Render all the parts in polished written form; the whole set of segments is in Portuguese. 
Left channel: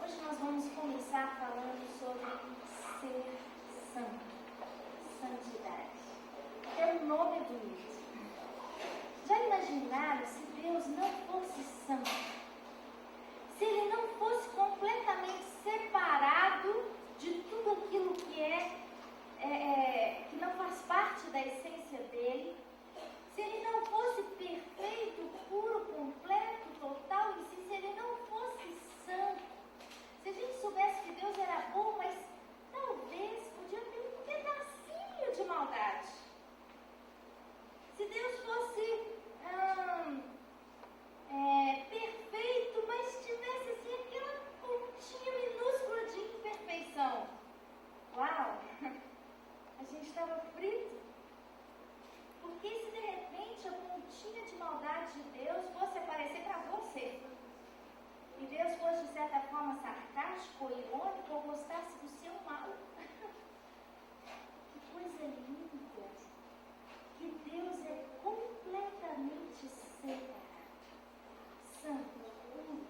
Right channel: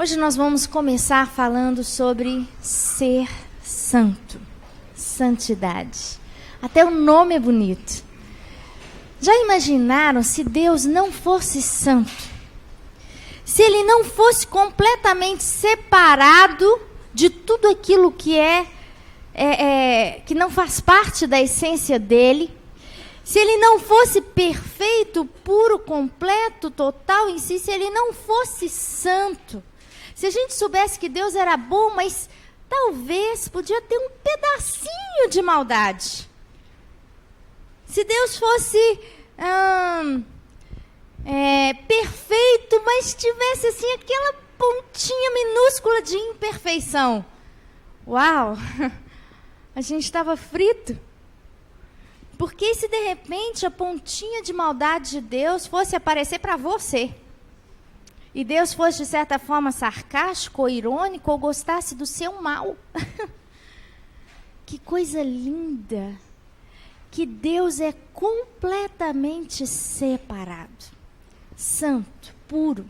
Hoje nós vamos começar falando sobre ser santo, santidade. Até o nome é bonito. Já imaginaram se Deus não fosse santo? Se Ele não fosse completamente separado de tudo aquilo que que não faz parte da essência dEle? Se Ele não fosse perfeito, puro, completo, total em si, se Ele não fosse santo? Se a gente soubesse que Deus era bom, mas talvez podia ter um pedacinho de maldade. Se Deus fosse perfeito, mas tivesse assim aquela pontinha minúscula de imperfeição. Uau! A gente estava frito. Porque se de repente a pontinha de maldade de Deus fosse aparecer para você, e Deus fosse de certa forma sarcástico ou irônico, ou gostasse do seu mal. Que coisa linda! Que Deus é completamente separado, santo, puro.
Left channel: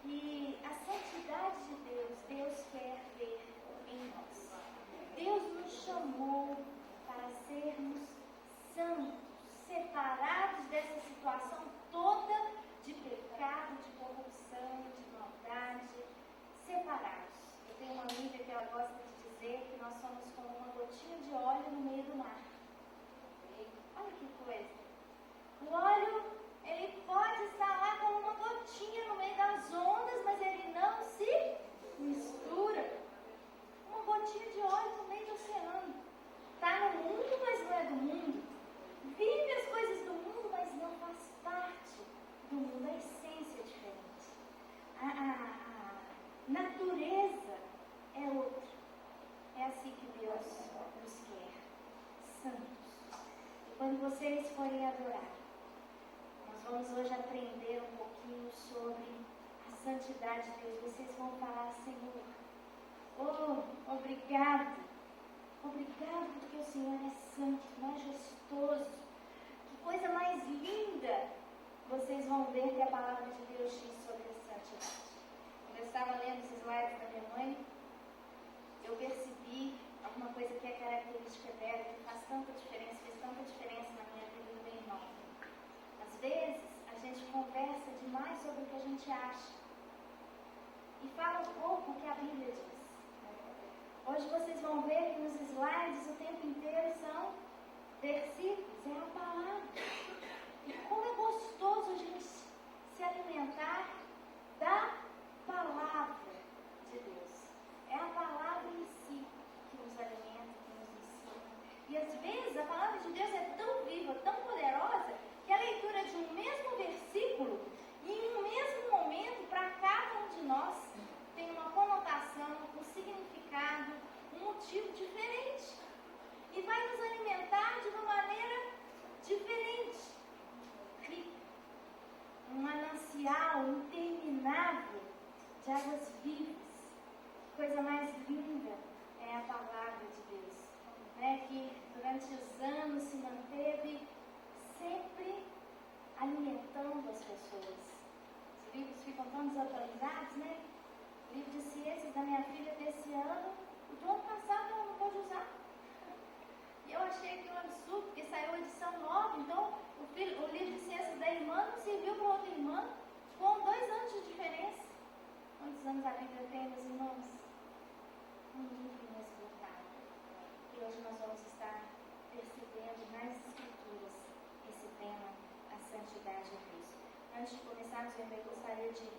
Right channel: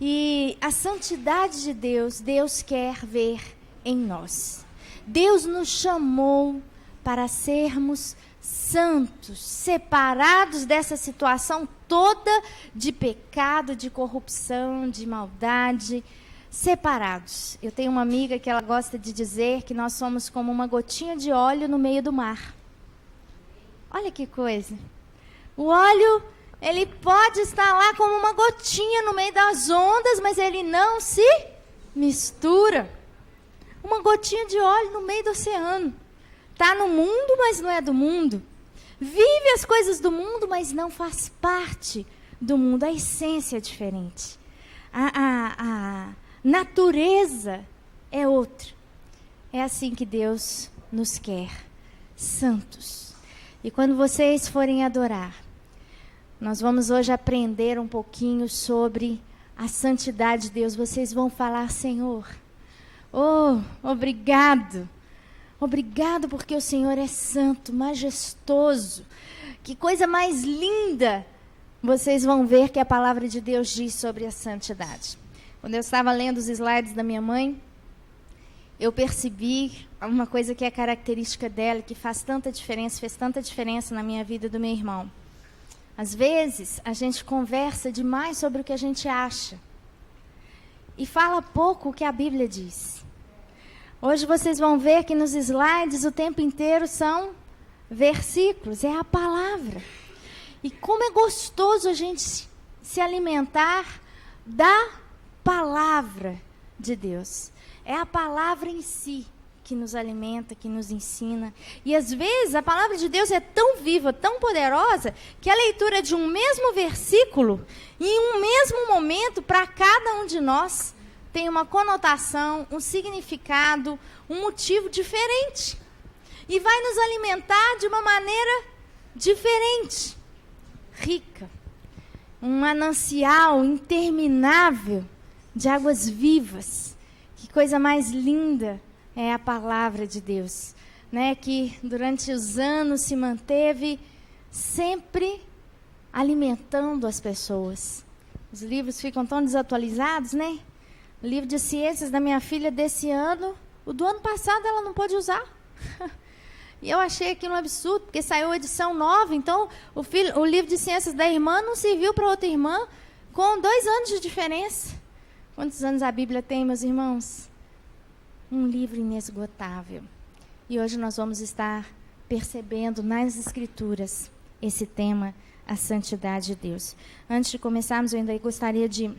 E a santidade de Deus, Deus quer ver em nós. Deus nos chamou para sermos santos, separados dessa situação toda de pecado, de corrupção, de maldade, separados. Eu tenho uma amiga que ela gosta de dizer que nós somos como uma gotinha de óleo no meio do mar. Olha que coisa. O óleo, ele pode estar lá como uma gotinha no meio das ondas, mas ele não se mistura. Uma gotinha de óleo no meio do oceano. Está no mundo, mas não é do mundo. Vive as coisas do mundo, mas não faz parte do mundo. A essência é diferente. A natureza é outra. É assim que Deus nos quer, santos. E quando vocês forem adorar, nós vamos hoje aprender um pouquinho sobre a santidade de Deus. Vocês vão falar: Senhor, obrigado. Obrigado porque o Senhor é santo, majestoso. Que coisa mais linda. Vocês vão ver que a palavra de Deus diz sobre a santidade. Quando eu estava lendo os slides da minha mãe, eu percebi uma coisa que é característica dela, que faz tanta diferença, fez tanta diferença na minha vida e do meu irmão. Às vezes, a gente conversa demais sobre o que a gente acha e fala pouco o que a Bíblia diz. Hoje vocês vão ver que nos slides o tempo inteiro são versículos, é a palavra. E como é gostoso a gente se alimentar da palavra de Deus. É a palavra em si que nos alimenta, que nos ensina. E às vezes a palavra de Deus é tão viva, tão poderosa, que a leitura de um mesmo versículo, em um mesmo momento, para cada um de nós, tem uma conotação, um significado, um motivo diferente. E vai nos alimentar de uma maneira diferente, rica. Um manancial interminável de águas vivas. Que coisa mais linda é a palavra de Deus, né? Que durante os anos se manteve sempre alimentando as pessoas. Os livros ficam tão desatualizados, né? O livro de ciências da minha filha desse ano, o do ano passado ela não pôde usar. E eu achei aquilo um absurdo, porque saiu a edição nova, então o livro de ciências da irmã não serviu para outra irmã, com 2 anos de diferença. Quantos anos a Bíblia tem, meus irmãos? Um livro inesgotável. E hoje nós vamos estar percebendo nas Escrituras esse tema, a santidade de Deus. Antes de começarmos, eu ainda gostaria de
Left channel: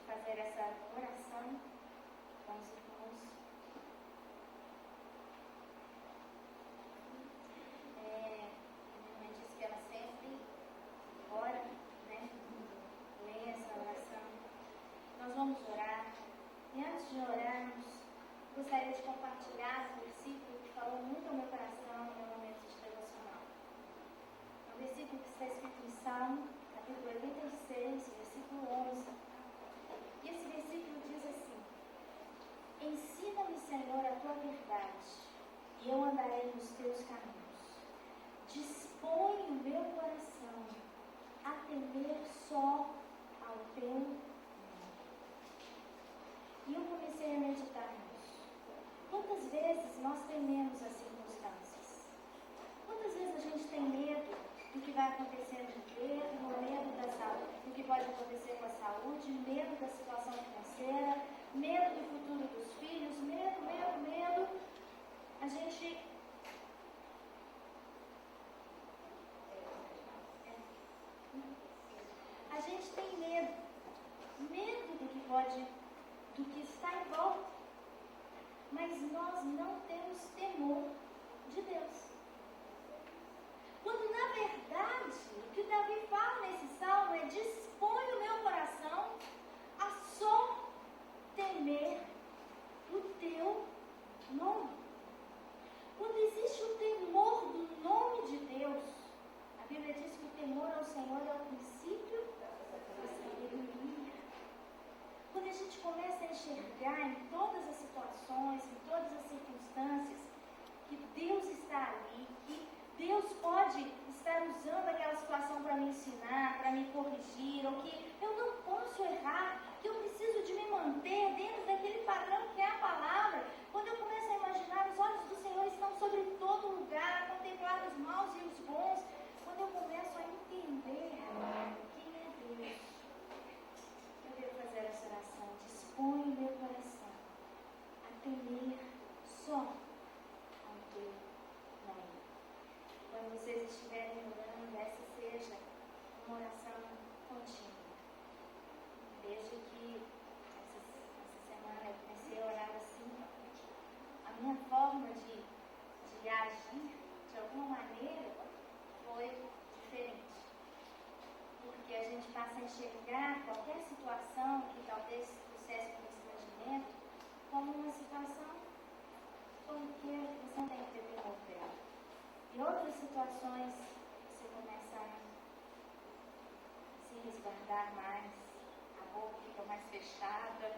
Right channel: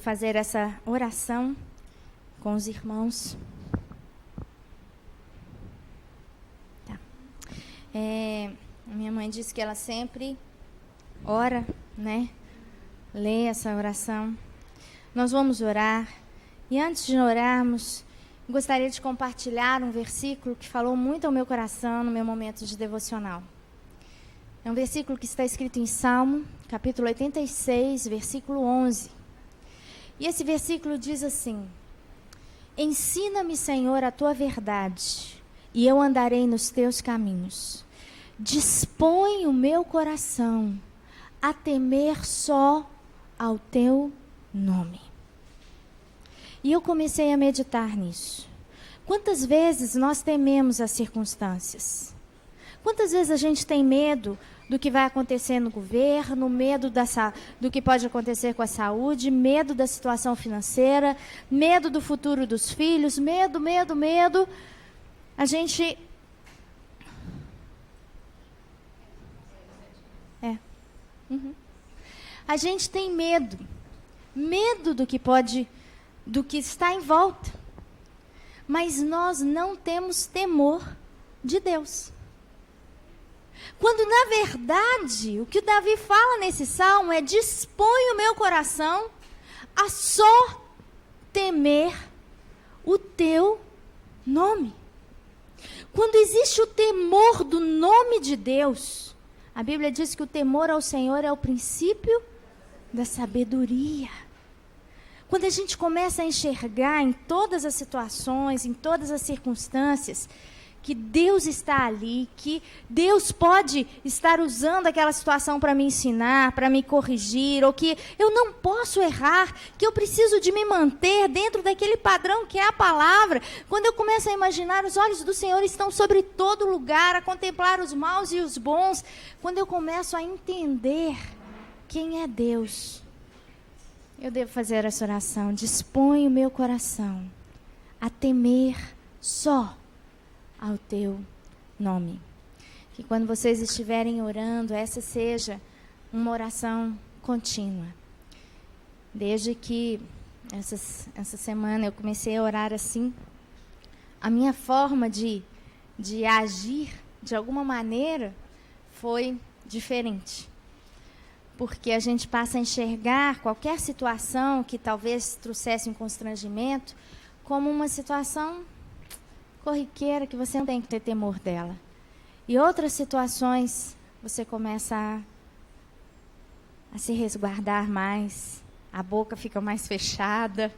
fazer essa oração com os irmãos. Tá. Minha mãe disse que ela sempre ora, né? Lê essa oração. Nós vamos orar. E antes de orarmos, gostaria de compartilhar um versículo que falou muito ao meu coração no meu momento de devocional. É um versículo que está escrito em Salmo, capítulo 86, versículo 11. E esse versículo diz assim: Ensina-me, Senhor, a tua verdade, e eu andarei nos teus caminhos. Dispõe o meu coração a temer só ao teu nome. E eu comecei a meditar nisso. Quantas vezes nós tememos as circunstâncias? Quantas vezes a gente tem medo do que vai acontecer no governo, medo do que pode acontecer com a saúde, medo da situação financeira, medo do futuro dos filhos, medo. A gente... A gente tem medo do que está em volta. Mas nós não temos temor de Deus. Quando, na verdade, o que o Davi fala nesse salmo é: dispõe o meu coração a só temer o teu nome. Quando existe o temor do nome de Deus, a Bíblia diz que o temor ao Senhor é o princípio da sabedoria. Quando a gente começa a enxergar em todas as situações, em todas as circunstâncias, que Deus está ali, que Deus pode estar usando aquela situação para me ensinar, para me corrigir, ou que eu não posso errar, que eu preciso de me manter dentro daquele padrão que é a palavra. Quando eu começo a imaginar, os olhos do Senhor estão sobre todo lugar, a contemplar os maus e os bons. Quando eu começo a entender quem é Deus, eu devo fazer essa oração: dispõe o meu coração a temer só ao teu nome. Que quando vocês estiverem orando, essa seja uma oração contínua. Desde que essa semana eu comecei a orar assim, a minha forma de agir, de alguma maneira, foi diferente. Porque a gente passa a enxergar qualquer situação que talvez trouxesse um constrangimento como uma situação corriqueira, que você não tem que ter temor dela. E outras situações, você começa a se resguardar mais, a boca fica mais fechada,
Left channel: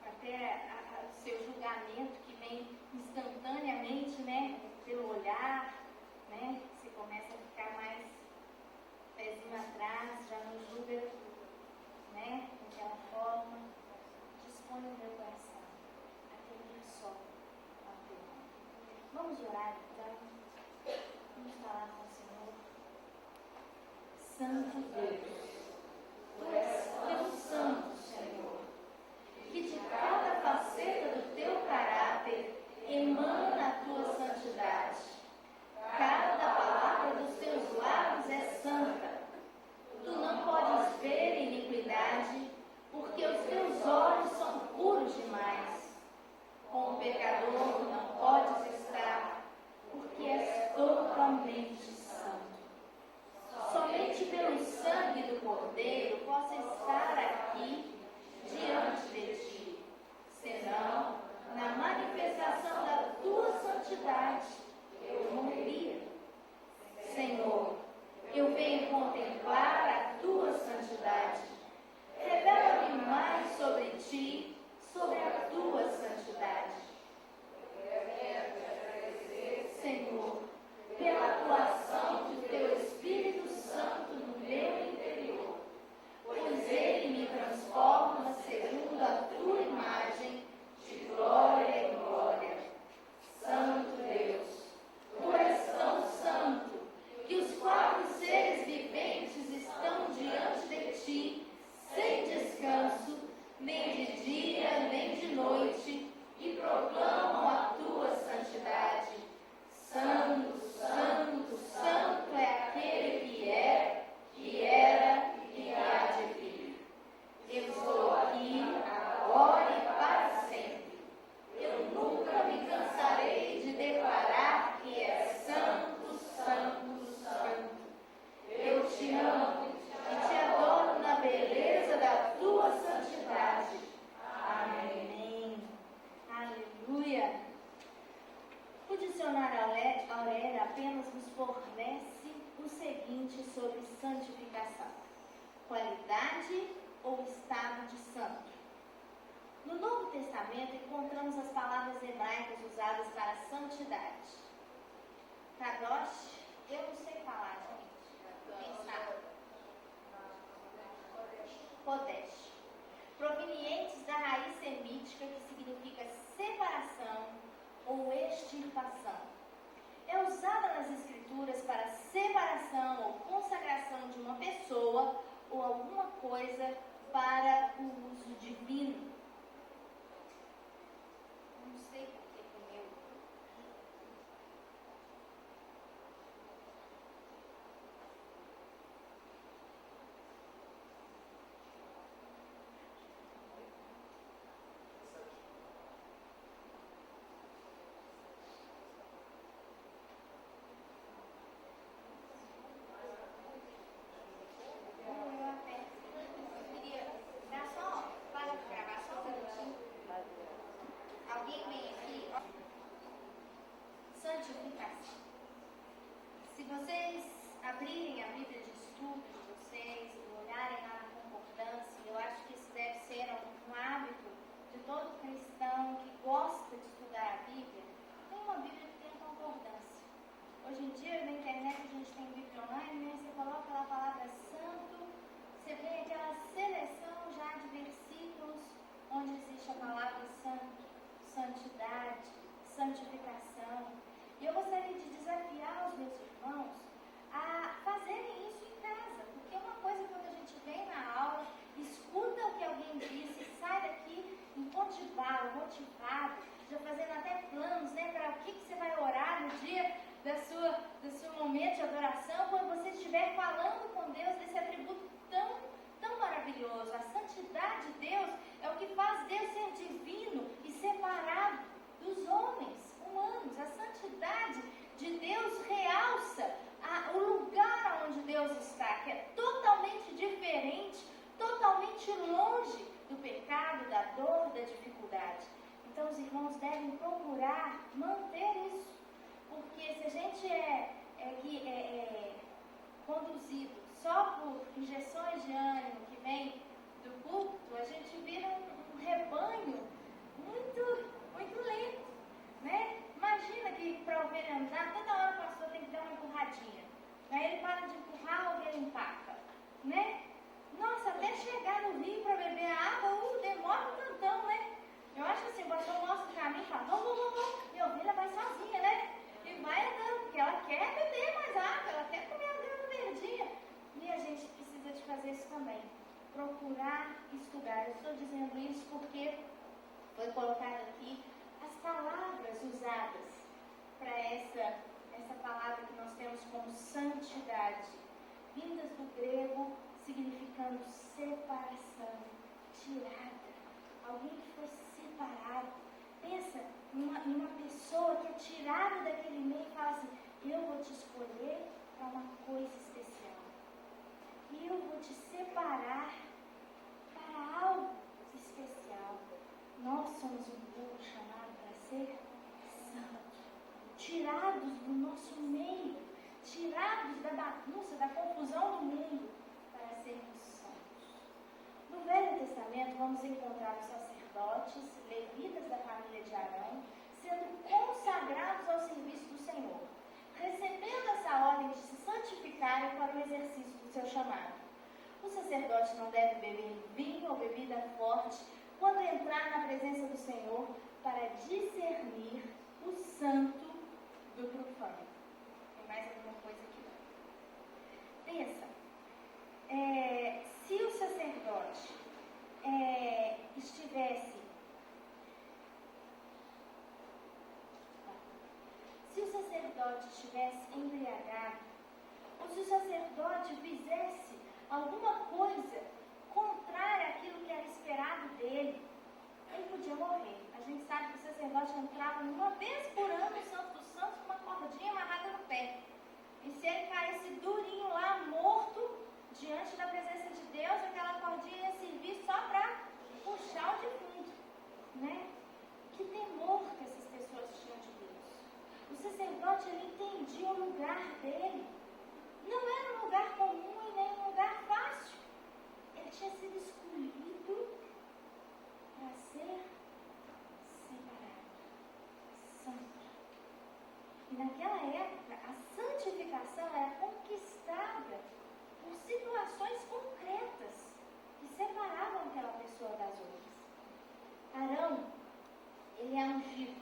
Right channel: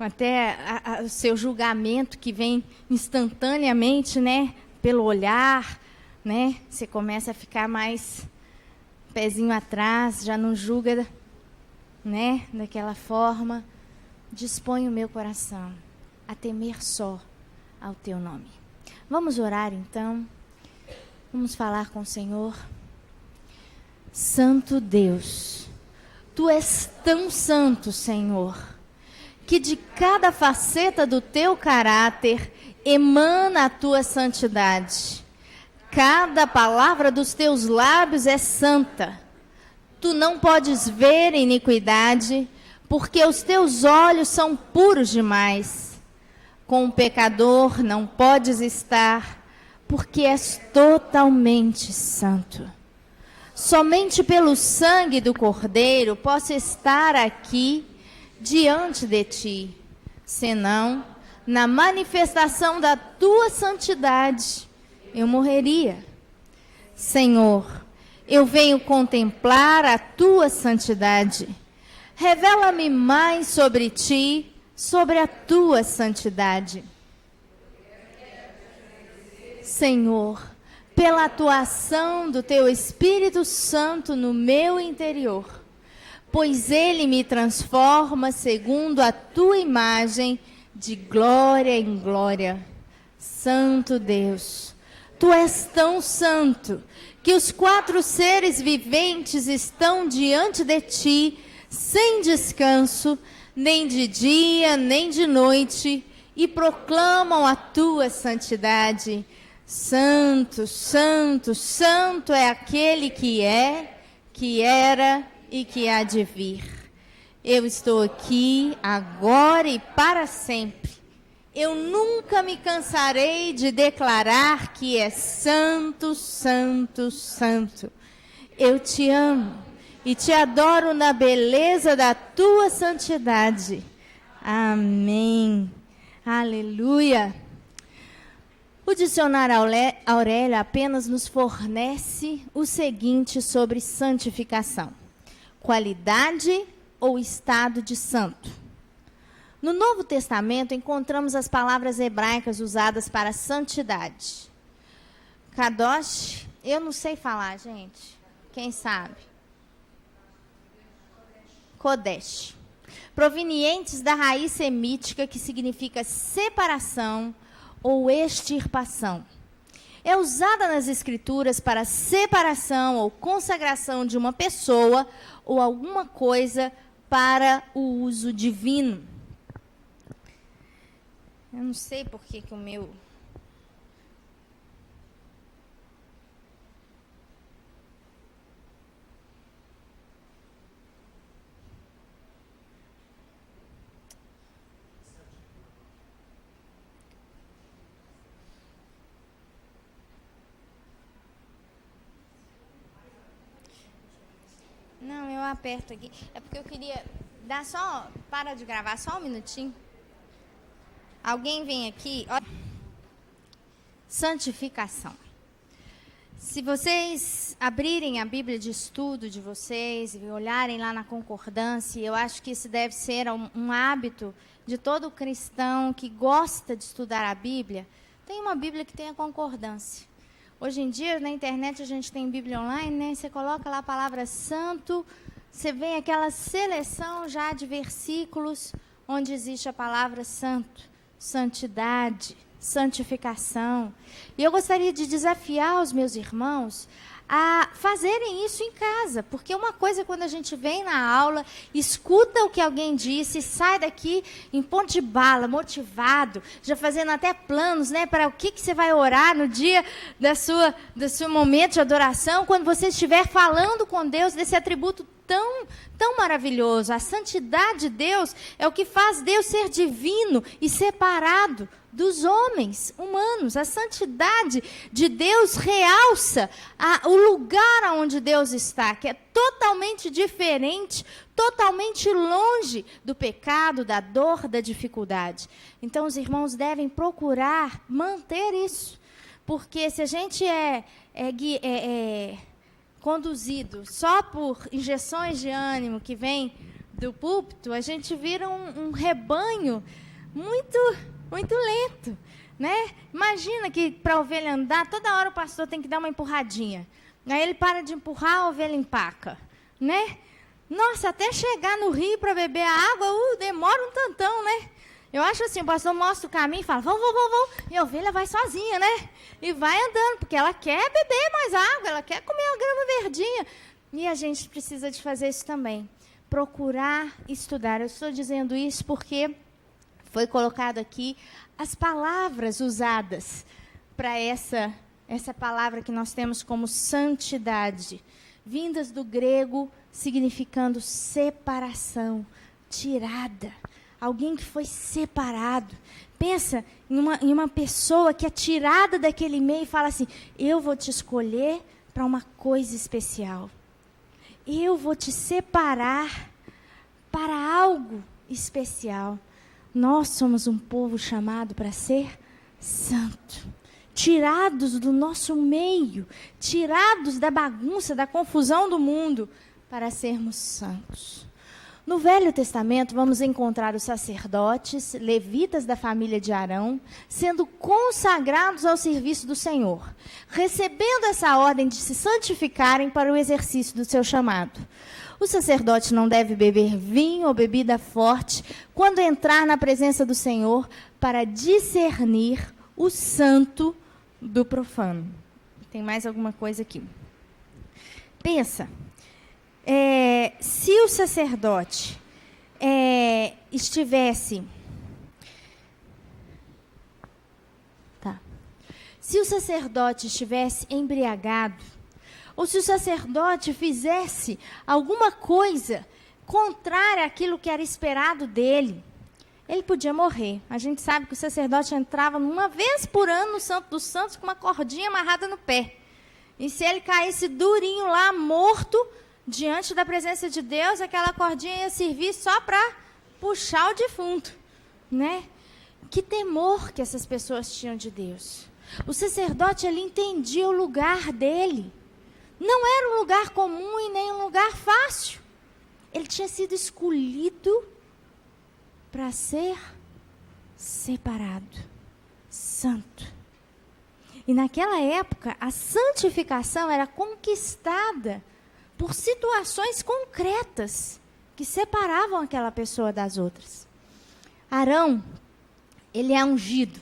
até o seu julgamento que vem instantaneamente, né, pelo olhar, né, você começa a ficar mais pezinho atrás, já não julga, né, daquela forma. Dispõe o meu coração a temer só ao teu nome. Vamos orar então. Vamos falar com o Senhor. Santo Deus, tu és tão santo, Senhor, que de cada faceta do teu caráter emana a tua santidade. Cada palavra dos teus lábios é santa. Tu não podes ver iniquidade, porque os teus olhos são puros demais. Com o pecador não podes estar, porque és totalmente santo. Somente pelo sangue do Cordeiro posso estar aqui diante de ti, senão, na manifestação da tua santidade, eu morreria. Senhor, eu venho contemplar a tua santidade. Revela-me mais sobre ti, sobre a tua santidade. Senhor, pela atuação do teu Espírito Santo no meu interior, pois ele me transforma segundo a tua imagem, de glória em glória. Santo Deus, tu és tão santo que os 4 seres viventes estão diante de ti, sem descanso, nem de dia, nem de noite, e proclamam a tua santidade. Santo, santo, santo é aquele que é, que era e que há de vir. Eu estou aqui, agora e para sempre. Eu nunca me cansarei de declarar que é santo, santo, santo. Eu te amo e te adoro na beleza da tua santidade. Amém. Aleluia. O dicionário Aurélio apenas nos fornece o seguinte sobre santificação: qualidade ou estado de santo. No Novo Testamento encontramos as palavras hebraicas usadas para santidade. Kadosh, eu não sei falar, gente. Quem sabe? Kodesh. provenientes da raiz semítica que significa separação ou extirpação. É usada nas Escrituras para separação ou consagração de uma pessoa ou alguma coisa para o uso divino. Eu não sei por que o meu... Não, eu aperto aqui. É porque eu queria dar só... Para de gravar só um minutinho. Alguém vem aqui... Ó. Santificação. Se vocês abrirem a Bíblia de estudo de vocês e olharem lá na concordância, eu acho que isso deve ser um hábito de todo cristão que gosta de estudar a Bíblia. Tem uma Bíblia que tem a concordância. Hoje em dia, na internet, a gente tem Bíblia online, né? Você coloca lá a palavra santo, você vê aquela seleção já de versículos onde existe a palavra santo, santidade, santificação. E eu gostaria de desafiar os meus irmãos a fazerem isso em casa, porque uma coisa é quando a gente vem na aula, escuta o que alguém disse, sai daqui em ponto de bala, motivado, já fazendo até planos, né, para o que você vai orar no dia do seu momento de adoração, quando você estiver falando com Deus desse atributo tão maravilhoso. A santidade de Deus é o que faz Deus ser divino e separado dos homens humanos. A santidade de Deus realça o lugar onde Deus está, que é totalmente diferente, totalmente longe do pecado, da dor, da dificuldade. Então, os irmãos devem procurar manter isso, porque se a gente é conduzido só por injeções de ânimo que vem do púlpito, a gente vira um rebanho muito lento, né? Imagina que para a ovelha andar, toda hora o pastor tem que dar uma empurradinha. Aí ele para de empurrar, a ovelha empaca, né? Nossa, até chegar no rio para beber a água, demora um tantão, né? Eu acho assim, o pastor mostra o caminho e fala, vamos, e a ovelha vai sozinha, né? E vai andando, porque ela quer beber mais água, ela quer comer a grama verdinha. E a gente precisa de fazer isso também, procurar estudar. Eu estou dizendo isso porque foi colocado aqui as palavras usadas para essa palavra que nós temos como santidade, vindas do grego, significando separação, tirada. Alguém que foi separado. Pensa em uma pessoa que é tirada daquele meio e fala assim, eu vou te escolher para uma coisa especial. Eu vou te separar para algo especial. Nós somos um povo chamado para ser santo. Tirados do nosso meio, tirados da bagunça, da confusão do mundo, para sermos santos. No Velho Testamento, vamos encontrar os sacerdotes, levitas da família de Arão, sendo consagrados ao serviço do Senhor, recebendo essa ordem de se santificarem para o exercício do seu chamado. O sacerdote não deve beber vinho ou bebida forte quando entrar na presença do Senhor para discernir o santo do profano. Tem mais alguma coisa aqui. Pensa. Se o sacerdote estivesse... Se o sacerdote estivesse embriagado, ou se o sacerdote fizesse alguma coisa contrária àquilo que era esperado dele, ele podia morrer. A gente sabe que o sacerdote entrava uma vez por ano no Santo dos Santos com uma cordinha amarrada no pé. E se ele caísse durinho lá, morto, diante da presença de Deus, aquela cordinha ia servir só para puxar o defunto, né? Que temor que essas pessoas tinham de Deus. O sacerdote, ele entendia o lugar dele. Não era um lugar comum e nem um lugar fácil. Ele tinha sido escolhido para ser separado, santo. E naquela época, a santificação era conquistada por situações concretas, que separavam aquela pessoa das outras. Arão, ele é ungido.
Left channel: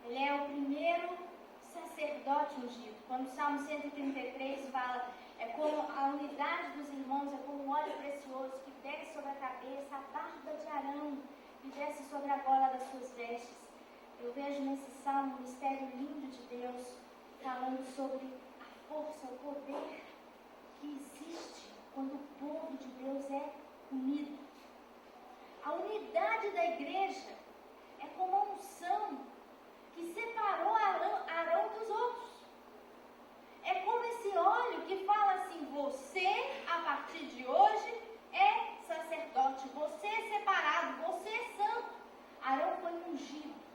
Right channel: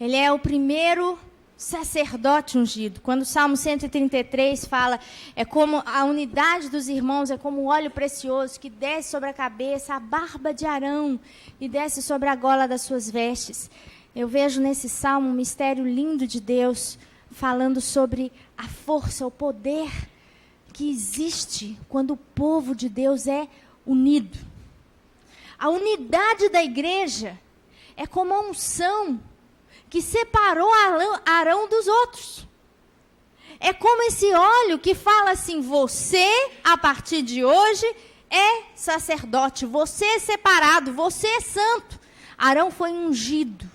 Ele é o primeiro sacerdote ungido. Quando o Salmo 133 fala, é como a unidade dos irmãos, é como um óleo precioso que desce sobre a cabeça, a barba de Arão, e desce sobre a gola das suas vestes. Eu vejo nesse salmo um mistério lindo de Deus, falando sobre a força, o poder que existe quando o povo de Deus é unido. A unidade da igreja é como a unção que separou Arão dos outros. É como esse óleo que fala assim, você, a partir de hoje, é sacerdote, você é separado, você é santo. Arão foi ungido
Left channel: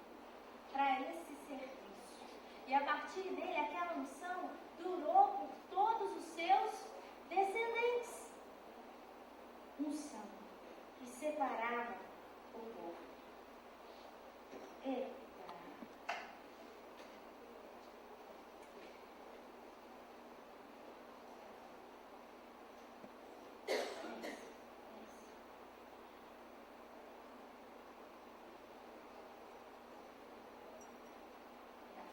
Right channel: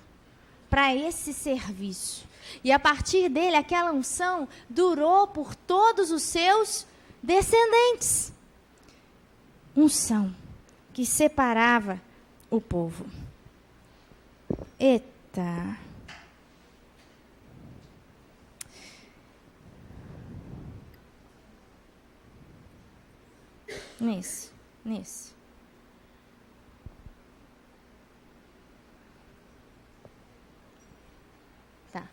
para esse serviço. E a partir dele, aquela unção durou por todos os seus descendentes. Unção que separava o povo. Eita! Nisso. Tá.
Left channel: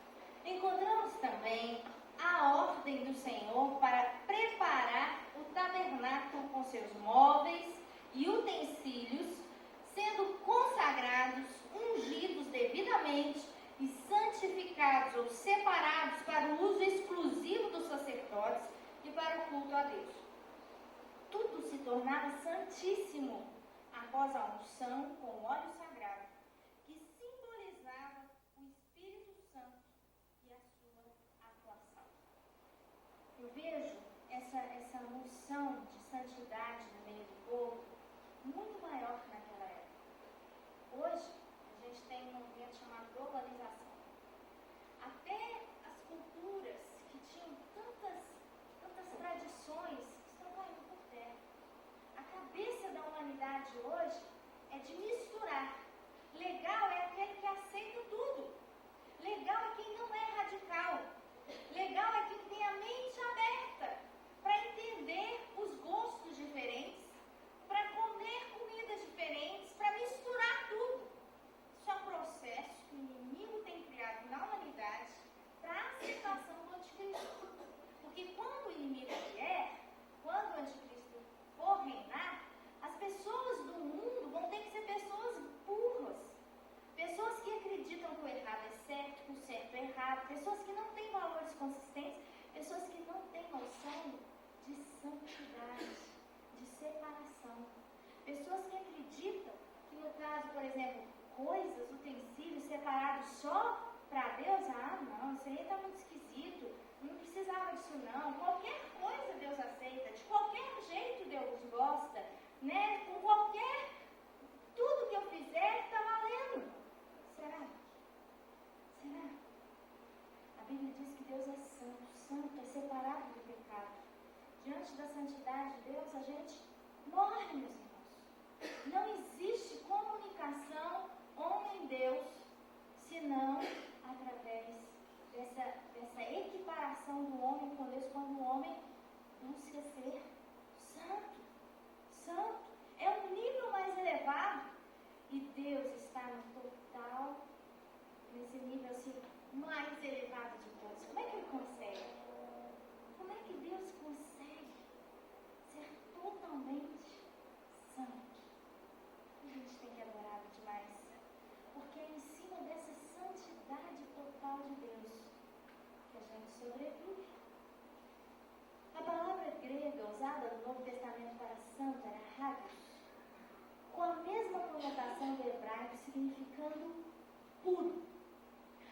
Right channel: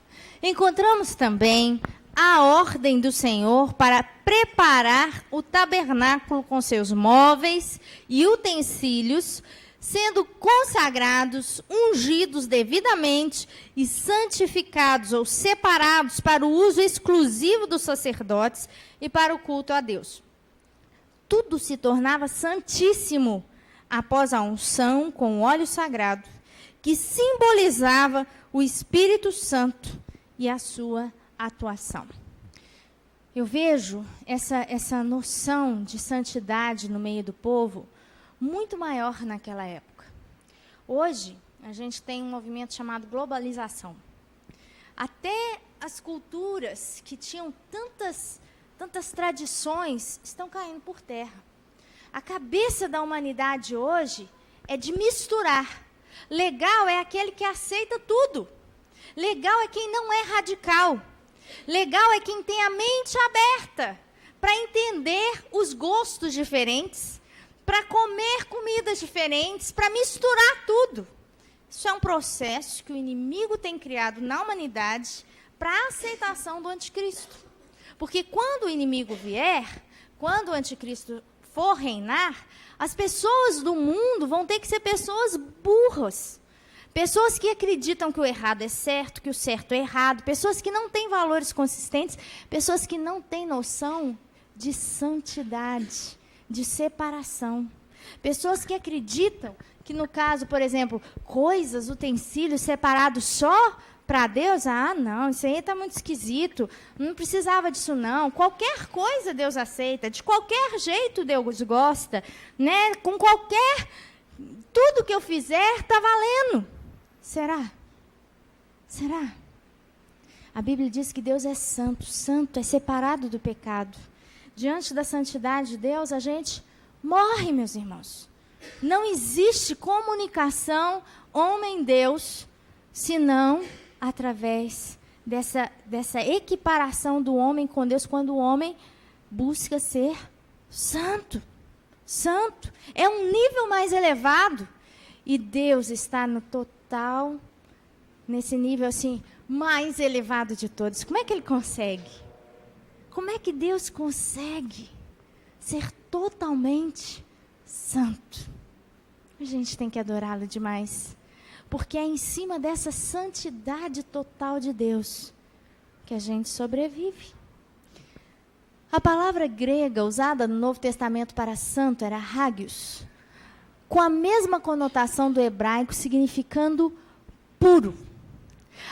Encontramos também a ordem do Senhor para preparar o tabernáculo com seus móveis e utensílios, sendo consagrados, ungidos devidamente e santificados ou separados para o uso exclusivo dos sacerdotes e para o culto a Deus. Tudo se tornava santíssimo após a unção com o óleo sagrado, que simbolizava o Espírito Santo e a sua atuação. Eu vejo essa noção de santidade no meio do povo muito maior naquela época. Hoje, a gente tem um movimento chamado globalização. Até as culturas que tinham tantas tradições estão caindo por terra. A cabeça da humanidade hoje é de misturar. Legal é aquele que aceita tudo. Legal é quem não é radical. Legal é quem tem a mente aberta para entender os gostos diferentes, para comer comidas diferentes, para misturar tudo. Isso é um processo que o inimigo tem criado na humanidade para a aceitação do anticristo. Porque quando o inimigo vier, quando o anticristo for reinar, as pessoas do mundo vão ter que ser pessoas burras. Pessoas que acreditam que o errado é certo, que o certo é errado. Pessoas que não têm valores consistentes. Pessoas que não têm noção de santidade, de separação. Pessoas que acreditam que, no caso, por exemplo, coisas, utensílios separados só para Deus, não, isso aí está muito esquisito, não precisava disso não, qualquer coisa Deus aceita, de qualquer jeito Deus gosta, né? Com tudo que eu fizer está valendo. Será? A Bíblia diz que Deus é santo, santo é separado do pecado. Diante da santidade de Deus, a gente morre, meus irmãos. Não existe comunicação homem-Deus, senão através dessa equiparação do homem com Deus, quando o homem busca ser santo. Santo. É um nível mais elevado. E Deus está no total, nesse nível assim, mais elevado de todos. Como é que ele consegue? Como é que Deus consegue ser totalmente santo? A gente tem que adorá-lo demais. Porque é em cima dessa santidade total de Deus que a gente sobrevive. A palavra grega usada no Novo Testamento para santo era hagios, com a mesma conotação do hebraico, significando puro.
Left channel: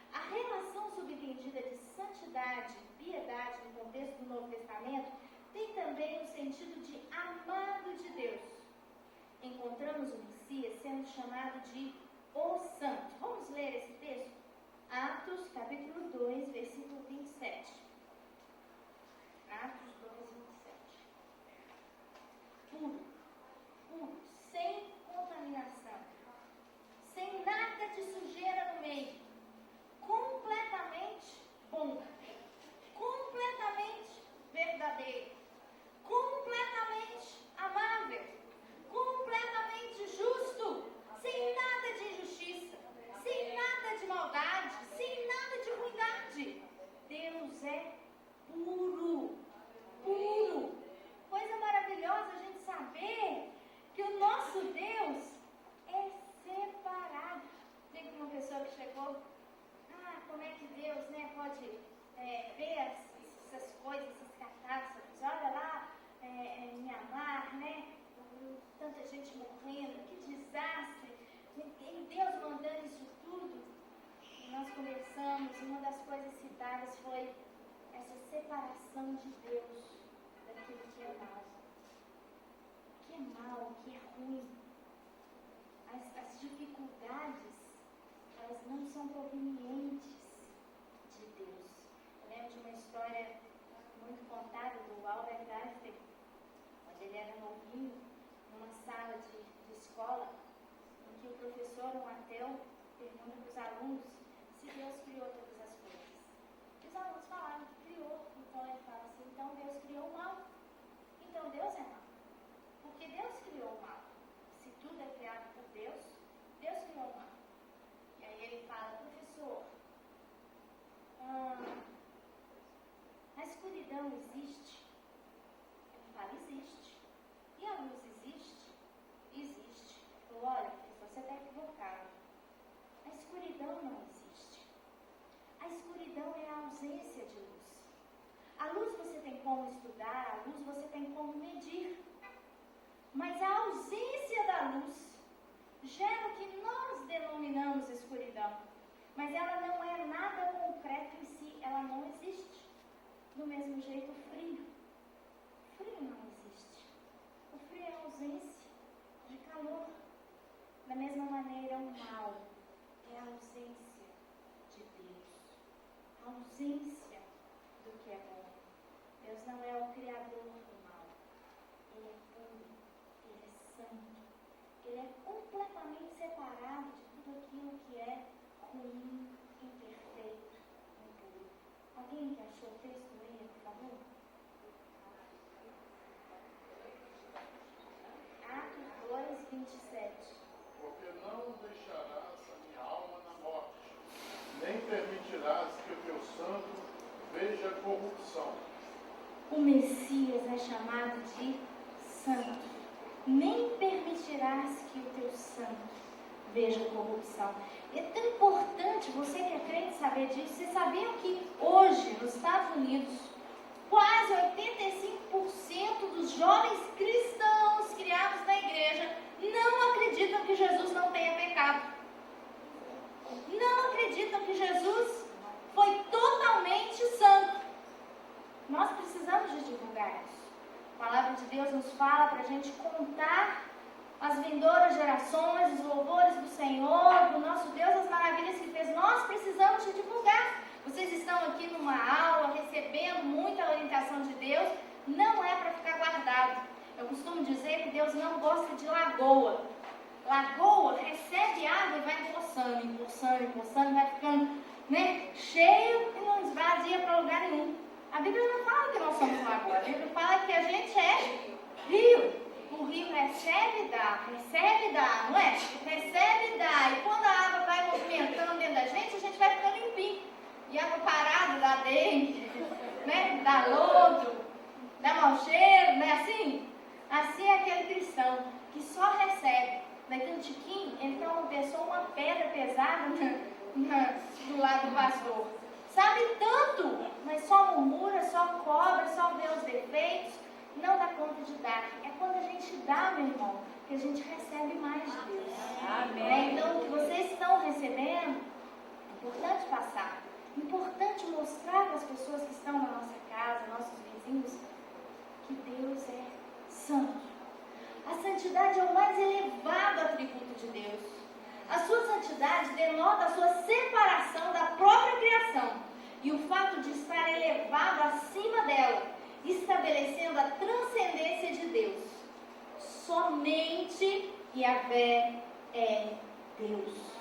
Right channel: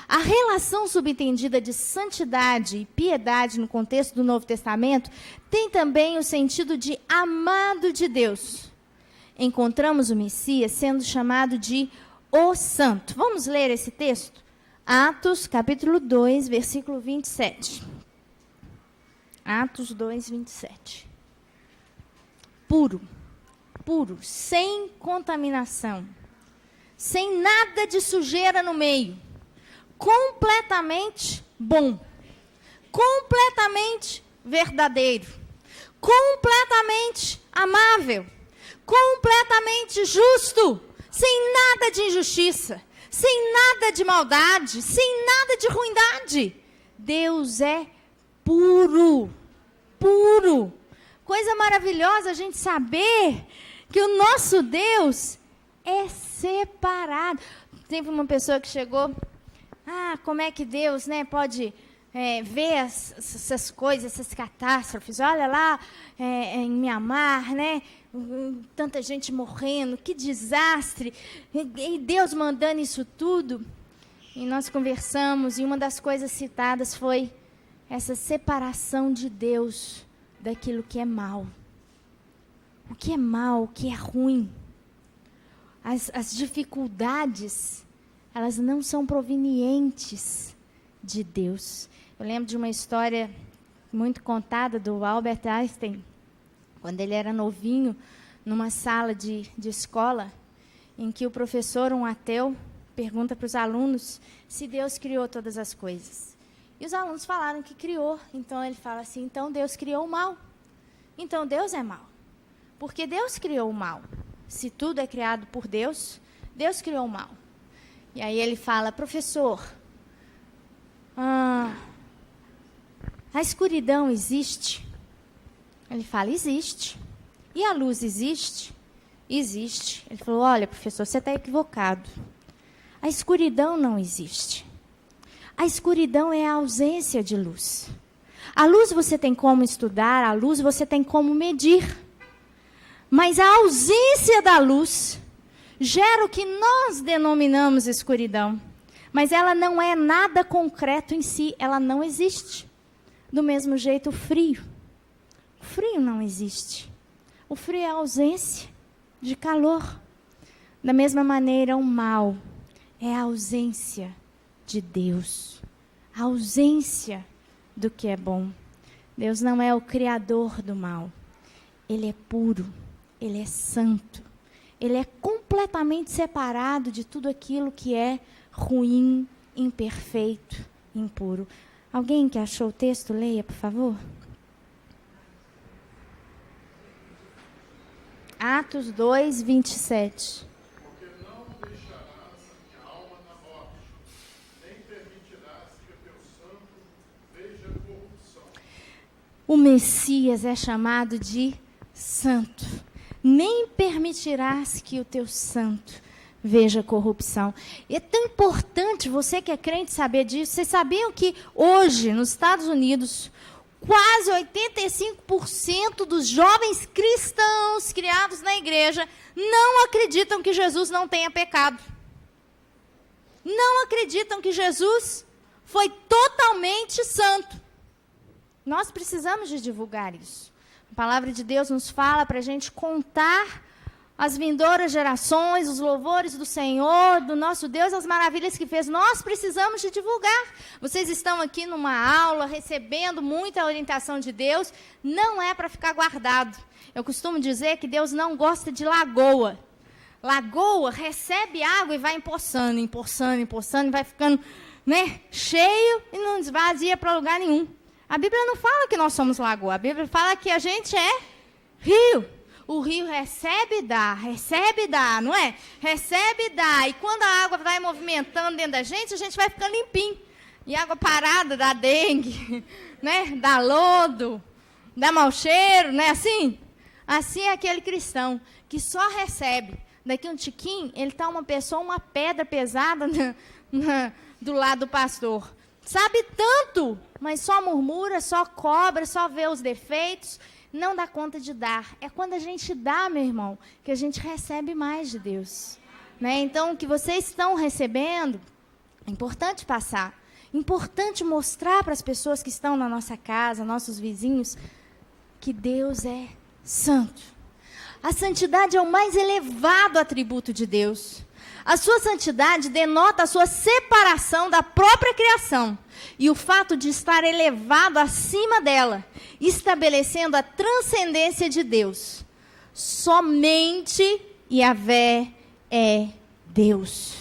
A relação subentendida de santidade e piedade no contexto do Novo Testamento tem também o sentido de amado de Deus. Encontramos o Messias sendo chamado de o Santo. Vamos ler esse texto? Atos, capítulo 2, versículo 27. Atos 2, 27. Puro, sem contaminação, sem nada de sujeira no meio, completamente bom, completamente verdadeiro, completamente amável, completamente justo, sem nada de injustiça, sem nada de maldade, sem nada de ruindade. Deus é puro, puro. Coisa maravilhosa a gente saber que o nosso Deus é separado. Teve uma pessoa que chegou, como é que Deus, né, pode ver essas coisas, essas catástrofes? Olha lá em Mianmar, né, tanta gente morrendo, que desastre, e Deus mandando isso tudo. E nós conversamos, e uma das coisas citadas foi essa separação de Deus daquilo que é mal. O que é mal, o que é ruim. As dificuldades, elas não são provenientes de Deus. Eu lembro de uma história muito contada do Albert Einstein, quando ele era novinho, numa sala de escola, em que o professor, um ateu, pergunta para os alunos se Deus criou todas as coisas. E os alunos falaram que criou. Então ele fala assim, então Deus criou o mal. Então Deus é mal. Porque Deus criou o mal. Se tudo é criado por Deus, Deus criou o mal. E aí ele fala, professor, a escuridão existe? Ele fala, existe. E a luz existe? Existe. Ele falou, olha, professor, você está equivocado. A escuridão não existe. A escuridão é a ausência de luz. A luz você tem como estudar, a luz você tem como medir. Mas a ausência da luz gera o que nós denominamos escuridão. Mas ela não é nada concreto em si, ela não existe. Do mesmo jeito, o frio. O frio não existe. O frio é a ausência de calor. Da mesma maneira, o mal é a ausência de Deus. A ausência do que é bom. Deus não é o criador do mal. Ele é puro. Ele é santo. Ele é completamente separado de tudo aquilo que é ruim, imperfeito, impuro. Alguém que achou o texto, leia, por favor. Atos 2, 27. Porque não deixarás minha alma na morte, nem permitirás que o teu santo veja corrupção. O Messias é chamado de santo. Nem permitirás que o teu santo veja corrupção. E é tão importante, você que é crente, saber disso. Vocês sabiam que hoje, nos Estados Unidos, quase 85% dos jovens cristãos criados na igreja não acreditam que Jesus não tenha pecado. Não acreditam que Jesus foi totalmente santo. Nós precisamos de divulgar isso. A palavra de Deus nos fala para a gente contar as vindouras gerações, os louvores do Senhor, do nosso Deus, as maravilhas que fez. Nós precisamos de divulgar. Vocês estão aqui numa aula, recebendo muita orientação de Deus. Não é para ficar guardado. Eu costumo dizer que Deus não gosta de lagoa. Lagoa recebe água e vai empoçando, empoçando, empoçando, vai ficando, né, cheio e não esvazia para lugar nenhum. A Bíblia não fala que nós somos lagoa. A Bíblia fala que a gente é rio. O rio recebe e dá, não é? Recebe e dá. E quando a água vai movimentando dentro da gente, a gente vai ficando limpinho. E água parada dá dengue, né? Dá lodo, dá mau cheiro, não é assim? Assim é aquele cristão que só recebe. Daqui um tiquinho, ele está uma pessoa, uma pedra pesada do lado do pastor. Sabe tanto, mas só murmura, só cobra, só vê os defeitos, não dá conta de dar. É quando a gente dá, meu irmão, que a gente recebe mais de Deus. Né? Então, o que vocês estão recebendo, é importante passar. Importante mostrar para as pessoas que estão na nossa casa, nossos vizinhos, que Deus é santo. A santidade é o mais elevado atributo de Deus. A sua santidade denota a sua separação da própria criação e o fato de estar elevado acima dela, estabelecendo a transcendência de Deus. Somente Yahvé é Deus.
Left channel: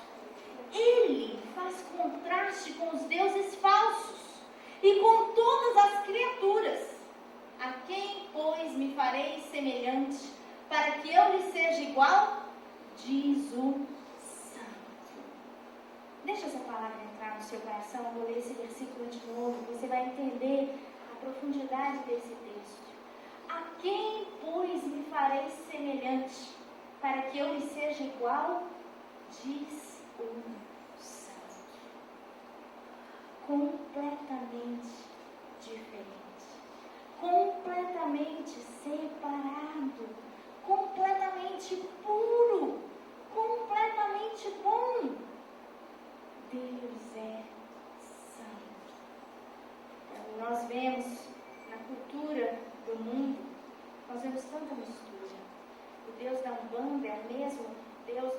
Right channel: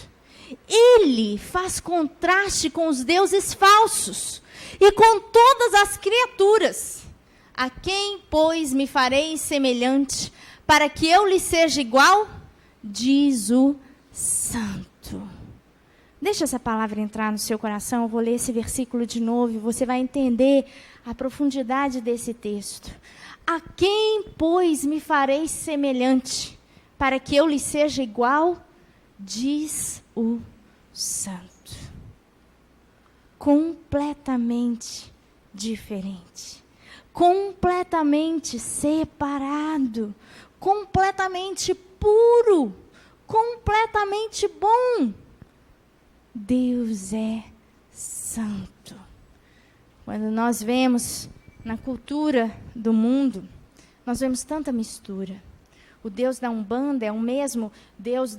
Ele faz contraste com os deuses falsos e com todas as criaturas. A quem, pois, me farei semelhante para que eu lhe seja igual, diz o Santo. Deixa essa palavra entrar no seu coração, eu vou ler esse versículo de novo, você vai entender a profundidade desse texto. A quem, pois, me farei semelhante, para que eu lhe seja igual, diz o Santo. Completamente diferente, completamente separado, completamente puro, completamente bom. Deus é santo. Quando nós vemos na cultura do mundo, nós vemos tanta mistura. O Deus da Umbanda é o mesmo Deus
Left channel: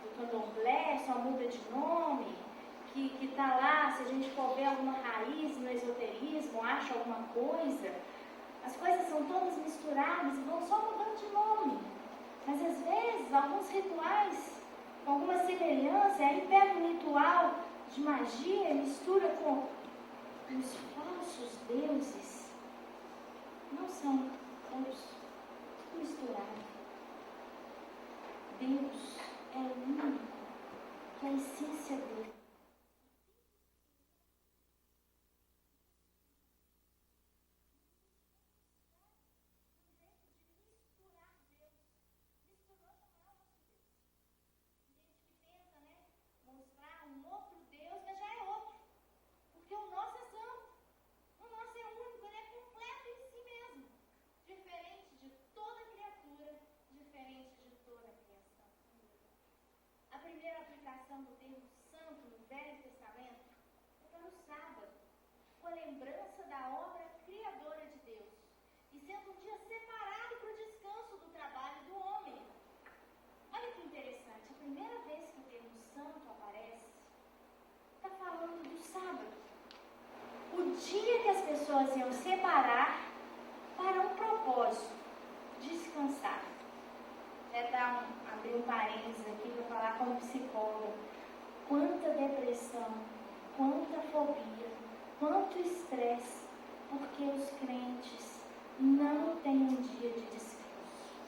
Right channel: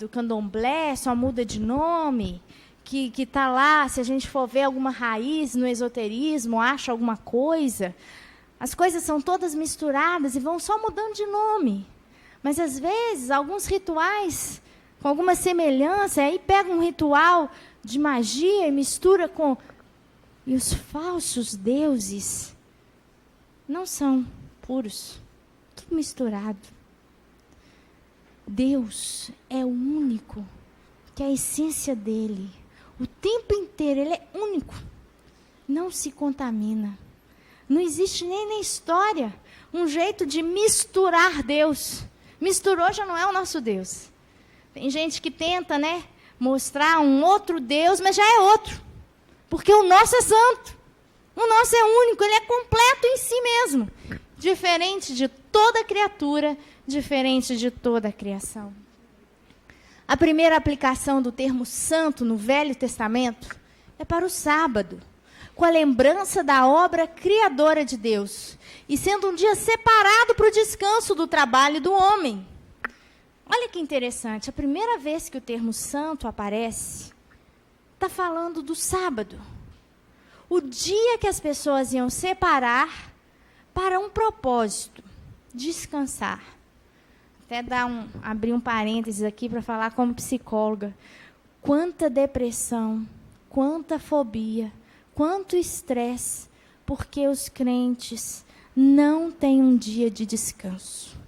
do Candomblé, só muda de nome, que está lá, se a gente for ver alguma raiz no esoterismo, acha alguma coisa. As coisas são todas misturadas e vão só mudando de nome. Mas, às vezes, alguns rituais com alguma semelhança, aí pega um ritual de magia e mistura com... E os falsos deuses não são puros, tudo misturado. Deus é o único, que é a essência dele, o tempo inteiro, ele é único, não se contamina. Não existe nem na história um jeito de misturar Deus. Misturou, já não é o nosso Deus. Tem gente que tenta, mostrar um outro Deus, mas já é outro. Porque o nosso é santo. O nosso é único, ele é completo em si mesmo. Diferente de toda criatura, diferente de toda a criação. A primeira aplicação do termo santo no Velho Testamento é para o sábado, com a lembrança da obra criadora de Deus, e sendo um dia separado para o descanso do trabalho do homem. Olha que interessante, a primeira vez que o termo santo aparece, está falando do sábado. O dia que as pessoas iam separar para um propósito, descansar. Até abrir um parênteses aqui para falar como psicóloga. Quanta depressão, quanta fobia, quanto estresse, porque os crentes não têm um dia de descanso.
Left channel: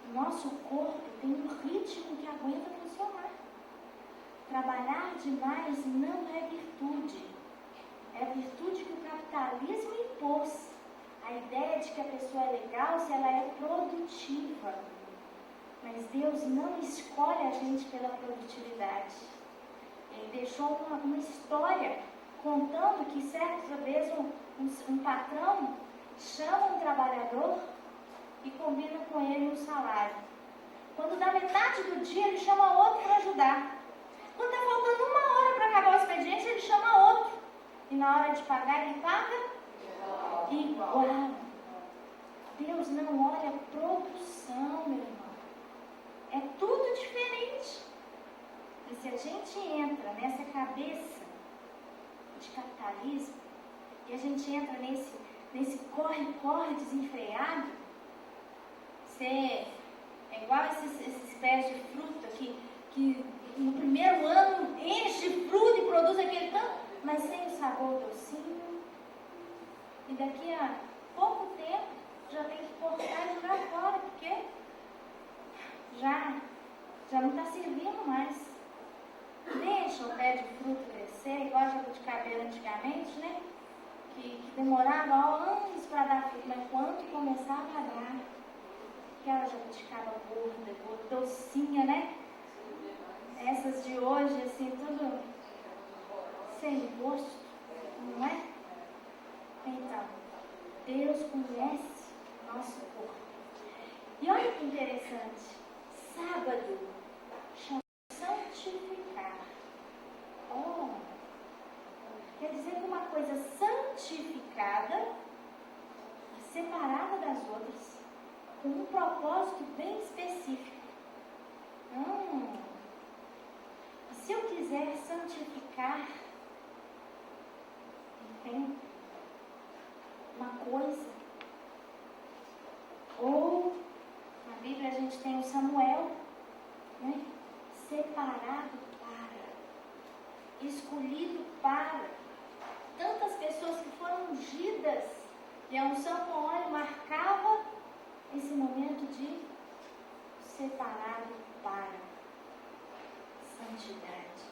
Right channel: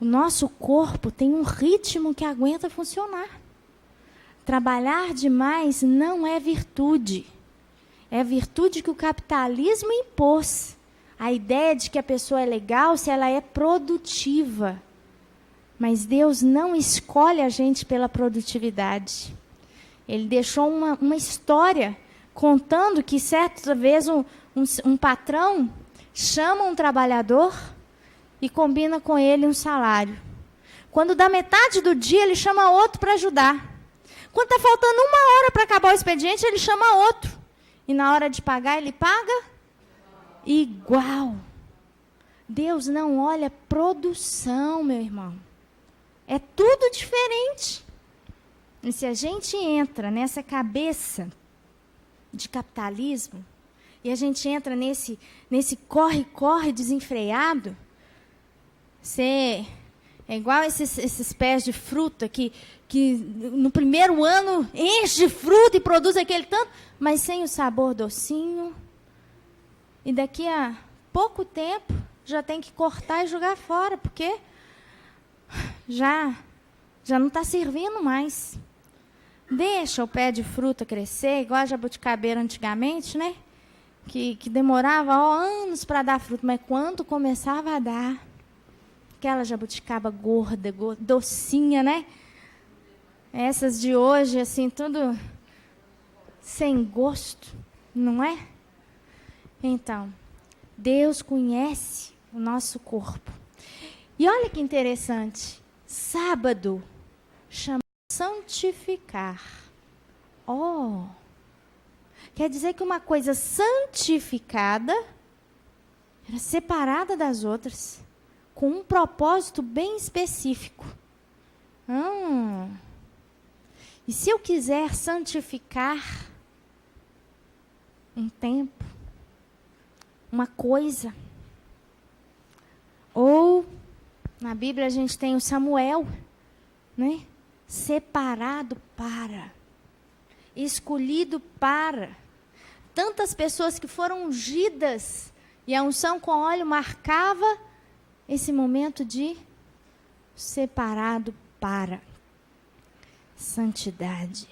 O nosso corpo tem um ritmo que aguenta funcionar. Trabalhar demais não é virtude. É a virtude que o capitalismo impôs. A ideia de que a pessoa é legal se ela é produtiva. Mas Deus não escolhe a gente pela produtividade. Ele deixou uma história contando que certa vez um patrão chama um trabalhador e combina com ele um salário. Quando dá metade do dia, ele chama outro para ajudar. Quando está faltando 1 hora para acabar o expediente, ele chama outro. E na hora de pagar, ele paga igual. Deus não olha produção, meu irmão. É tudo diferente. E se a gente entra nessa cabeça de capitalismo, e a gente entra nesse corre-corre desenfreado, você é igual esses pés de fruta que no primeiro ano enche de fruta e produz aquele tanto, mas sem o sabor docinho. E daqui a pouco tempo já tem que cortar e jogar fora, porque já não está servindo mais. Deixa o pé de fruta crescer, igual a jabuticabeira antigamente, que demorava anos para dar fruto, mas quando começava a dar, aquela jabuticaba gorda, docinha, Essas de hoje, assim, tudo sem gosto, não é? Então, Deus conhece o nosso corpo. E olha que interessante, sábado chama santificar. Quer dizer que uma coisa santificada era separada das outras, com um propósito bem específico. E se eu quiser santificar um tempo, uma coisa, ou na Bíblia a gente tem o Samuel, separado para, escolhido para, tantas pessoas que foram ungidas E a unção com óleo marcava esse momento de separado para santidade.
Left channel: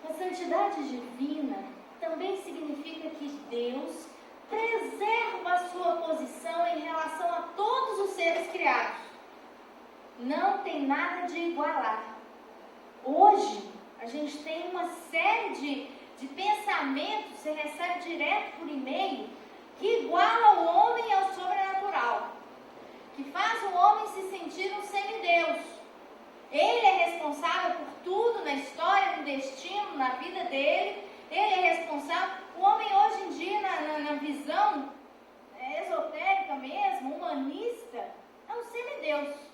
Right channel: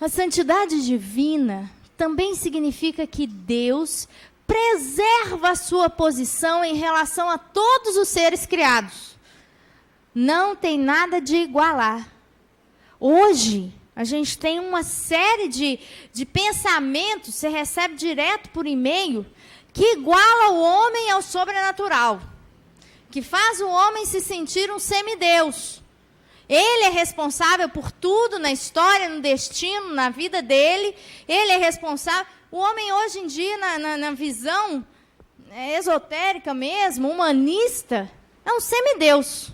A santidade divina também significa que Deus preserva a sua posição em relação a todos os seres criados. Não tem nada de igualar. Hoje, a gente tem uma série de pensamentos, você recebe direto por e-mail, que iguala o homem ao sobrenatural, que faz o homem se sentir um semideus. Ele é responsável por tudo na história, no destino, na vida dele. Ele é responsável. O homem hoje em dia, na visão esotérica mesmo, humanista, é um semideus.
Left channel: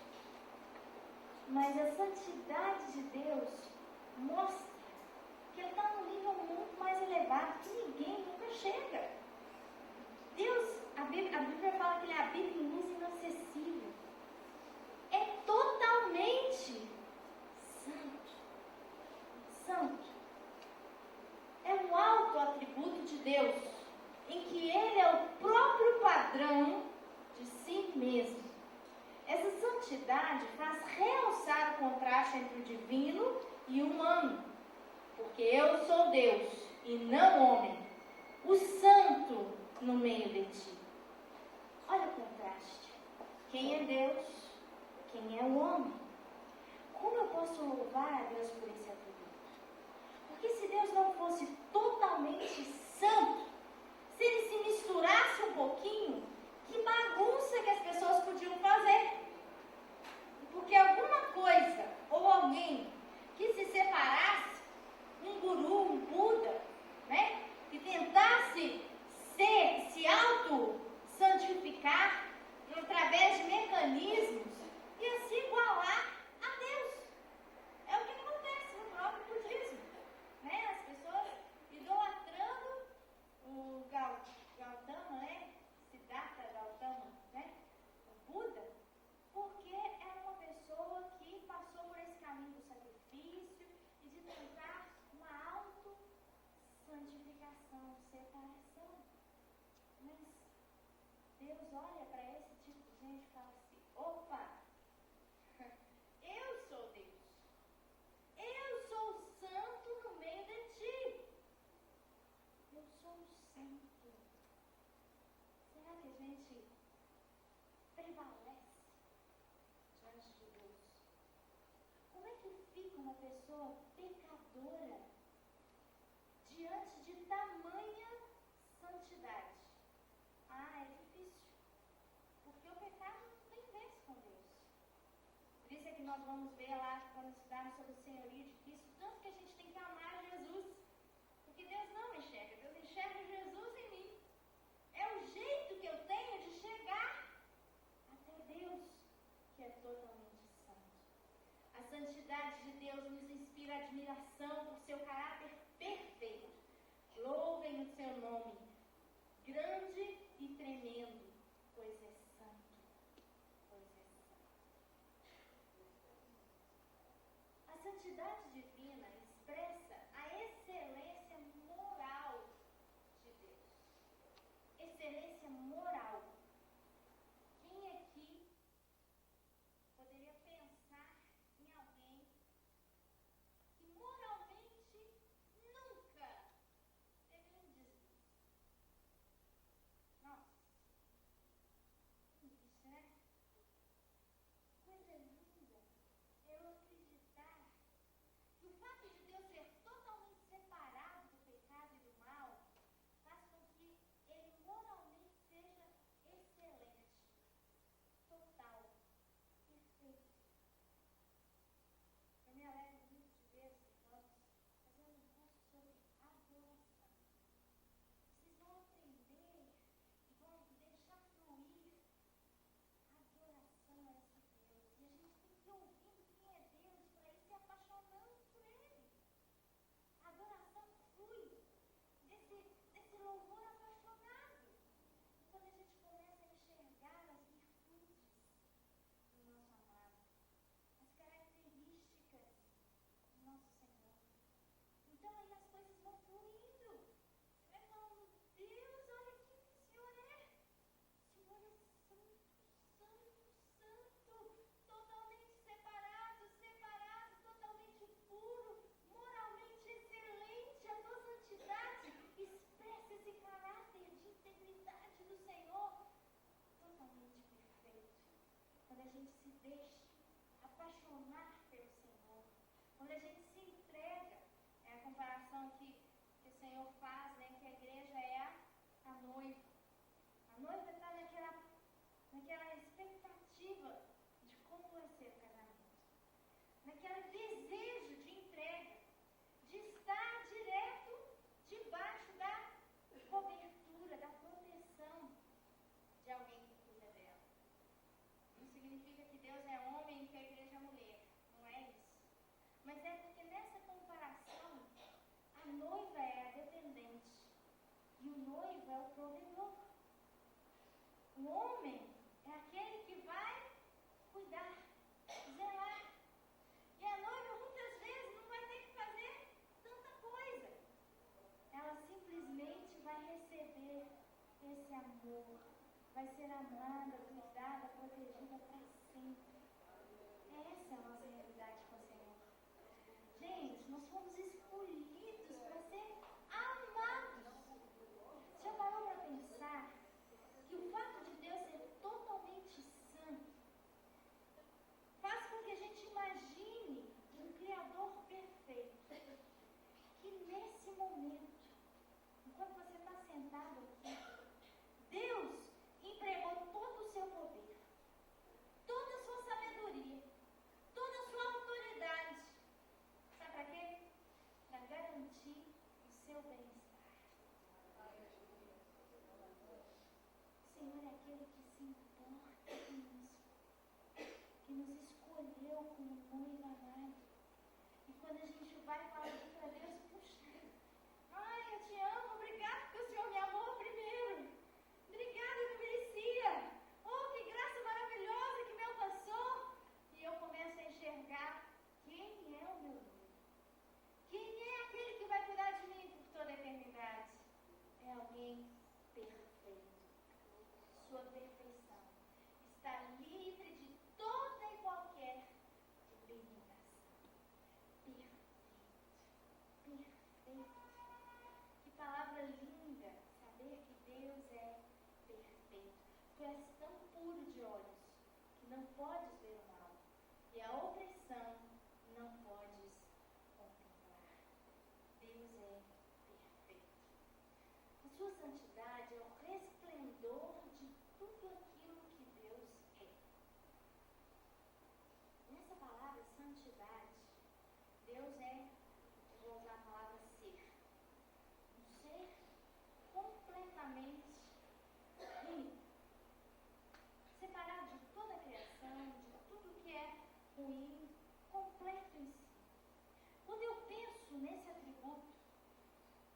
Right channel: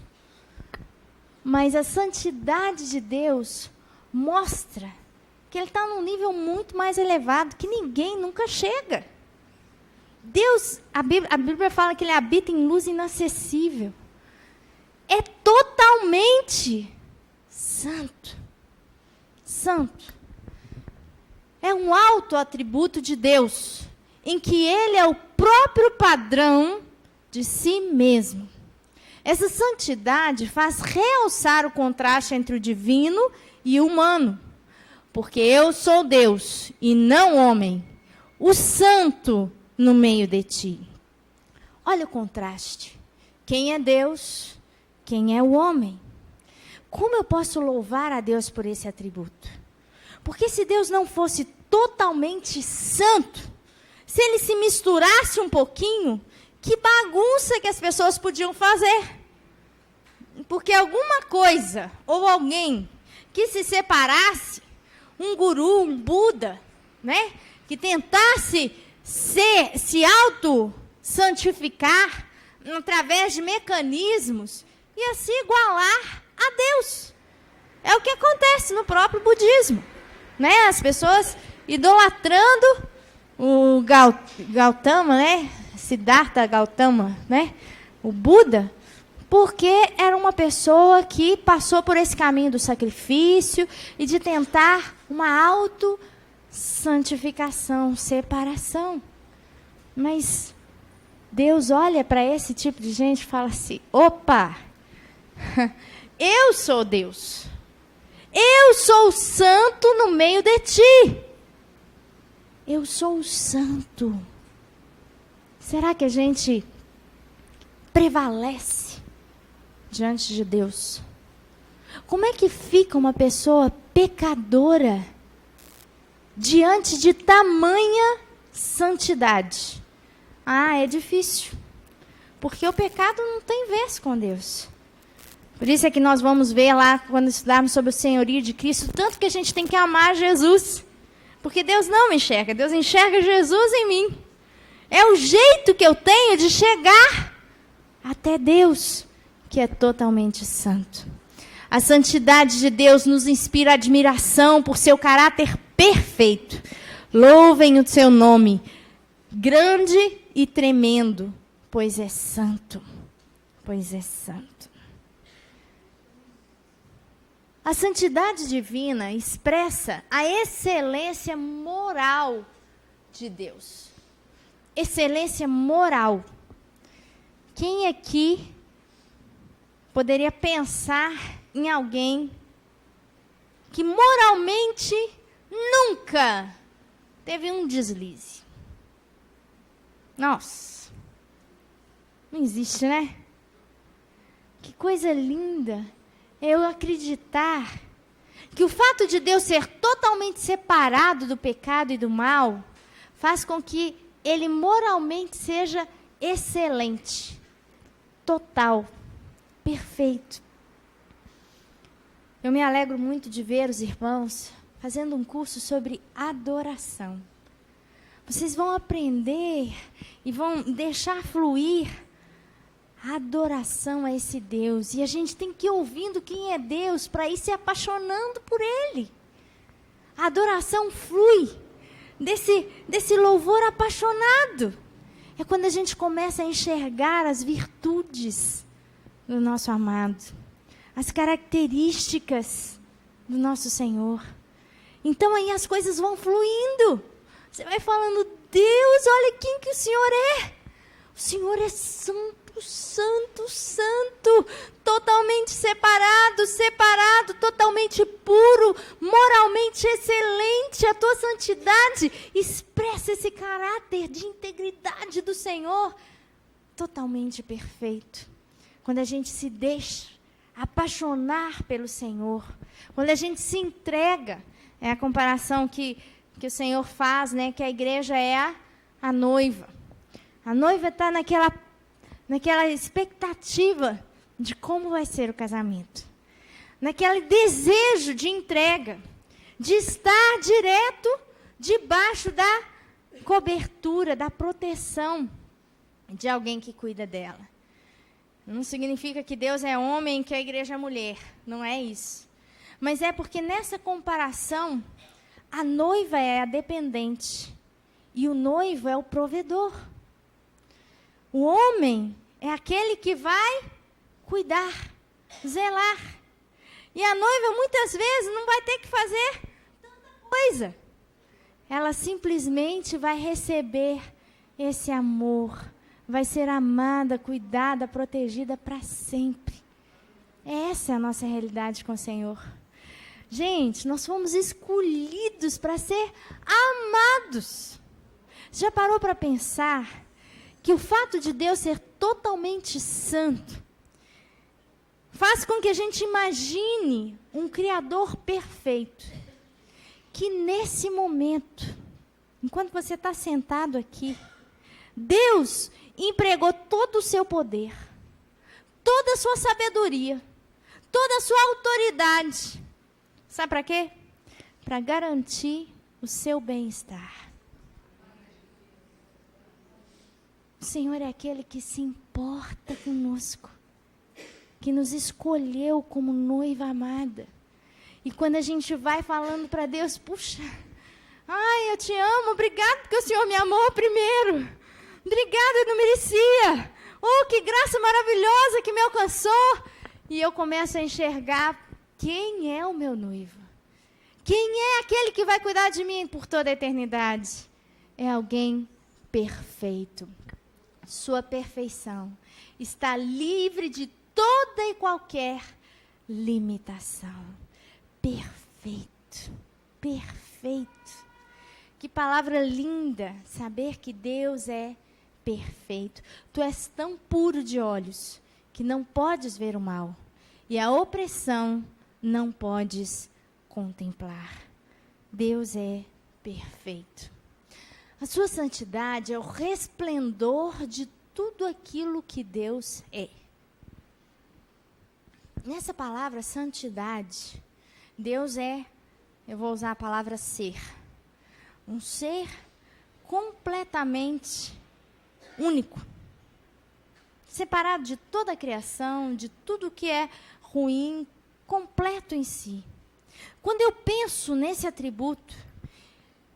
Mas a santidade de Deus mostra que ele está num nível muito mais elevado, que ninguém nunca chega. Deus, a Bíblia fala que ele habita em luz inacessível. É totalmente santo. Santo. É um alto atributo de Deus, em que ele é o próprio padrão de si mesmo. Essa santidade faz realçar o contraste entre o divino e o humano, porque eu sou Deus e não homem, o santo no meio de ti. Olha o contraste. Quem é Deus? Quem é o homem? Como eu posso louvar a Deus por esse atributo? Porque se Deus não fosse totalmente santo, se ele se misturasse um pouquinho, que bagunça que as pessoas podiam fazer. Porque alguma coisa ou alguém que se separasse, um guru, um Buda, né, que tentasse se auto-santificar através de mecanismos, ia se igualar a Deus. É o que acontece no próprio budismo, né? As pessoas idolatrando o Gautama, né? Siddhartha Gautama, né? O Buda, porque era uma pessoa que passou por esse caminho do sacrifício e de tentar uma auto-santificação, separação. Mas Deus olha para esse tipo de gente e fala assim: opa, eu sou Deus. Eu sou o santo no meio de ti. Eu sou o santo. Será que a gente prevalece diante de Deus? Como é que fica uma pessoa pecadora diante de tamanha santidade? Ah, é difícil. Porque o pecado não tem vez com Deus. Por isso é que nós vamos ver lá, quando estudarmos sobre o senhorio de Cristo, tanto que a gente tem que amar Jesus. Porque Deus não me enxerga, Deus enxerga Jesus em mim. É o jeito que eu tenho de chegar até Deus, que é totalmente santo. A santidade de Deus nos inspira admiração por seu caráter perfeito. Louvem o seu nome, grande e tremendo, pois é santo. Pois é santo. A santidade divina expressa a excelência moral de Deus. Excelência moral. Quem aqui poderia pensar em alguém que moralmente nunca teve um deslize? Nossa, não existe, né? Que coisa linda eu acreditar que o fato de Deus ser totalmente separado do pecado e do mal faz com que ele moralmente seja excelente, total, perfeito. Eu me alegro muito de ver os irmãos fazendo um curso sobre adoração. Vocês vão aprender e vão deixar fluir a adoração a esse Deus. E a gente tem que ir ouvindo quem é Deus para ir se apaixonando por Ele. A adoração flui desse louvor apaixonado. É quando a gente começa a enxergar as virtudes do nosso amado, as características do nosso Senhor. Então aí as coisas vão fluindo. Você vai falando, Deus, olha quem que o Senhor é. O Senhor é santo, santo, santo, totalmente separado, totalmente puro, moralmente excelente. A tua santidade expressa esse caráter de integridade do Senhor, totalmente perfeito. Quando a gente se deixa apaixonar pelo Senhor, quando a gente se entrega, é a comparação que o Senhor faz, né, que a igreja é a noiva. A noiva está naquela expectativa de como vai ser o casamento. Naquele desejo de entrega, de estar direto debaixo da cobertura, da proteção de alguém que cuida dela. Não significa que Deus é homem e que a igreja é mulher. Não é isso. Mas é porque nessa comparação, a noiva é a dependente e o noivo é o provedor. O homem é aquele que vai cuidar, zelar. E a noiva, muitas vezes, não vai ter que fazer tanta coisa. Ela simplesmente vai receber esse amor, vai ser amada, cuidada, protegida para sempre. Essa é a nossa realidade com o Senhor. Gente, nós fomos escolhidos para ser amados. Já parou para pensar que o fato de Deus ser totalmente santo faz com que a gente imagine um Criador perfeito, que nesse momento, enquanto você está sentado aqui, Deus empregou todo o seu poder, toda a sua sabedoria, toda a sua autoridade. Sabe para quê? Para garantir o seu bem-estar. O Senhor é aquele que se importa conosco, que nos escolheu como noiva amada. E quando a gente vai falando para Deus, puxa, ai, eu te amo, obrigado porque o Senhor me amou primeiro. Obrigada, eu não merecia. Oh, que graça maravilhosa que me alcançou. E eu começo a enxergar quem é o meu noivo. Quem é aquele que vai cuidar de mim por toda a eternidade? É alguém perfeito. Sua perfeição está livre de toda e qualquer limitação. Perfeito, perfeito. Que palavra linda, saber que Deus é perfeito. Tu és tão puro de olhos que não podes ver o mal, e a opressão não podes contemplar. Deus é perfeito. A sua santidade é o resplendor de tudo aquilo que Deus é. Nessa palavra santidade, Deus é, eu vou usar a palavra ser, um ser completamente único, separado de toda a criação, de tudo que é ruim, completo em si. Quando eu penso nesse atributo,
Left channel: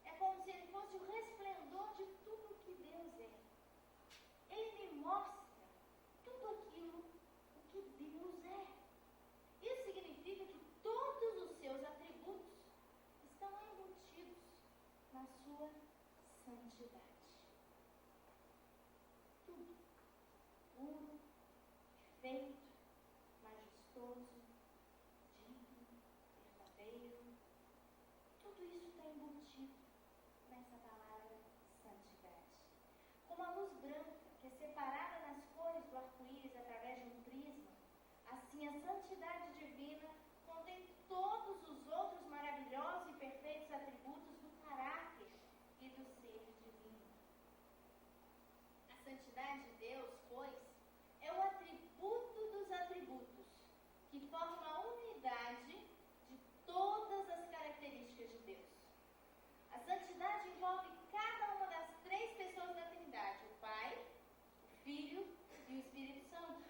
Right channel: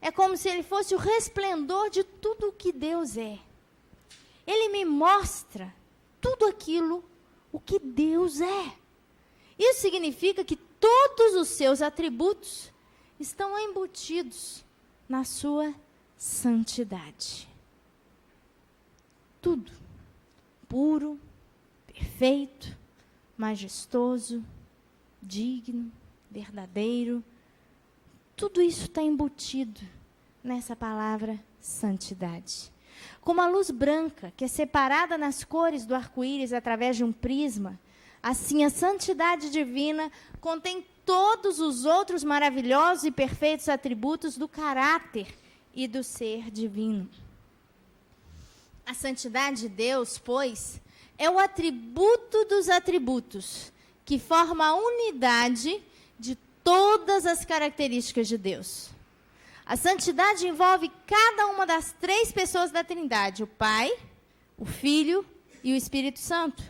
é como se ele fosse o resplendor de tudo o que Deus é. Ele me mostra tudo aquilo, o que Deus é. Isso significa que todos os seus atributos estão embutidos na sua santidade. Tudo. Puro, perfeito, majestoso, digno, verdadeiro. Tudo isso está embutido nessa palavra santidade. Como a luz branca, que é separada nas cores do arco-íris através de um prisma, assim a santidade divina contém todos os outros maravilhosos e perfeitos atributos do caráter e do ser divino. A santidade de Deus, pois, é o atributo dos atributos, que forma a unidade de todas as características de Deus. A santidade envolve cada uma das três pessoas da Trindade, o Pai, o Filho e o Espírito Santo,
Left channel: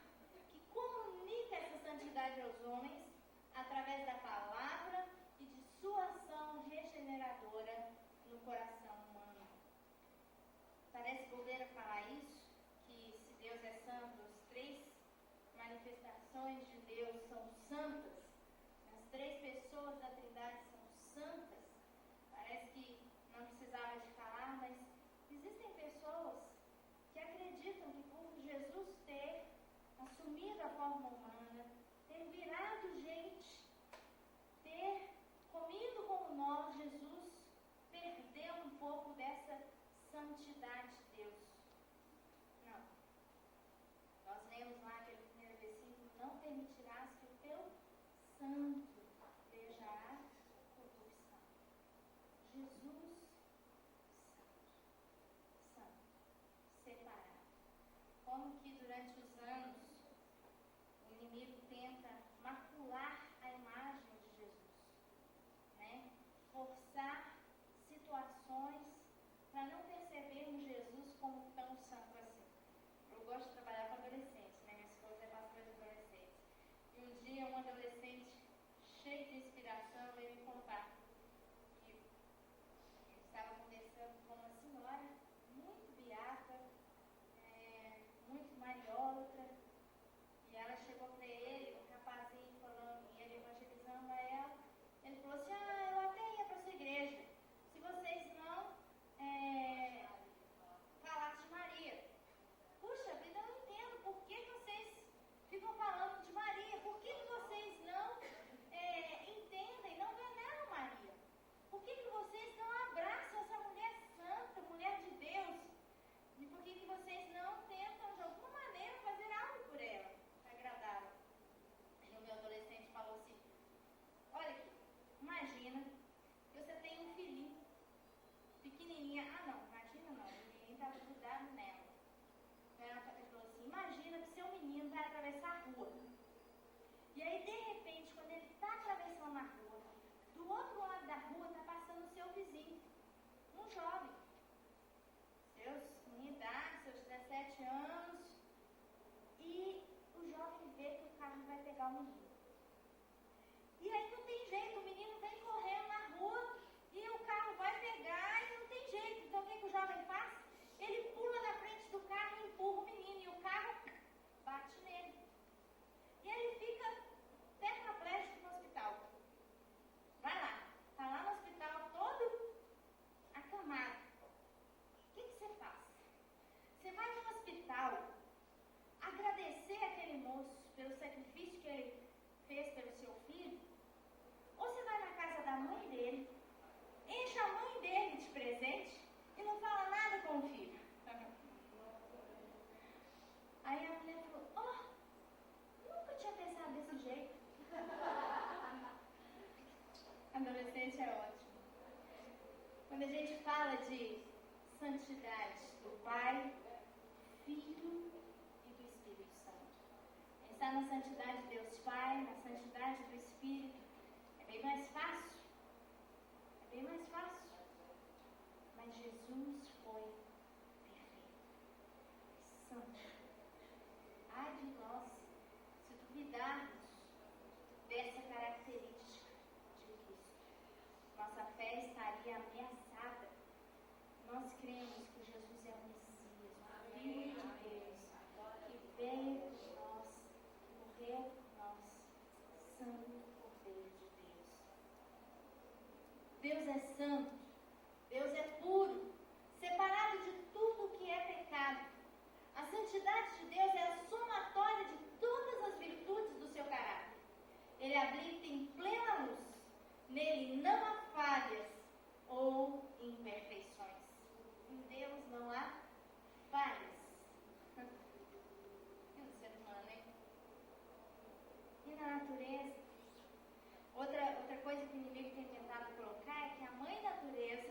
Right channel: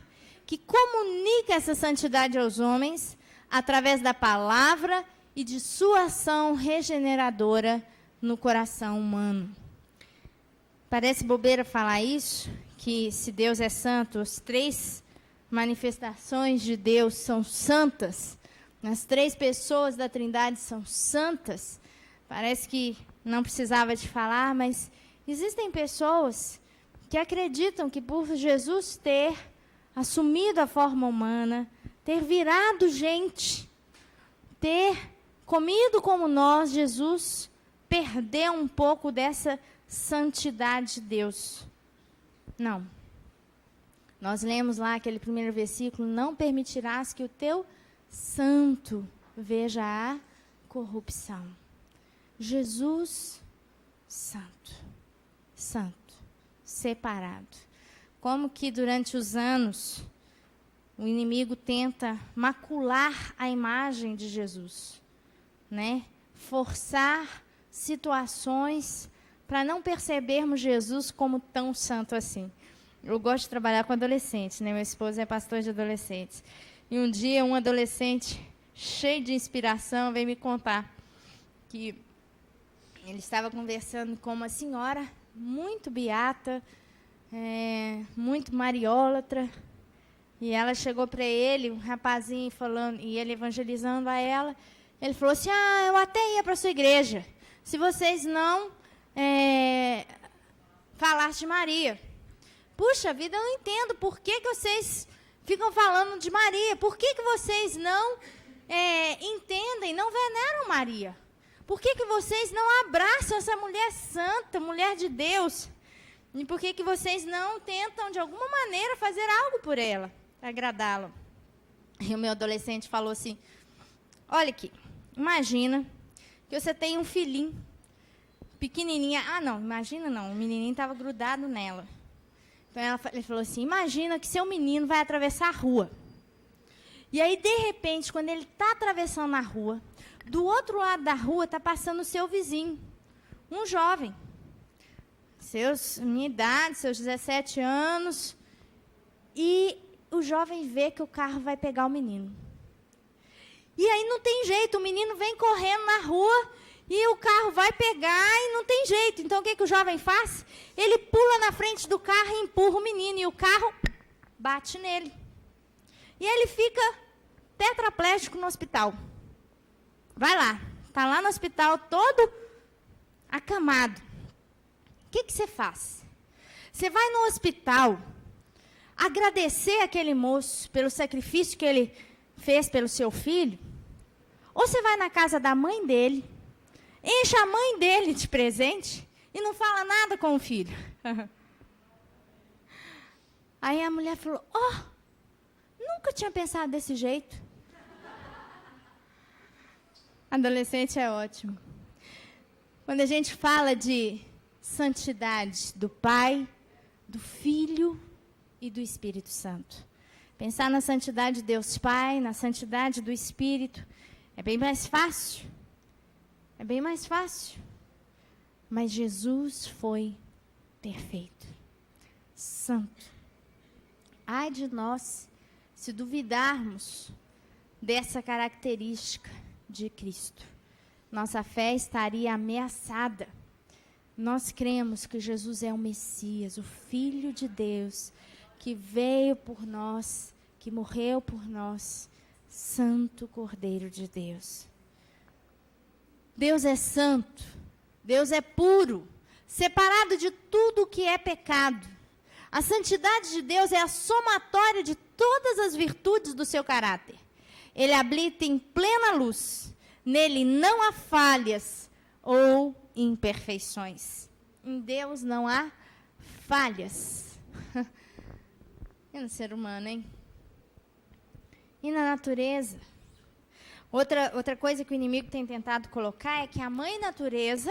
que comunica essa santidade aos homens através da palavra e de sua ação regeneradora no coração humano. Parece bobeira falar isso, que se Deus é santo, as três manifestações de Deus são santas, as três pessoas da Trindade são santas. Parece que não precisava te falar, mas existem pessoas que acreditam que por Jesus ter assumido a forma humana, ter virado gente, ter comido como nós, Jesus perdeu um pouco dessa santidade de Deus. Não. Nós lemos lá aquele primeiro versículo: não permitirás que o teu santo veja a corrupção. Jesus, santo, santo, separado. Como que durante os anos o inimigo tenta macular a imagem de Jesus, né? Forçar situações para não percebermos Jesus como tão santo assim. Eu gosto de trabalhar com adolescentes, né? Meu esposo é pastor de adolescentes. E um dia um adolescente cheio de inspiração veio me contar que ele estava conversando com uma senhora muito beata, muito mariólatra, e ela chegou para ele, um rapazinho falando, e ele evangelizando a ela. Ele falou assim: eu até ia para a sua igreja, se vocês não falassem de Maria. Puxa vida, eu não entendo por que vocês ficam falando de Maria. Por que vocês não entendem, não veneram Maria? Por que vocês não abraçam essa mulher santa, mulher de Deus? E por que vocês não tentam, de alguma maneira, fazer algo por ela, agradá-la? E o meu adolescente falou assim: olha aqui, imagina que você tem um filhinho, pequenininha. Não, imagina não, o menininho estava grudado nela. Então ele falou assim: imagina que seu menino vai atravessar a rua. E aí, de repente, quando ele está atravessando a rua, do outro lado da rua está passando o seu vizinho, um jovem, minha idade, seus 17 anos, e o jovem vê que o carro vai pegar o menino. E aí não tem jeito, o menino vem correndo na rua e o carro vai pegar e não tem jeito. Então o que o jovem faz? Ele pula na frente do carro e empurra o menino, e o carro bate nele. E ele fica tetraplégico no hospital. Vai lá, está lá no hospital todo acamado. O que você faz? Você vai no hospital agradecer aquele moço pelo sacrifício que ele fez pelo seu filho? Ou você vai na casa da mãe dele, enche a mãe dele de presente e não fala nada com o filho? Aí a mulher falou: nunca tinha pensado desse jeito. Adolescente é ótimo. Quando a gente fala de santidade do Pai, do Filho e do Espírito Santo, pensar na santidade de Deus Pai, na santidade do Espírito, é bem mais fácil. É bem mais fácil. Mas Jesus foi perfeito, santo. Ai de nós se duvidarmos dessa característica de Cristo. Nossa fé estaria ameaçada. Nós cremos que Jesus é o Messias, o Filho de Deus, que veio por nós, que morreu por nós, Santo Cordeiro de Deus. Deus é santo, Deus é puro, separado de tudo que é pecado. A santidade de Deus é a somatória de todas as virtudes do seu caráter. Ele habita em plena luz. Nele não há falhas ou imperfeições. Em Deus não há falhas. E no ser humano, hein? E na natureza? Outra coisa que o inimigo tem tentado colocar é que a mãe natureza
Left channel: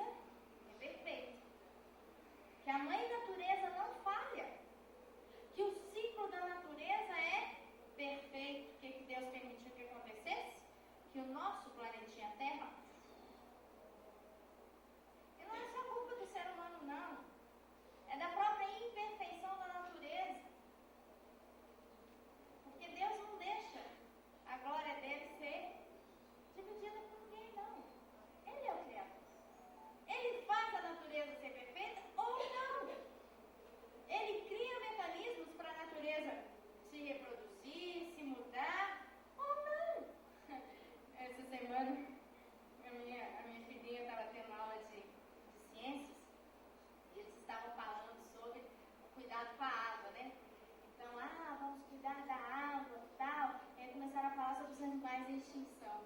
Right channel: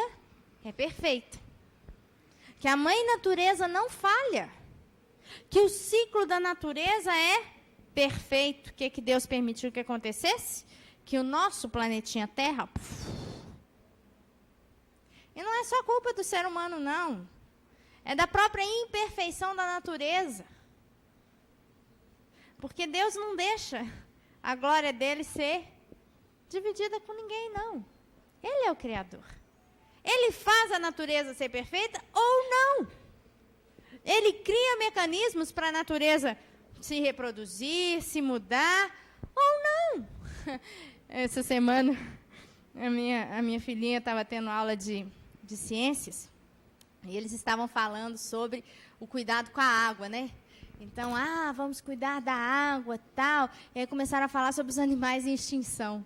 é perfeita. Que a mãe natureza não falha. Que o ciclo da natureza é perfeito. O que Deus permitiu que acontecesse? Que o nosso planetinha Terra... E não é só culpa do ser humano, não. É da própria imperfeição da natureza. Porque Deus não deixa a glória dele ser dividida com ninguém, não. Ele é o Criador. Ele faz a natureza ser perfeita ou não. Ele cria mecanismos para a natureza se reproduzir, se mudar ou não. Essa semana, a minha filhinha estava tendo aula de de ciências, e eles estavam falando sobre o cuidado com a água, né? Então, vamos cuidar da água, tal. E aí começaram a falar sobre os animais em extinção.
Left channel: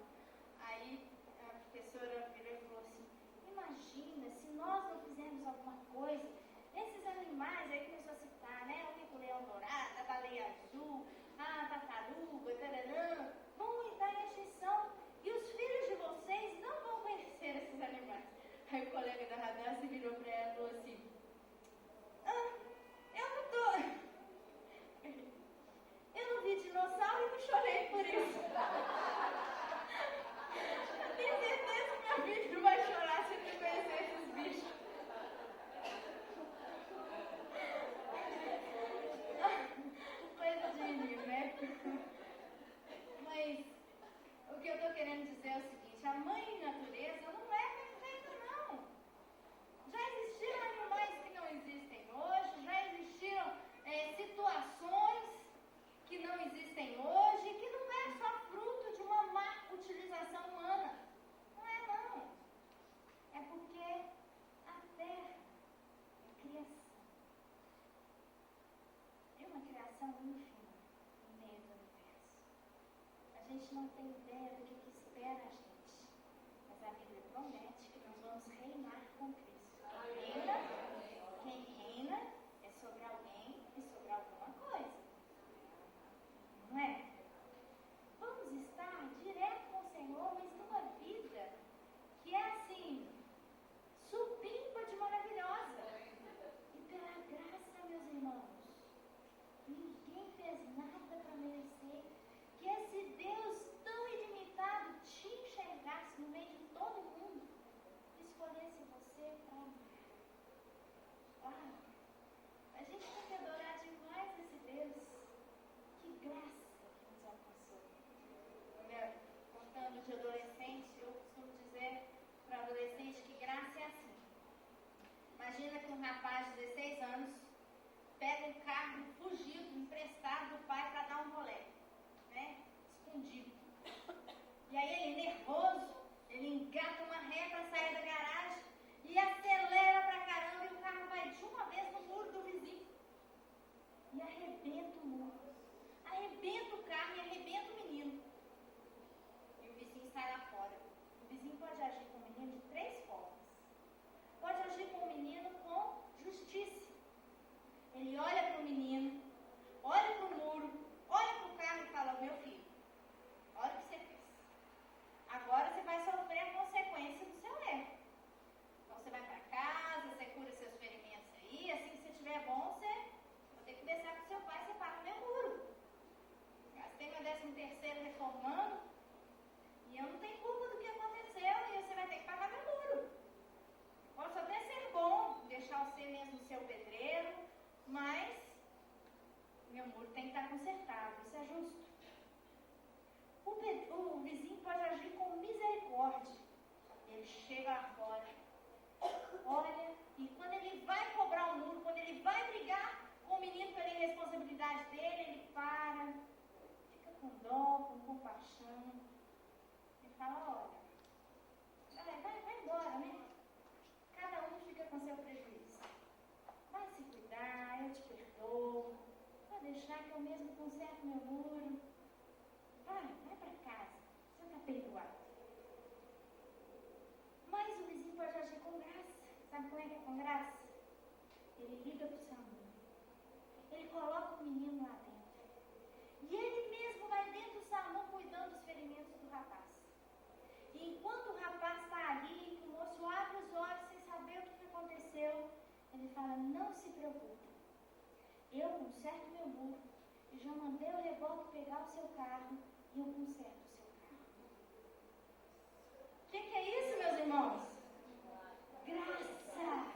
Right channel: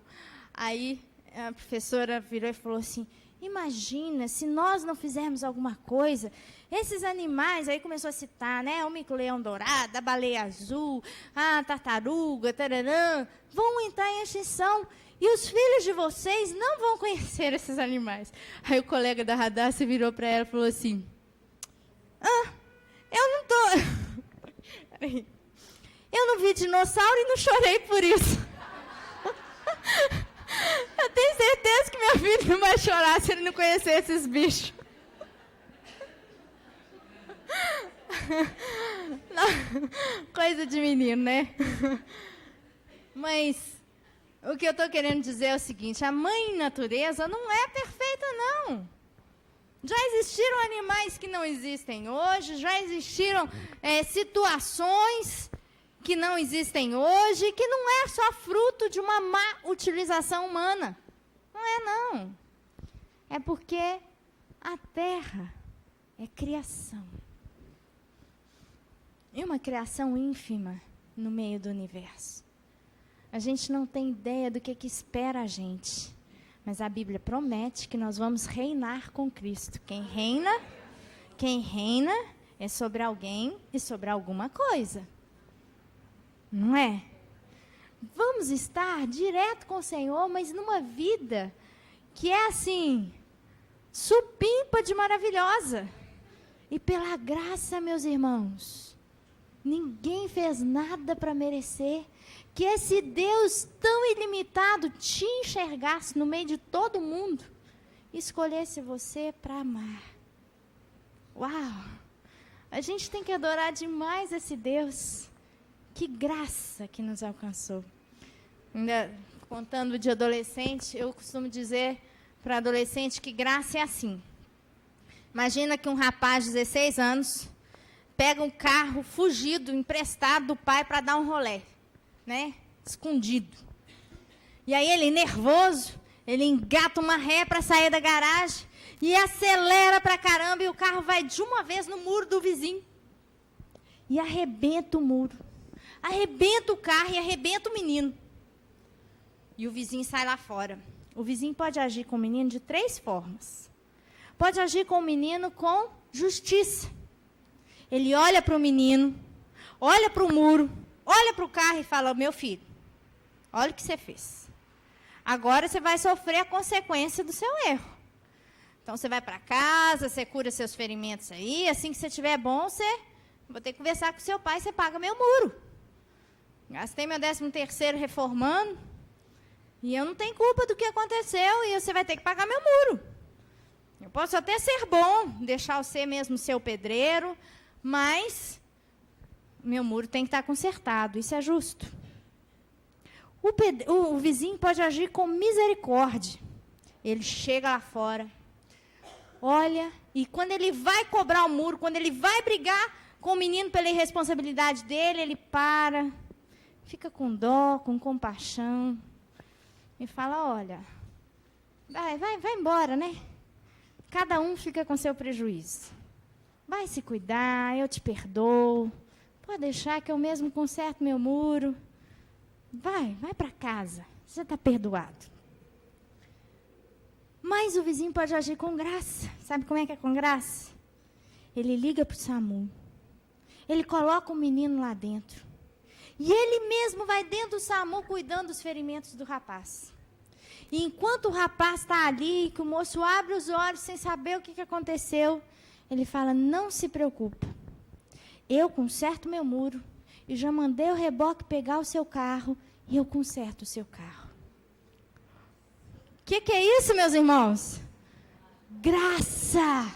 Aí a professora virou e falou assim, imagina, se nós não fizermos alguma coisa, esses animais, aí começou a citar, né? O mico-leão dourado, a baleia azul, a tartaruga, tararã, vão entrar em extinção. E os filhos de vocês não vão conhecer esses animais. Aí o colega da Radassa virou para ela e falou assim, eu não tô... Eu não vi dinossauro e não chorei por isso. Eu tenho certeza que meu filho não vai chorar se ele não conhecer esses bichos. Não, coisa de menino, né? Mas o que eu estou querendo dizer é o seguinte, a mãe natureza não é perfeita, não. Já existiram animais que não existem hoje, já existiram situações que não existem hoje, que não é só fruto de uma má utilização humana. Não é, não. É porque a Terra é criação. E uma criação ínfima no meio do universo. A gente não tem ideia do que espera a gente. Mas a Bíblia promete que nós vamos reinar com Cristo. Quem reina é sobre alguém e sobre alguma coisa. Não é? Vamos estar direto com o Senhor, mas numa vida que é assim, supimpa de maravilhosa. E pela graça, meus irmãos, ninguém fez nada para merecer que esse Deus tão ilimitado te enxergasse no meio de todo mundo e escolhesse você para amar. Uau! A gente tem que adorar demais esse Deus. Que graça que nos alcançou. Ainda contando de adolescente, eu costumo dizer para adolescente que graça é assim. Imagina que um rapaz de 16 anos pega um carro fugido, emprestado do pai para dar um rolê, né? Escondido. E aí ele, nervoso, ele engata uma ré para sair da garagem e acelera pra caramba e o carro vai de uma vez no muro do vizinho. E arrebenta o muro. Arrebenta o carro e arrebenta o menino. E o vizinho sai lá fora. O vizinho pode agir com o menino de 3 formas. Pode agir com o menino com justiça. Ele olha para o menino, olha para o muro, olha para o carro e fala, meu filho, olha o que você fez. Agora você vai sofrer a consequência do seu erro. Então você vai para casa, você cura seus ferimentos aí, assim que você estiver bom, vou ter que conversar com seu pai, você paga meu muro. Gastei meu 13º reformando, e eu não tenho culpa do que aconteceu, e você vai ter que pagar meu muro. Eu posso até ser bom, deixar você mesmo ser o pedreiro, mas meu muro tem que estar consertado, isso é justo. O vizinho pode agir com misericórdia. Ele chega lá fora, olha, e quando ele vai cobrar o muro, quando ele vai brigar com o menino pela irresponsabilidade dele, ele para, fica com dó, com compaixão, e fala, olha, vai embora, né? Cada um fica com seu prejuízo. Vai se cuidar, eu te perdoo. Pode deixar que eu mesmo conserto meu muro. Vai para casa, você está perdoado. Mas o vizinho pode agir com graça. Sabe como é que é com graça? Ele liga para o SAMU. Ele coloca o menino lá dentro. E ele mesmo vai dentro do SAMU cuidando dos ferimentos do rapaz. E enquanto o rapaz está ali, que o moço abre os olhos sem saber o que aconteceu, ele fala, não se preocupe. Eu conserto meu muro e já mandei o reboque pegar o seu carro e eu conserto o seu carro. O que é isso, meus irmãos? Graça.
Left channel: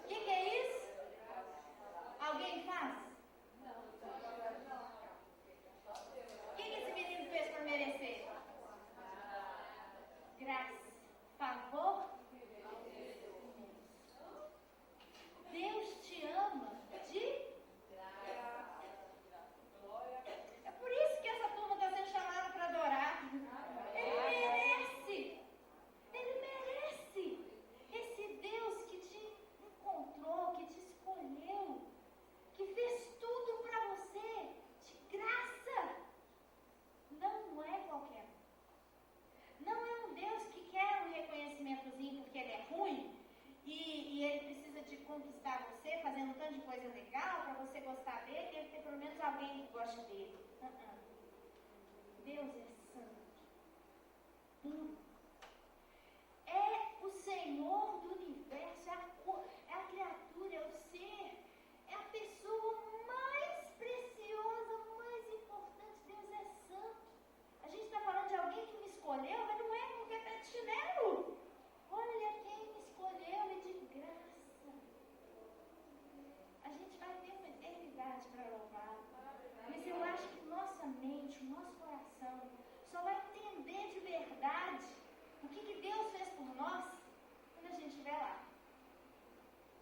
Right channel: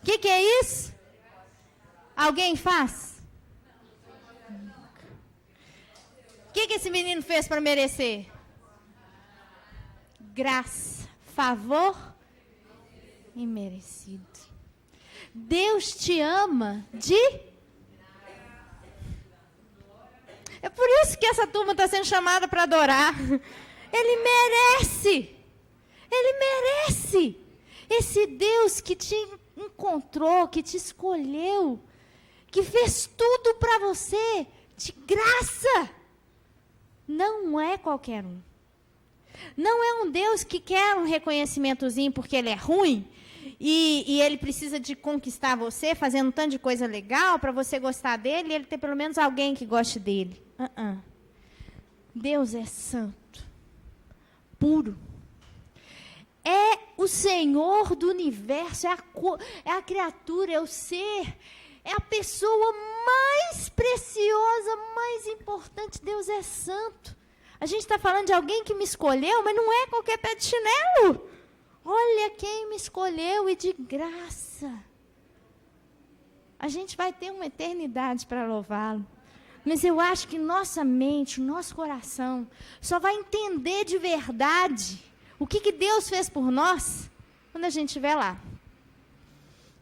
O que é isso? Alguém faz? O que esse menino fez para merecer? Graça, favor imerecido. Deus te ama É por isso que essa turma está sendo chamada para adorar. Ele merece. Ele merece. Esse Deus que te encontrou, que te escolheu, que fez tudo para você, de graça. Não é qualquer um. Não é um Deus que quer um reconhecimentozinho porque ele é ruim e ele precisa de conquistar você, fazendo um tanto de coisa legal para você gostar dele e ele ter pelo menos alguém que goste dele. Deus é santo, puro. É o Senhor do universo, é a criatura, é o ser, é a pessoa mais preciosa, mais importante. Deus é santo. A gente está falando de alguém que me escolheu, mas não é qualquer pé de chinelo. Olha quem me escolheu e de graça. A gente vai ter uma eternidade para louvá-lo. Mas eu acho que nossa mente, o nosso coração, só vai entender de verdade o que Deus fez por nós quando a gente estiver lá.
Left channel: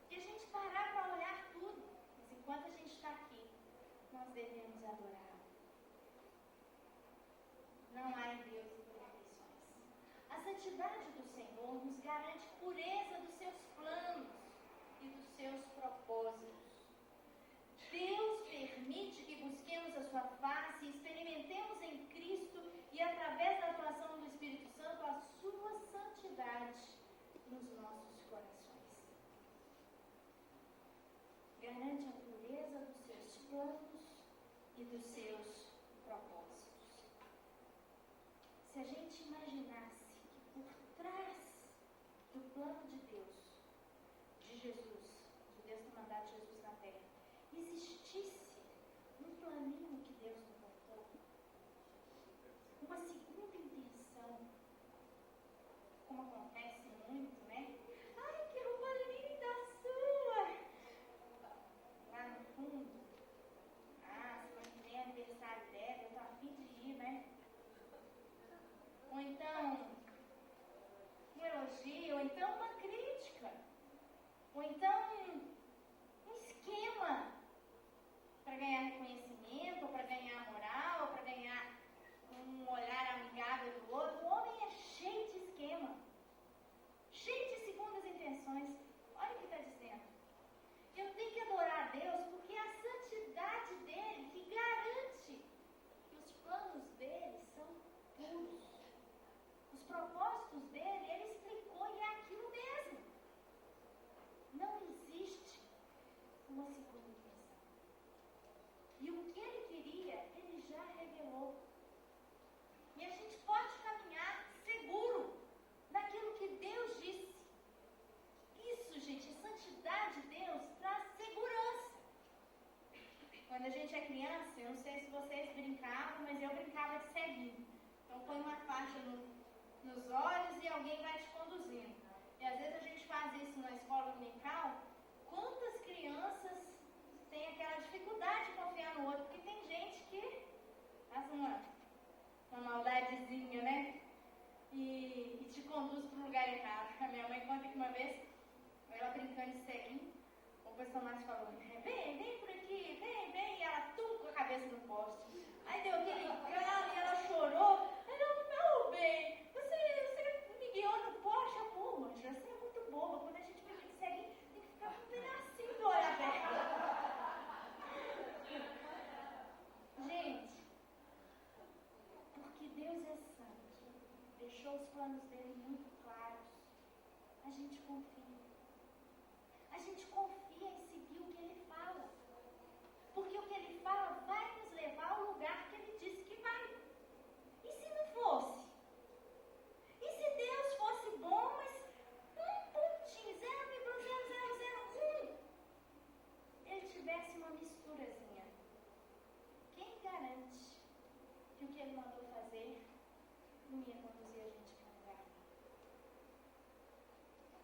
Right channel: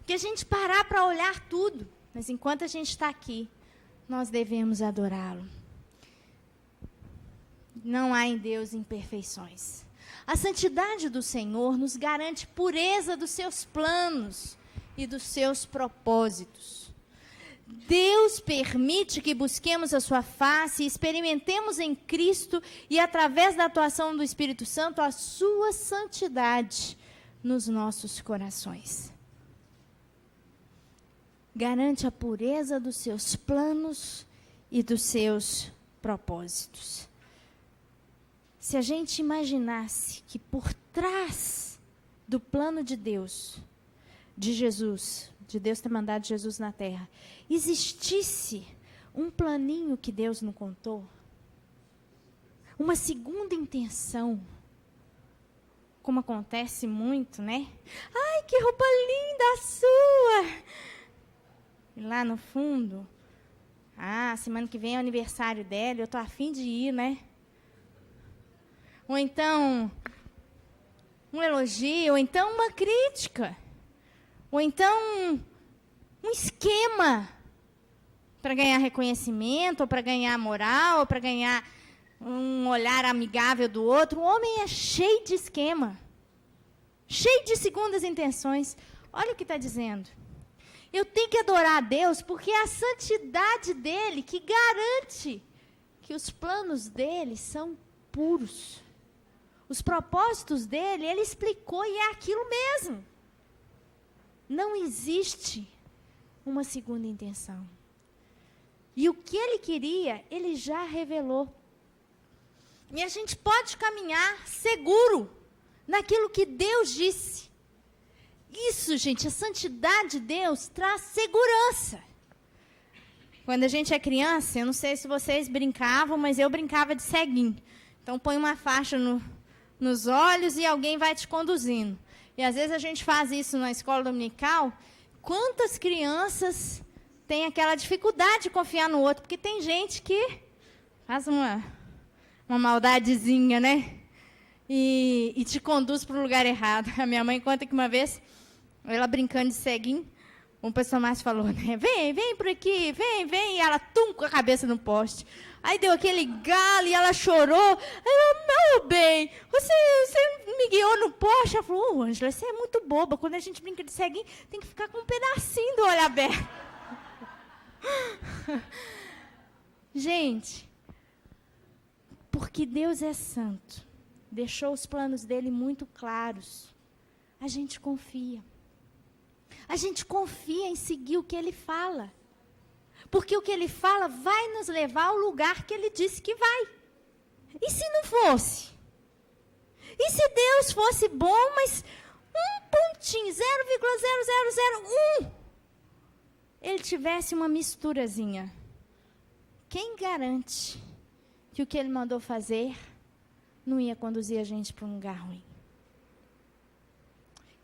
Que a gente parar para olhar tudo. Mas enquanto a gente está aqui, nós devemos adorá-lo. Não há em Deus imperfeições. A santidade do Senhor nos garante pureza dos seus planos e dos seus propósitos. Deus permite que busquemos a sua face e experimentemos em Cristo e através da atuação do Espírito Santo a sua santidade nos nossos corações. Garante a pureza dos seus planos e dos seus propósitos. Se a gente imaginasse que por trás do plano de Deus, de Jesus, de Deus ter mandado Jesus na terra, existisse um planinho que Deus não contou, uma segunda intenção, como acontece muito, né? Ai, que roupa linda a sua! E lá no fundo, semana que vem é o aniversário dela, eu tô a fim de ir, né? Ou então, um elogio, ou então uma crítica, ou então um esquema para ganhar reconhecimento, ou para ganhar moral, ou para ganhar um olhar amigável do outro. O homem é cheio de esquema, cheio de segundas intenções. Olha o que está dizendo. Eu tenho que adorar a Deus porque é a santidade dele que garante que os planos dele são puros. Os propósitos dele, ele explicou e é aquilo mesmo. Não existe uma segunda intenção. E o que ele queria, ele já revelou. E a gente pode caminhar seguro naquilo que Deus disse. Isso, gente, a santidade de Deus traz segurança. Quando a gente é criança, eu não sei se vocês brincavam, mas eu brincava de ceguinho. Então, põe uma faixa nos olhos e alguém vai te conduzindo. E às vezes a gente faz isso na escola dominical. Quantas crianças têm aquela dificuldade de confiar no outro? Porque tem gente que faz uma maldadezinha, né? E te conduz para o lugar errado. A minha mãe conta que uma vez, ela brincando de ceguinho, um pessoal mais falou, né? Vem por aqui, vem. E ela, com a cabeça no poste. Aí deu aquele galo e ela chorou. Ela, meu bem, você me guiou no poste. Ela falou, Ângela, você é muito boba. Quando a gente brinca de ceguinho, tem que ficar com um pedacinho do olho aberto. Gente, porque Deus é santo, deixou os planos dele muito claros. A gente confia. A gente confia em seguir o que ele fala. Porque o que ele fala vai nos levar ao lugar que ele disse que vai. E se não fosse? E se Deus fosse bom, mas um pontinho, 0,0001, ele tivesse uma misturazinha? Quem garante que o que ele mandou fazer não ia conduzir a gente para um lugar ruim?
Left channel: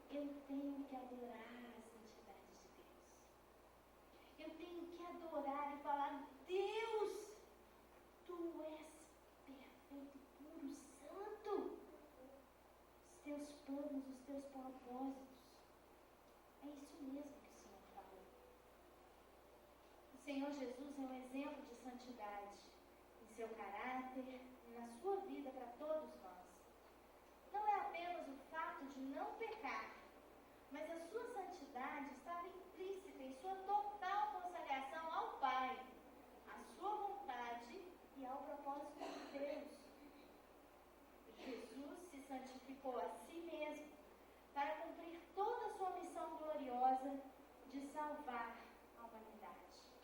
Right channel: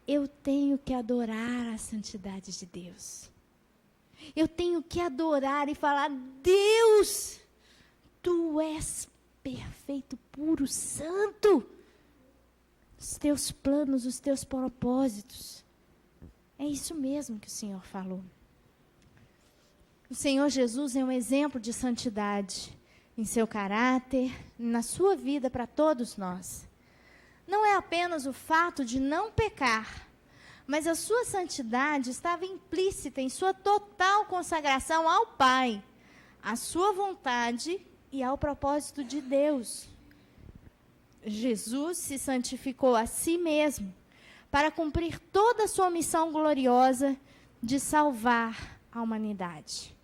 Eu tenho que adorar a santidade de Deus. Eu tenho que adorar e falar, Deus, Tu és perfeito, puro, santo. Os Teus planos, os Teus propósitos. É isso mesmo que o Senhor falou. O Senhor Jesus é um exemplo de santidade em seu caráter, na sua vida para todos nós. Não é apenas o fato de não pecar, mas a sua santidade estava implícita em sua total consagração ao Pai, à sua vontade e ao propósito de Deus. Jesus se santificou a si mesmo para cumprir toda a sua missão gloriosa de salvar a humanidade.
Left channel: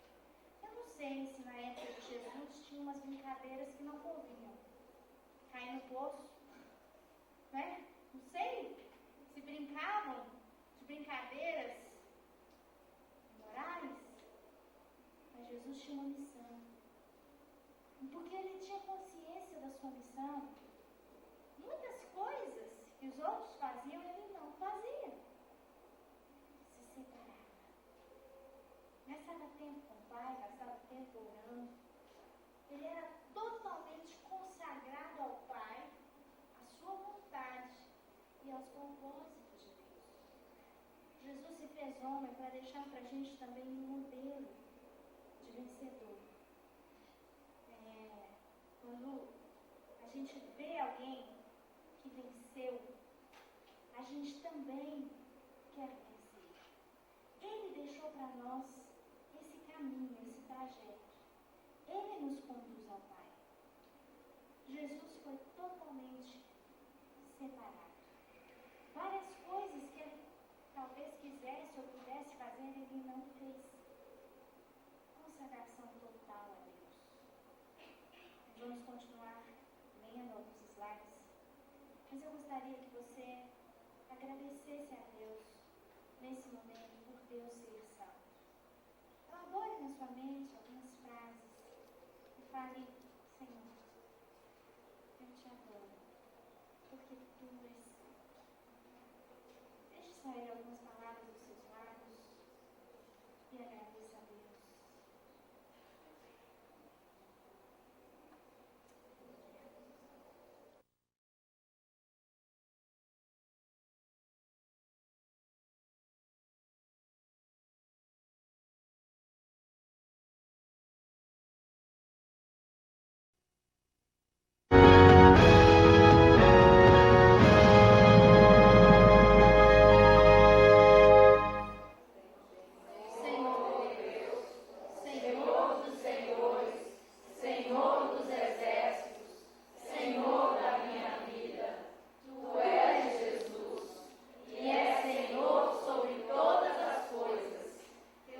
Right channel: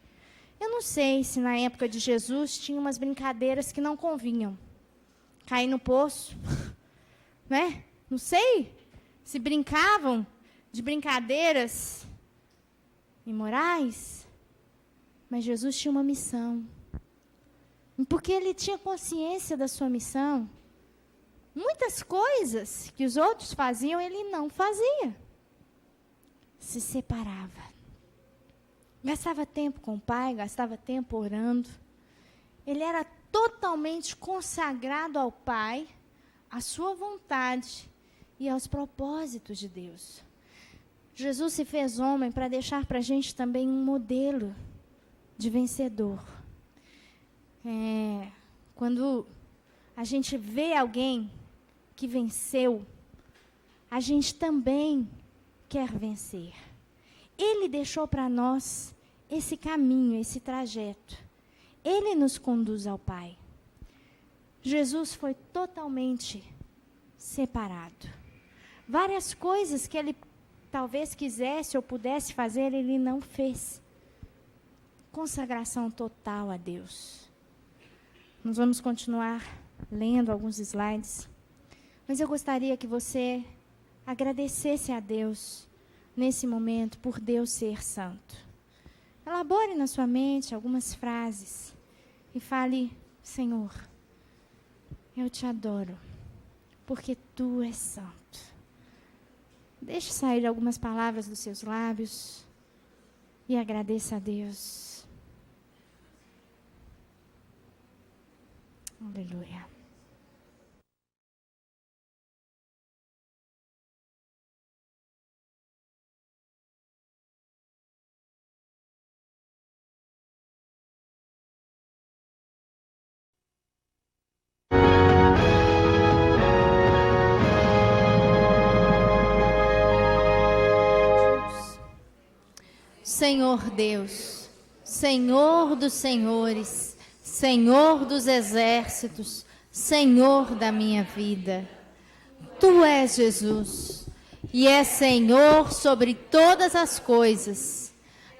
Eu não sei se na época de Jesus tinha umas brincadeiras que não convinham. Cair no poço, né? Não sei se brincavam de brincadeiras imorais, mas Jesus tinha uma missão. E porque ele tinha consciência da sua missão, muitas coisas que os outros faziam, ele não fazia. Se separava. Gastava tempo com o Pai, gastava tempo orando. Ele era totalmente consagrado ao Pai, à sua vontade e aos propósitos de Deus. Jesus se fez homem para deixar para a gente também um modelo de vencedor. Quando a gente vê alguém que venceu, a gente também quer vencer. Ele deixou para nós esse caminho, esse trajeto. Ele nos conduz ao Pai. Jesus foi totalmente separado. Várias coisas que ele talvez quisesse ou pudesse fazer, ele não fez. Consagração total a Deus. Nós vamos continuar lendo alguns slides, mas eu gostaria que você agradecesse a Deus nesse momento por Deus ser santo. Elabore na sua mente algumas frases e fale: Senhor, eu te adoro, porque Tu és santo. Deixe sair algumas palavras dos seus lábios e agradeça a Deus. Aleluia. Senhor Deus, Senhor dos senhores, Senhor dos exércitos, Senhor da minha vida. Tu és Jesus, e és Senhor sobre todas as coisas.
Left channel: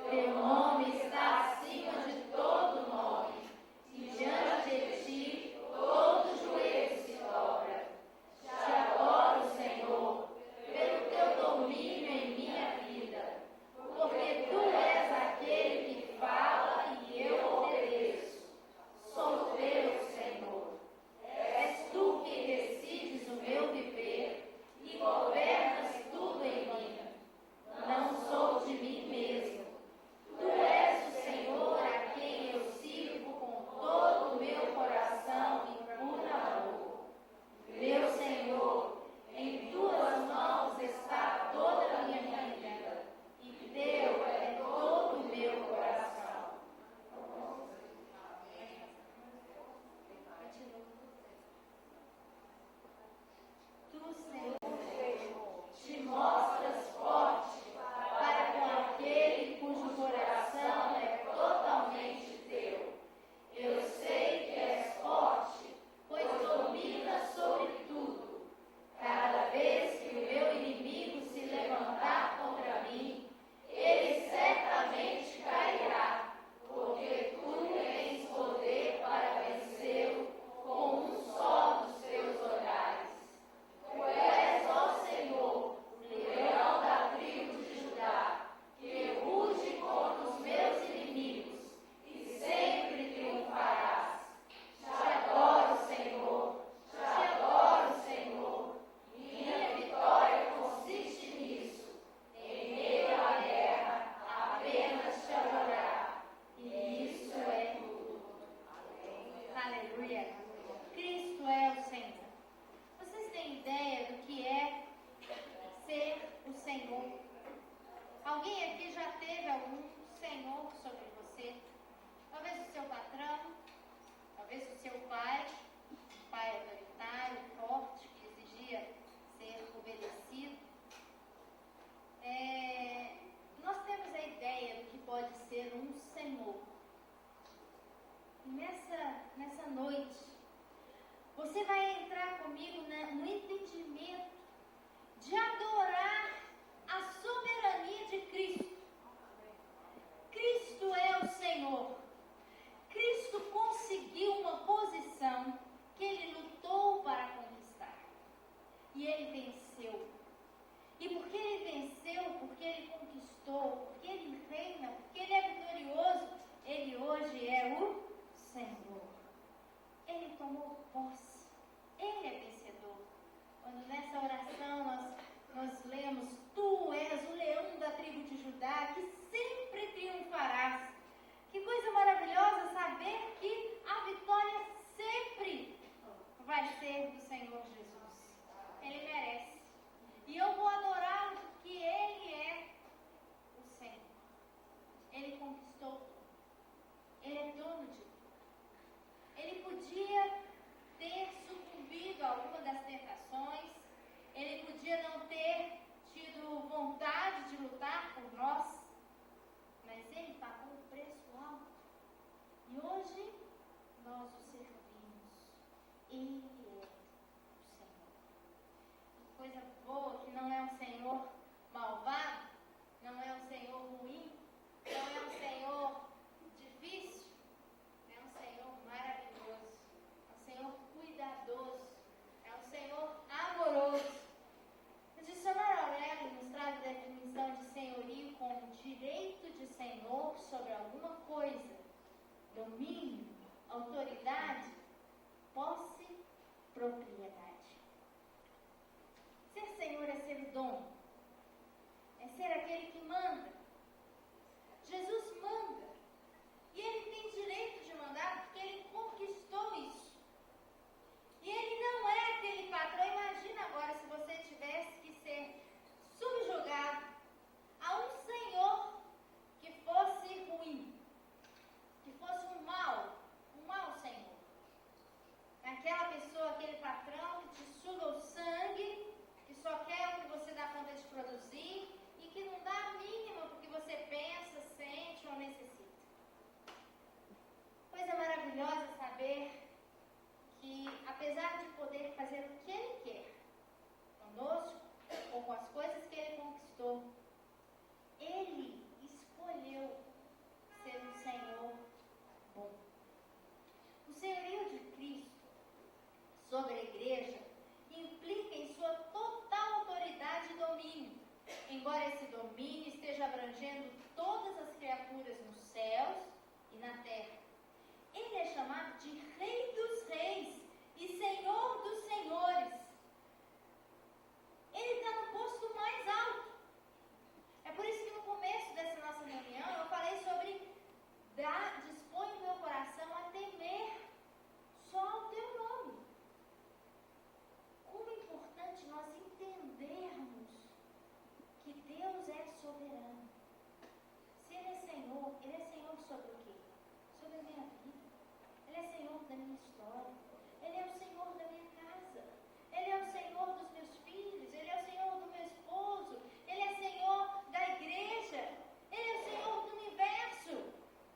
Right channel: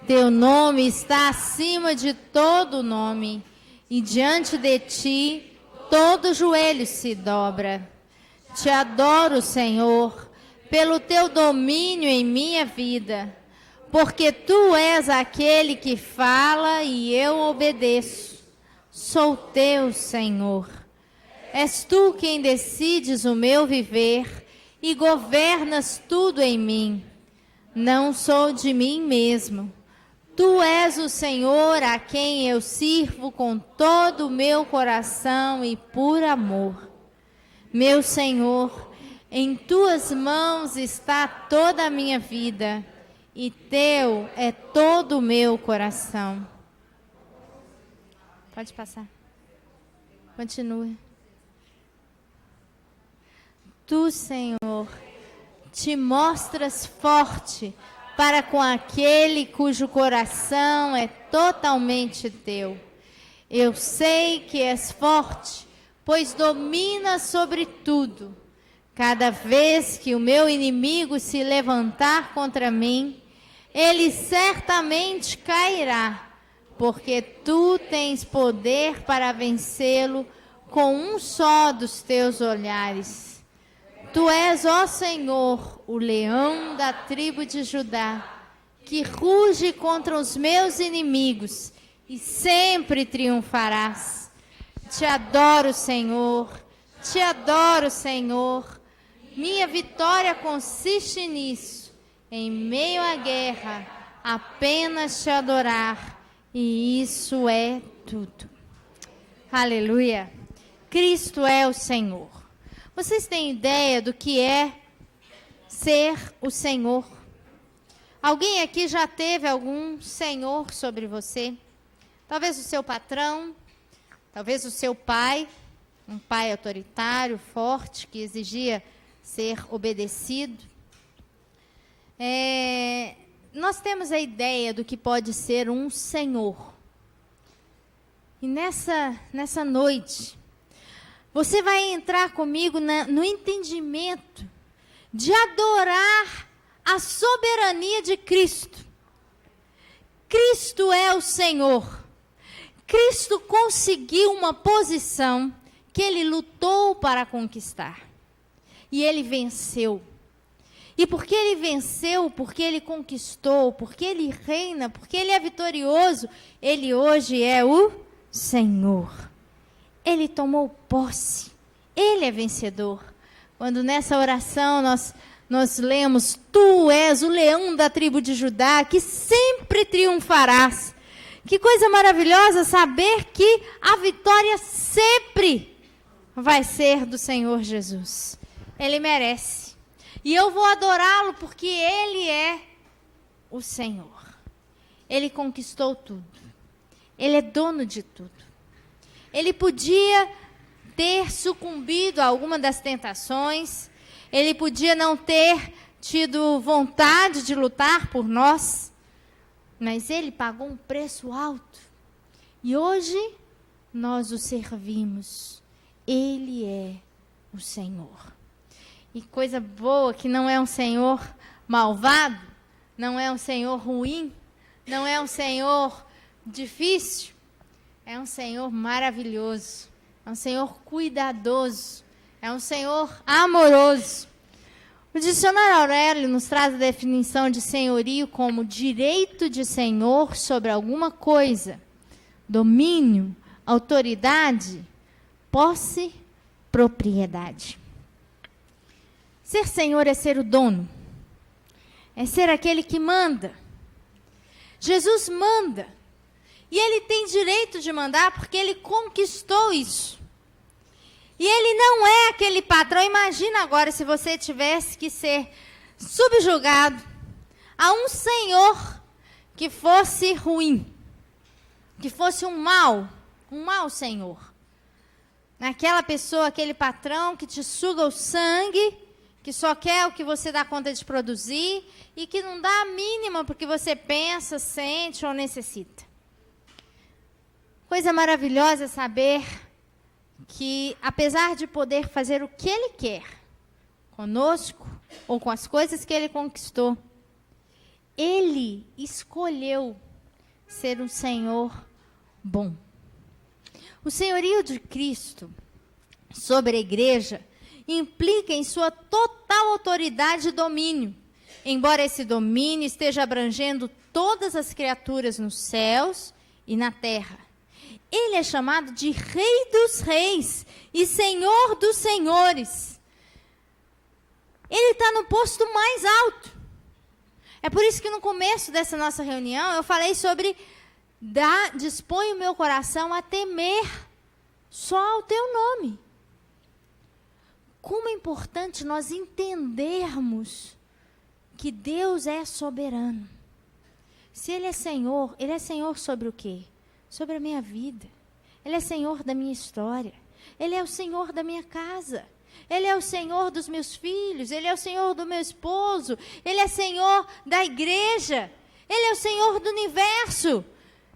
Teu nome está acima de todo nome, e diante de Ti todo joelho se dobra. Te adoro, Senhor, pelo Teu domínio em minha vida, porque Tu és aquele que fala e eu obedeço. Sou Teu, Senhor. És Tu quem decides o meu viver e governas tudo em mim. Não sou de mim mesmo. Tu és o Senhor a quem eu sirvo com todo o meu coração e por amor. Meu Senhor, em Tuas mãos está toda a minha vida, e Teu é todo o meu coração. Pode passar. Continua. Tu, Senhor, te mostras forte para com aquele cujo coração é totalmente Teu. Eu sei que és forte, pois dominas sobre tudo. Cada vez que o meu inimigo se levantar contra mim, ele certamente cairá, porque Tu tens poder para vencê-lo com um só dos Teus olhares. Tu és, ó Senhor, o leão da tribo de Judá, que ruge contra os meus inimigos e sempre triunfarás. Te adoro, Senhor, te adoro, Senhor. Minha vitória consiste nisso, em meio à guerra, apenas Te adorar, e isso é tudo. Aleluia. Cristo é o Senhor. Vocês têm ideia do que é ser o Senhor? Alguém aqui já teve algum senhor sobre você? Talvez o seu patrão, talvez o seu pai, um pai autoritário, forte, que exigia ser obedecido. nós temos a ideia do que pode ser um Senhor. E nessa noite, você vai entrar comigo no entendimento de adorar a soberania de Cristo. Cristo é o Senhor. Cristo conseguiu uma posição que ele lutou para conquistar. E ele venceu. E porque ele venceu, porque ele conquistou, porque ele reina, porque ele é vitorioso, ele hoje é o Senhor. Ele tomou posse. Ele é vencedor. Quando nessa oração nós lemos: Tu és o leão da tribo de Judá, que sempre triunfarás. Que coisa maravilhosa saber que a vitória sempre vai ser do Senhor Jesus. Ele merece. E eu vou adorá-lo porque ele é o Senhor. Ele conquistou tudo. Ele é dono de tudo. Ele podia ter sucumbido a alguma das tentações. Ele podia não ter tido vontade de lutar por nós. Mas ele pagou um preço alto. E hoje nós o servimos. Ele é o Senhor. E coisa boa que não é um Senhor malvado, não é um Senhor ruim, não é um Senhor difícil, é um Senhor maravilhoso, é um Senhor cuidadoso, é um Senhor amoroso. O dicionário Aurélio nos traz a definição de senhorio como direito de senhor sobre alguma coisa, domínio, autoridade, posse, propriedade. Ser senhor é ser o dono, é ser aquele que manda. Jesus manda, e ele tem direito de mandar porque ele conquistou isso. E ele não é aquele patrão. Imagina agora se você tivesse que ser subjugado a um senhor que fosse ruim, que fosse um mau senhor. Aquela pessoa, aquele patrão que te suga o sangue, que só quer o que você dá conta de produzir e que não dá a mínima porque você pensa, sente ou necessita. Coisa maravilhosa é saber que, apesar de poder fazer o que ele quer conosco ou com as coisas que ele conquistou, ele escolheu ser um Senhor bom. O senhorio de Cristo sobre a igreja implica em sua total autoridade e domínio, embora esse domínio esteja abrangendo todas as criaturas nos céus e na terra. Ele é chamado de Rei dos Reis e Senhor dos Senhores. Ele está no posto mais alto. É por isso que no começo dessa nossa reunião eu falei sobre dispõe o meu coração a temer só ao teu nome. Como é importante nós entendermos que Deus é soberano. Se Ele é Senhor sobre o quê? Sobre a minha vida. Ele é Senhor da minha história. Ele é o Senhor da minha casa. Ele é o Senhor dos meus filhos. Ele é o Senhor do meu esposo. Ele é Senhor da igreja. Ele é o Senhor do universo.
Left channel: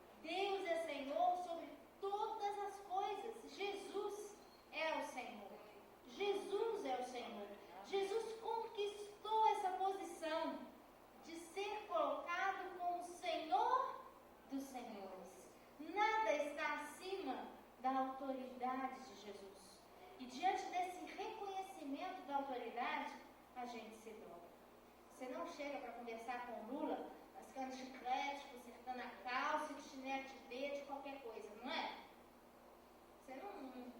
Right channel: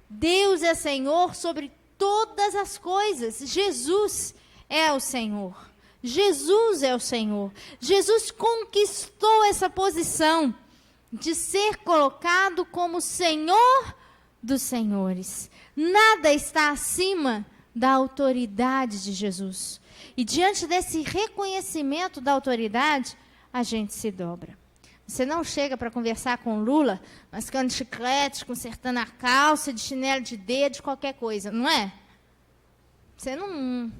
Deus é Senhor sobre todas as coisas. Jesus é o Senhor. Jesus é o Senhor. Jesus conquistou essa posição de ser colocado como Senhor dos senhores. Nada está acima da autoridade de Jesus. E diante desse reconhecimento da autoridade, a gente se dobra. Você não chega para conversar com Lula, mascando chiclete, consertando a calça, de chinelo de dedo, de qualquer coisa, não é? Você não...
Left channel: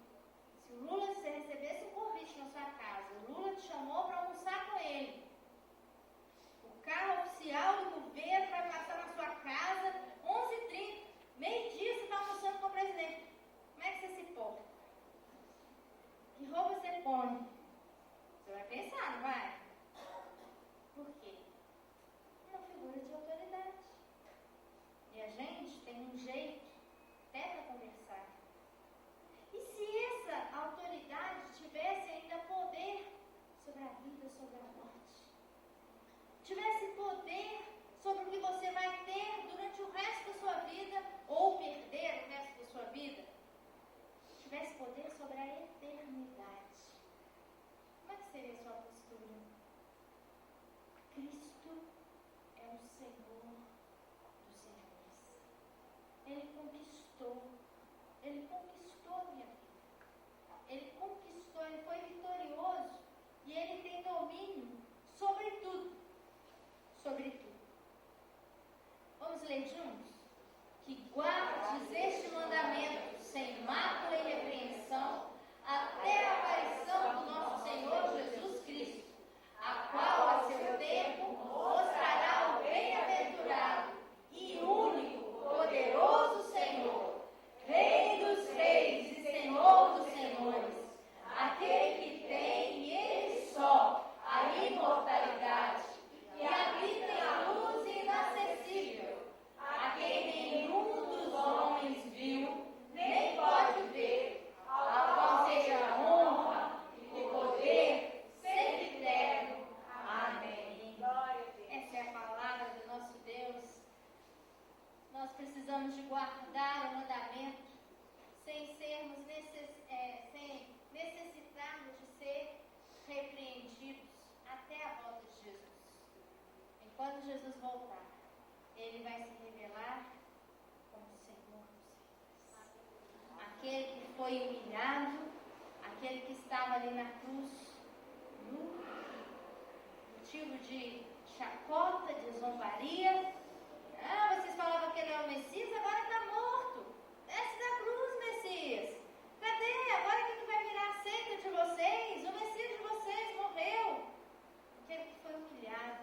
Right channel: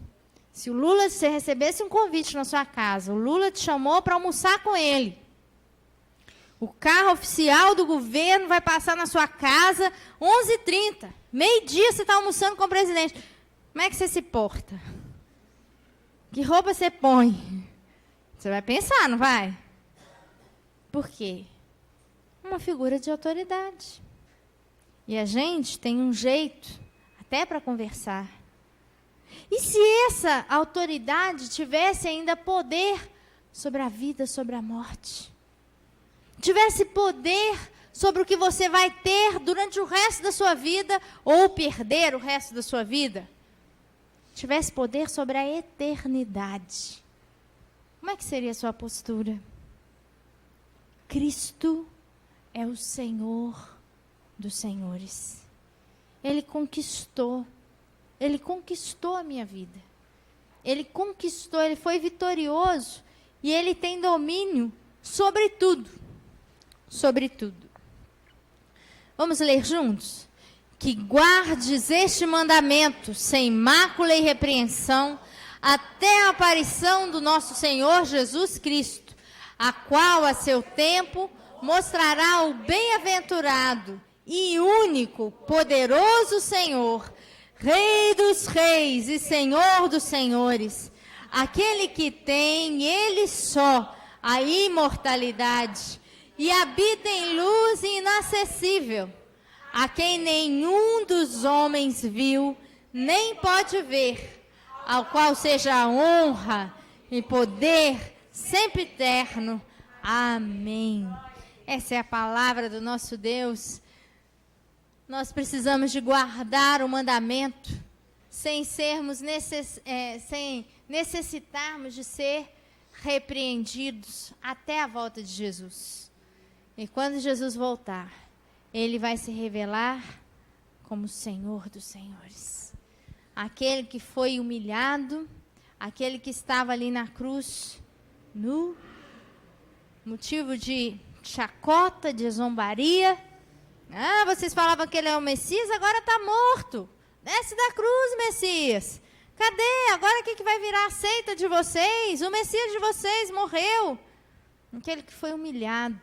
Se o Lula, você recebesse um convite na sua casa, o Lula te chamou para almoçar com ele. O carro oficial do governo vai passar na sua casa 11h30. Meio-dia você está almoçando com o presidente. Como é que você se porta? Que roupa você põe? Você vai pensar, não vai? Por quê? Uma figura de autoridade. E a gente tem um jeito até para conversar. E se essa autoridade tivesse ainda poder sobre a vida, sobre a morte? tivesse poder sobre o que você vai ter durante o resto da sua vida ou perder o resto da sua vida, tivesse poder sobre a eternidade, como é que seria a sua postura? Cristo é o Senhor dos senhores. Ele conquistou a minha vida. Ele conquistou, ele foi vitorioso e ele tem domínio sobre tudo. Sobre tudo. Vamos ler juntos? Que guardes este mandamento sem mácula e repreensão até a aparição do nosso Senhor Jesus Cristo, a qual a seu tempo mostrará o bem-aventurado e único, poderoso Senhor, Rei dos reis e Senhor dos senhores, aquele que tem, ele só, a imortalidade, e habita em luz inacessível, a quem nenhum dos homens viu, nem pode ver, ao qual seja a honra e poder sempre eterno. Amém. Essa é a palavra do nosso Deus. Nós precisamos de guardar o mandamento sem necessitarmos de ser repreendidos até a volta de Jesus. E quando Jesus voltar, ele vai se revelar como o Senhor dos senhores. Aquele que foi humilhado, aquele que estava ali na cruz, nu, motivo de chacota, de zombaria. Ah, vocês falavam que ele é o Messias, agora está morto. Desce da cruz, Messias. Cadê? Agora o que vai virar a seita de vocês? O Messias de vocês morreu. Aquele que foi humilhado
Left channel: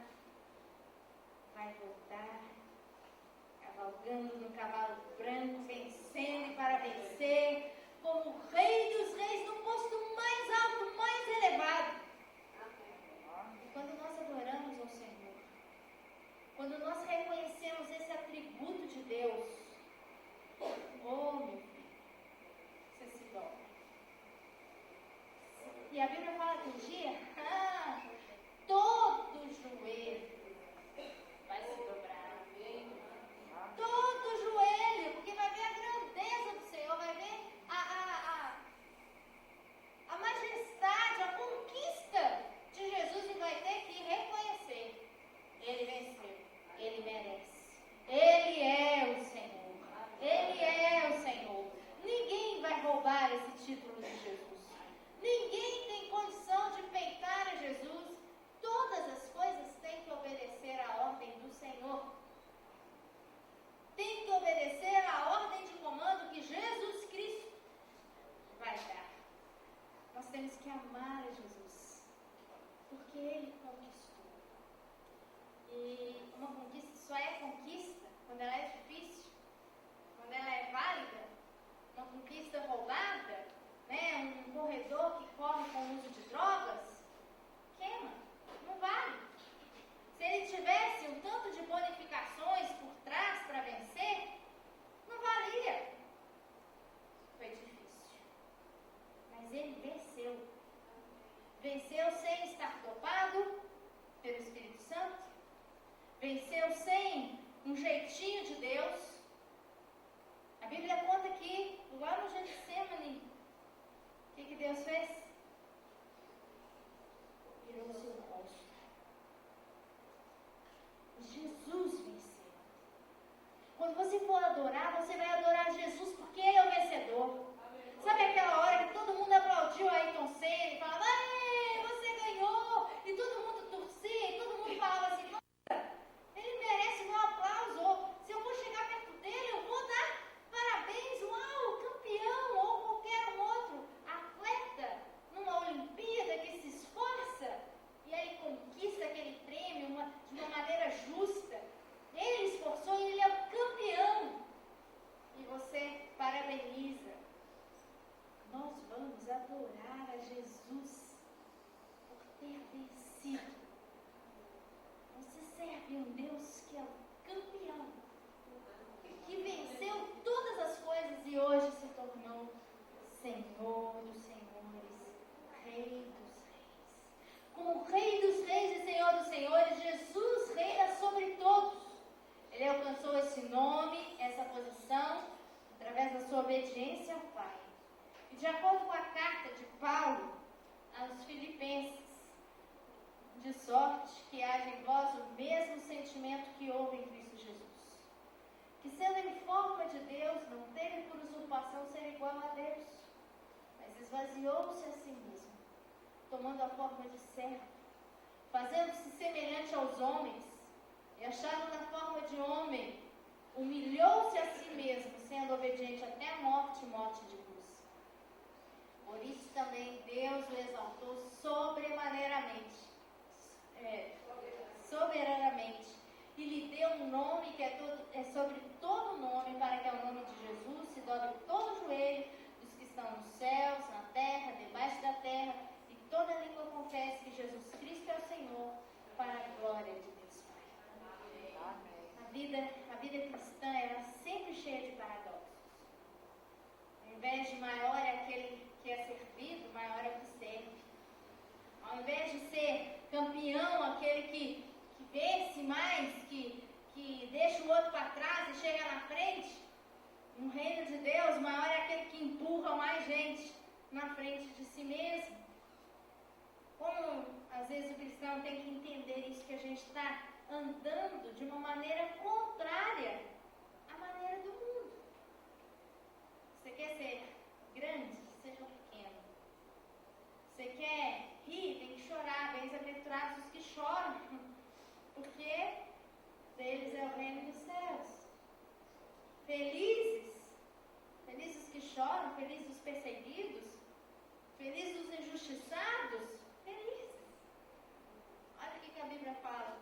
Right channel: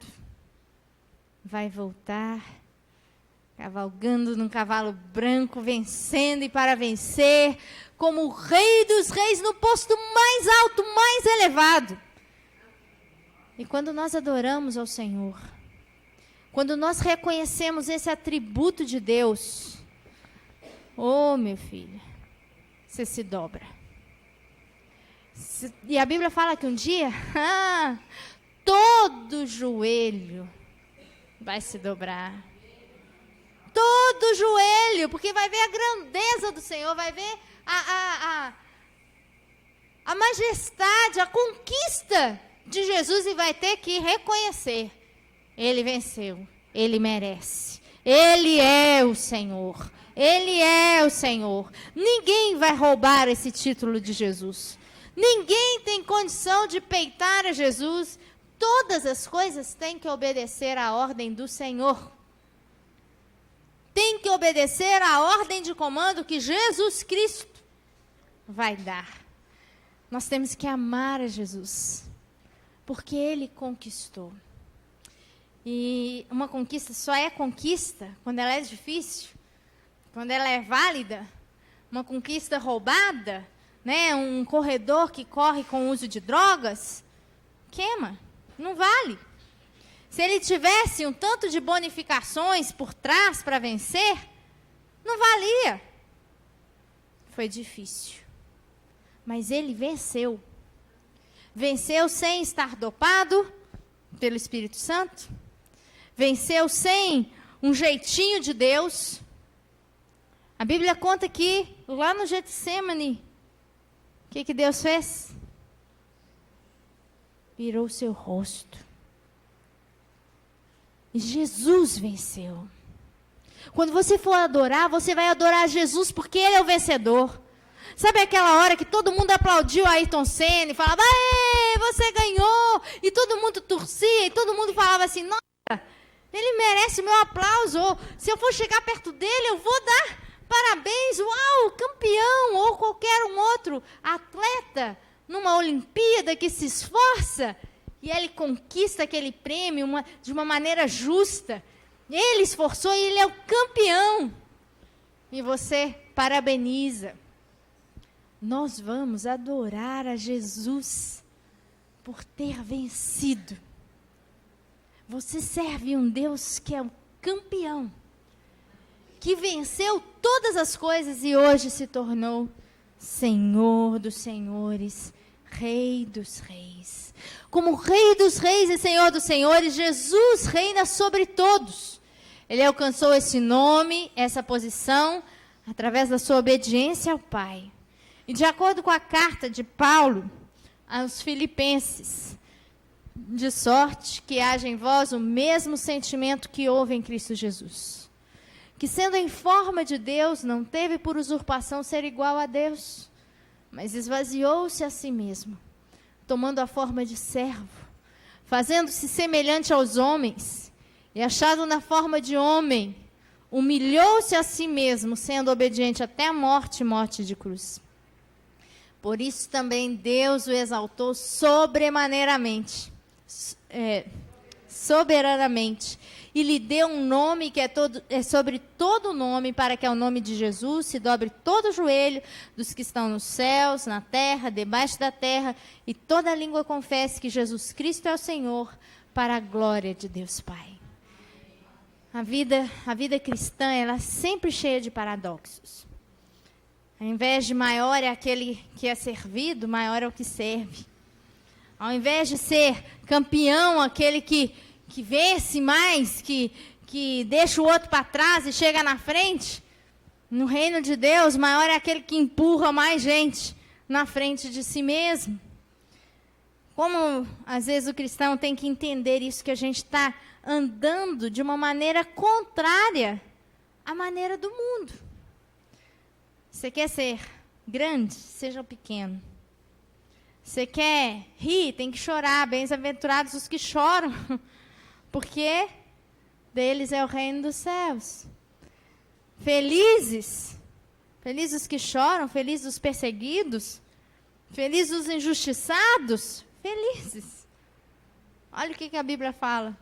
vai voltar, cavalgando num cavalo branco, vencendo e para vencer, como o Rei dos reis no posto mais alto, mais elevado. E quando nós adoramos ao Senhor, quando nós reconhecemos esse atributo de Deus, oh, meu filho, você se dobra. E a Bíblia fala que um dia, todo joelho vai se dobrar. Todo joelho, porque vai ver a grandeza do Senhor, vai ver a majestade, a conquista de Jesus e vai ter que reconhecer. Ele venceu, ele merece, ele é o Senhor, ele é o Senhor. Ninguém vai roubar esse título de Jesus, ninguém tem condição de peitar a Jesus. Todas as coisas têm que obedecer à ordem do Senhor, tem que obedecer à ordem de comando que Jesus Cristo vai dar. Nós temos que amar a Jesus, porque ele conquistou. E uma conquista só é conquista quando ela é difícil, quando ela é válida. Uma conquista roubada, né? Um corredor que corre com o uso de drogas, queima, não vale. Se ele tivesse um tanto de bonificações por trás para vencer, não valia. Foi difícil, mas ele venceu. Venceu sem estar dopado pelo Espírito Santo. Venceu sem um jeitinho de Deus. A Bíblia conta que lá no Getsemane, o que Deus fez? Virou o seu rosto. E Jesus venceu. Quando você for adorar, você vai adorar Jesus porque ele é o vencedor. Sabe aquela hora que todo mundo aplaudiu a Ayrton Senna e falava, ei, você ganhou, e todo mundo torcia, e todo mundo falava assim, nossa, ele merece o meu aplauso, ou, se eu for chegar perto dele, eu vou dar parabéns, uau, campeão, ou qualquer um outro atleta, numa Olimpíada que se esforça, e ele conquista aquele prêmio de uma maneira justa, ele esforçou e ele é o campeão, e você parabeniza. Nós vamos adorar a Jesus por ter vencido. Você serve um Deus que é o campeão, que venceu todas as coisas e hoje se tornou Senhor dos senhores, Rei dos reis. Como Rei dos Reis e Senhor dos Senhores, Jesus reina sobre todos. Ele alcançou esse nome, essa posição, através da sua obediência ao Pai. E de acordo com a carta de Paulo aos Filipenses, de sorte que haja em vós o mesmo sentimento que houve em Cristo Jesus, que sendo em forma de Deus, não teve por usurpação ser igual a Deus, mas esvaziou-se a si mesmo, tomando a forma de servo, fazendo-se semelhante aos homens, e achado na forma de homem, humilhou-se a si mesmo, sendo obediente até a morte, morte de cruz. Por isso também Deus o exaltou soberanamente, e lhe deu um nome que é sobre todo nome, para que ao nome de Jesus se dobre todo o joelho dos que estão nos céus, na terra, debaixo da terra, e toda língua confesse que Jesus Cristo é o Senhor, para a glória de Deus Pai. A vida cristã, ela é sempre cheia de paradoxos. Ao invés de maior é aquele que é servido, maior é o que serve. Ao invés de ser campeão, aquele que vence mais, que deixa o outro para trás e chega na frente, no reino de Deus, maior é aquele que empurra mais gente na frente de si mesmo. Como, às vezes, o cristão tem que entender isso, que a gente está andando de uma maneira contrária à maneira do mundo. Você quer ser grande? Seja pequeno. Você quer rir? Tem que chorar. Bem-aventurados os que choram, porque deles é o reino dos céus. Felizes os que choram, felizes os perseguidos, felizes os injustiçados, felizes. Olha o que a Bíblia fala.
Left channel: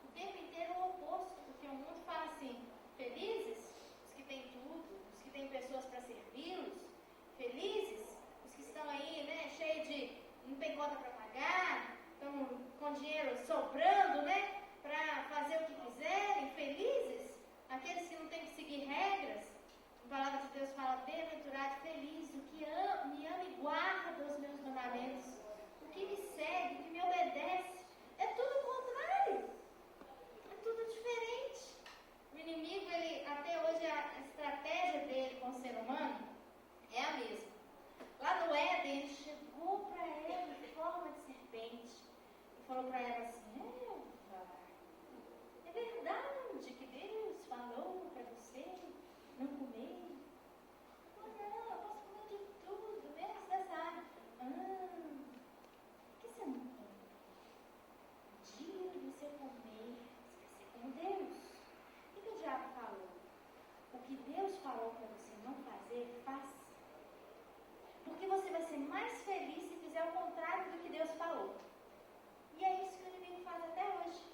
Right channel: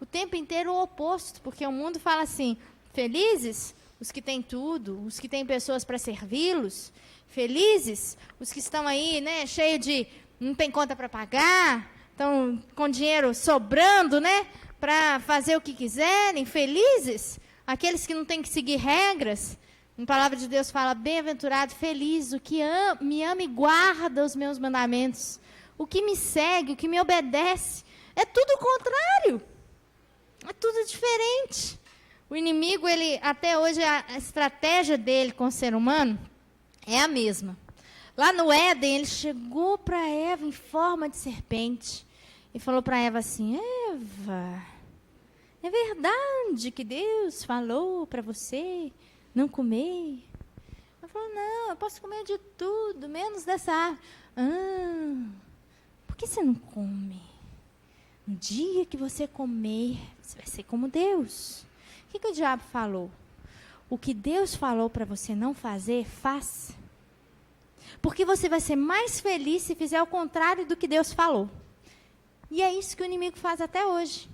O tempo inteiro o oposto, porque o mundo fala assim: felizes os que têm tudo, os que têm pessoas para servi-los, felizes os que estão aí, né, cheio de, não tem conta para pagar, estão com dinheiro sobrando, né, para fazer o que quiserem, felizes aqueles que não têm que seguir regras. A palavra de Deus fala: bem-aventurado, feliz o que me ama e guarda os meus mandamentos, o que me segue, o que me obedece. É tudo o contrário, é tudo diferente. O inimigo, ele, até hoje, a estratégia dele com o ser humano é a mesma. Lá no Éden, ele chegou para Eva em forma de serpente e falou para Eva assim: Eva, é verdade que Deus falou para você não comer? Ela falou: não, eu posso comer de tudo, menos dessa árvore. Por que você não come? No dia que você comer, você vai ser como Deus. O que o diabo falou? O que Deus falou para você não fazer, faça. Porque você vai ser mais feliz se fizer o contrário do que Deus falou. E é isso que o inimigo faz até hoje.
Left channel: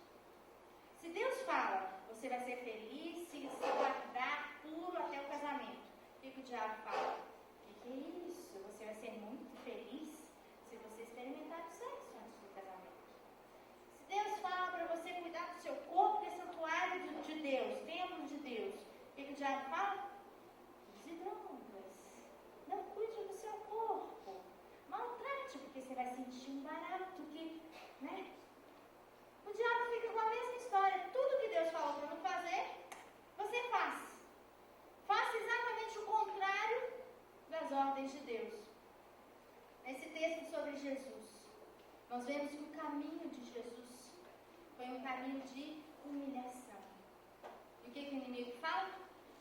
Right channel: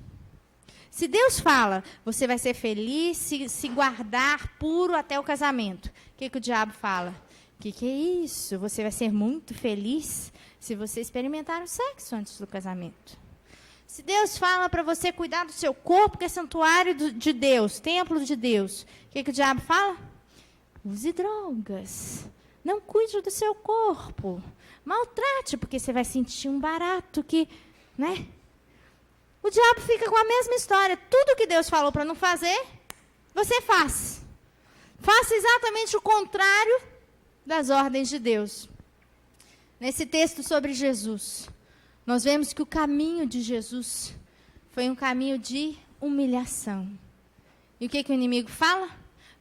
Se Deus fala, você vai ser feliz se guardar puro até o casamento. O que o diabo fala? O que é isso? Você vai ser muito feliz se você experimentar o sexo antes do casamento. Se Deus fala para você cuidar do seu corpo, que é santuário de Deus, templo de Deus, o que o diabo fala? Use drogas. Não cuide do seu corpo. Maltrate, porque você vai sentir um barato que, né? O diabo fica com a mesma história. Tudo que Deus falou para não fazer, você faz. Faça exatamente o contrário das ordens de Deus. Nesse texto sobre Jesus, nós vemos que o caminho de Jesus foi um caminho de humilhação. E o que o inimigo fala?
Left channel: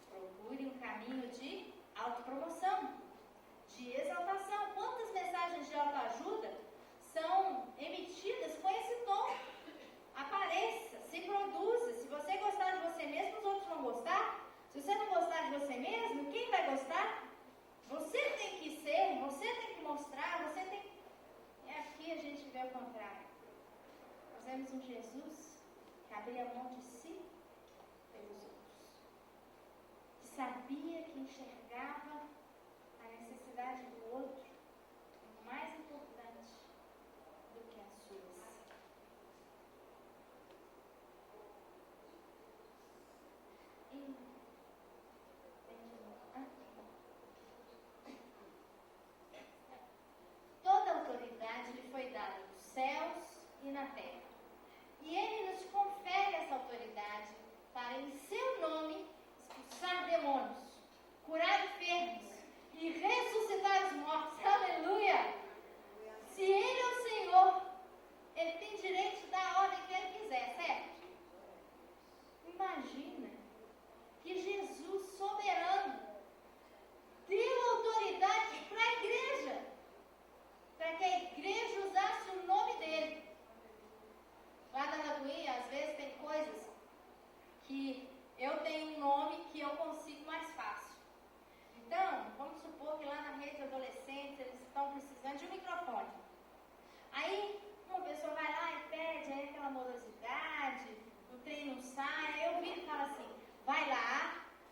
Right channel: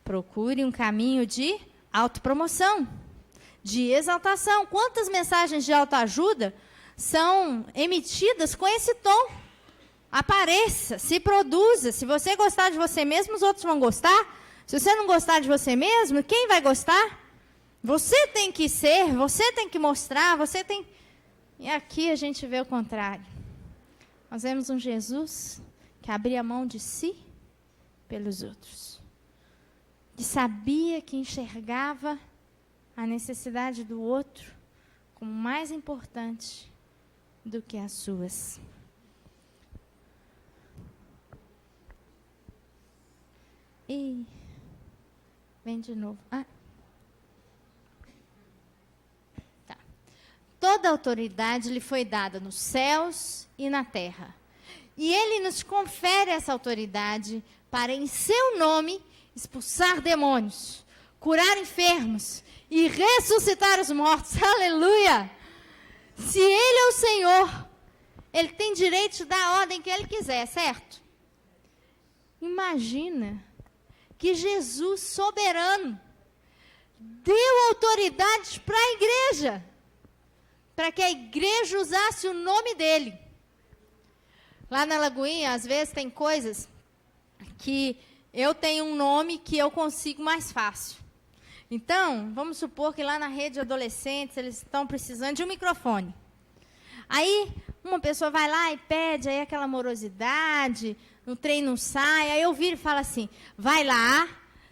Procure um caminho de autopromoção, de exaltação. Quantas mensagens de autoajuda são emitidas com esse tom? Apareça, se produza. Se você gostar de você mesmo, os outros vão gostar. Se você não gostar de você mesmo, quem vai gostar? Você tem que ser, você tem que mostrar, você tem... E aqui a gente vê o contrário. Nós vemos um Jesus que abria mão de si pelos outros. Que sabia, que enxergava a necessidade do outro como mais importante do que as suas. E vem de novo. Tá. toda autoridade lhe foi dada nos céus e na terra. E ele nos confere essa autoridade para, em seu nome, expulsar demônios, curar enfermos e ressuscitar os mortos. Aleluia! Se ele é o Senhor, ele tem direito de dar a ordem que ele quiser, certo? Imagina que Jesus, soberano, deu autoridade para a igreja, para que a igreja usasse o nome dele. Lá na Lagoinha, às vezes, tem coisas que eu tenho um nome que eu consigo mais fácil. Então, vamos supor que lá na rede de adolescentes, eles estão precisando de um microfone. Aí, uma pessoa vai lá e pede, aí aquela morosidade, o trem não sai, aí eu viro e falo assim, vai lá,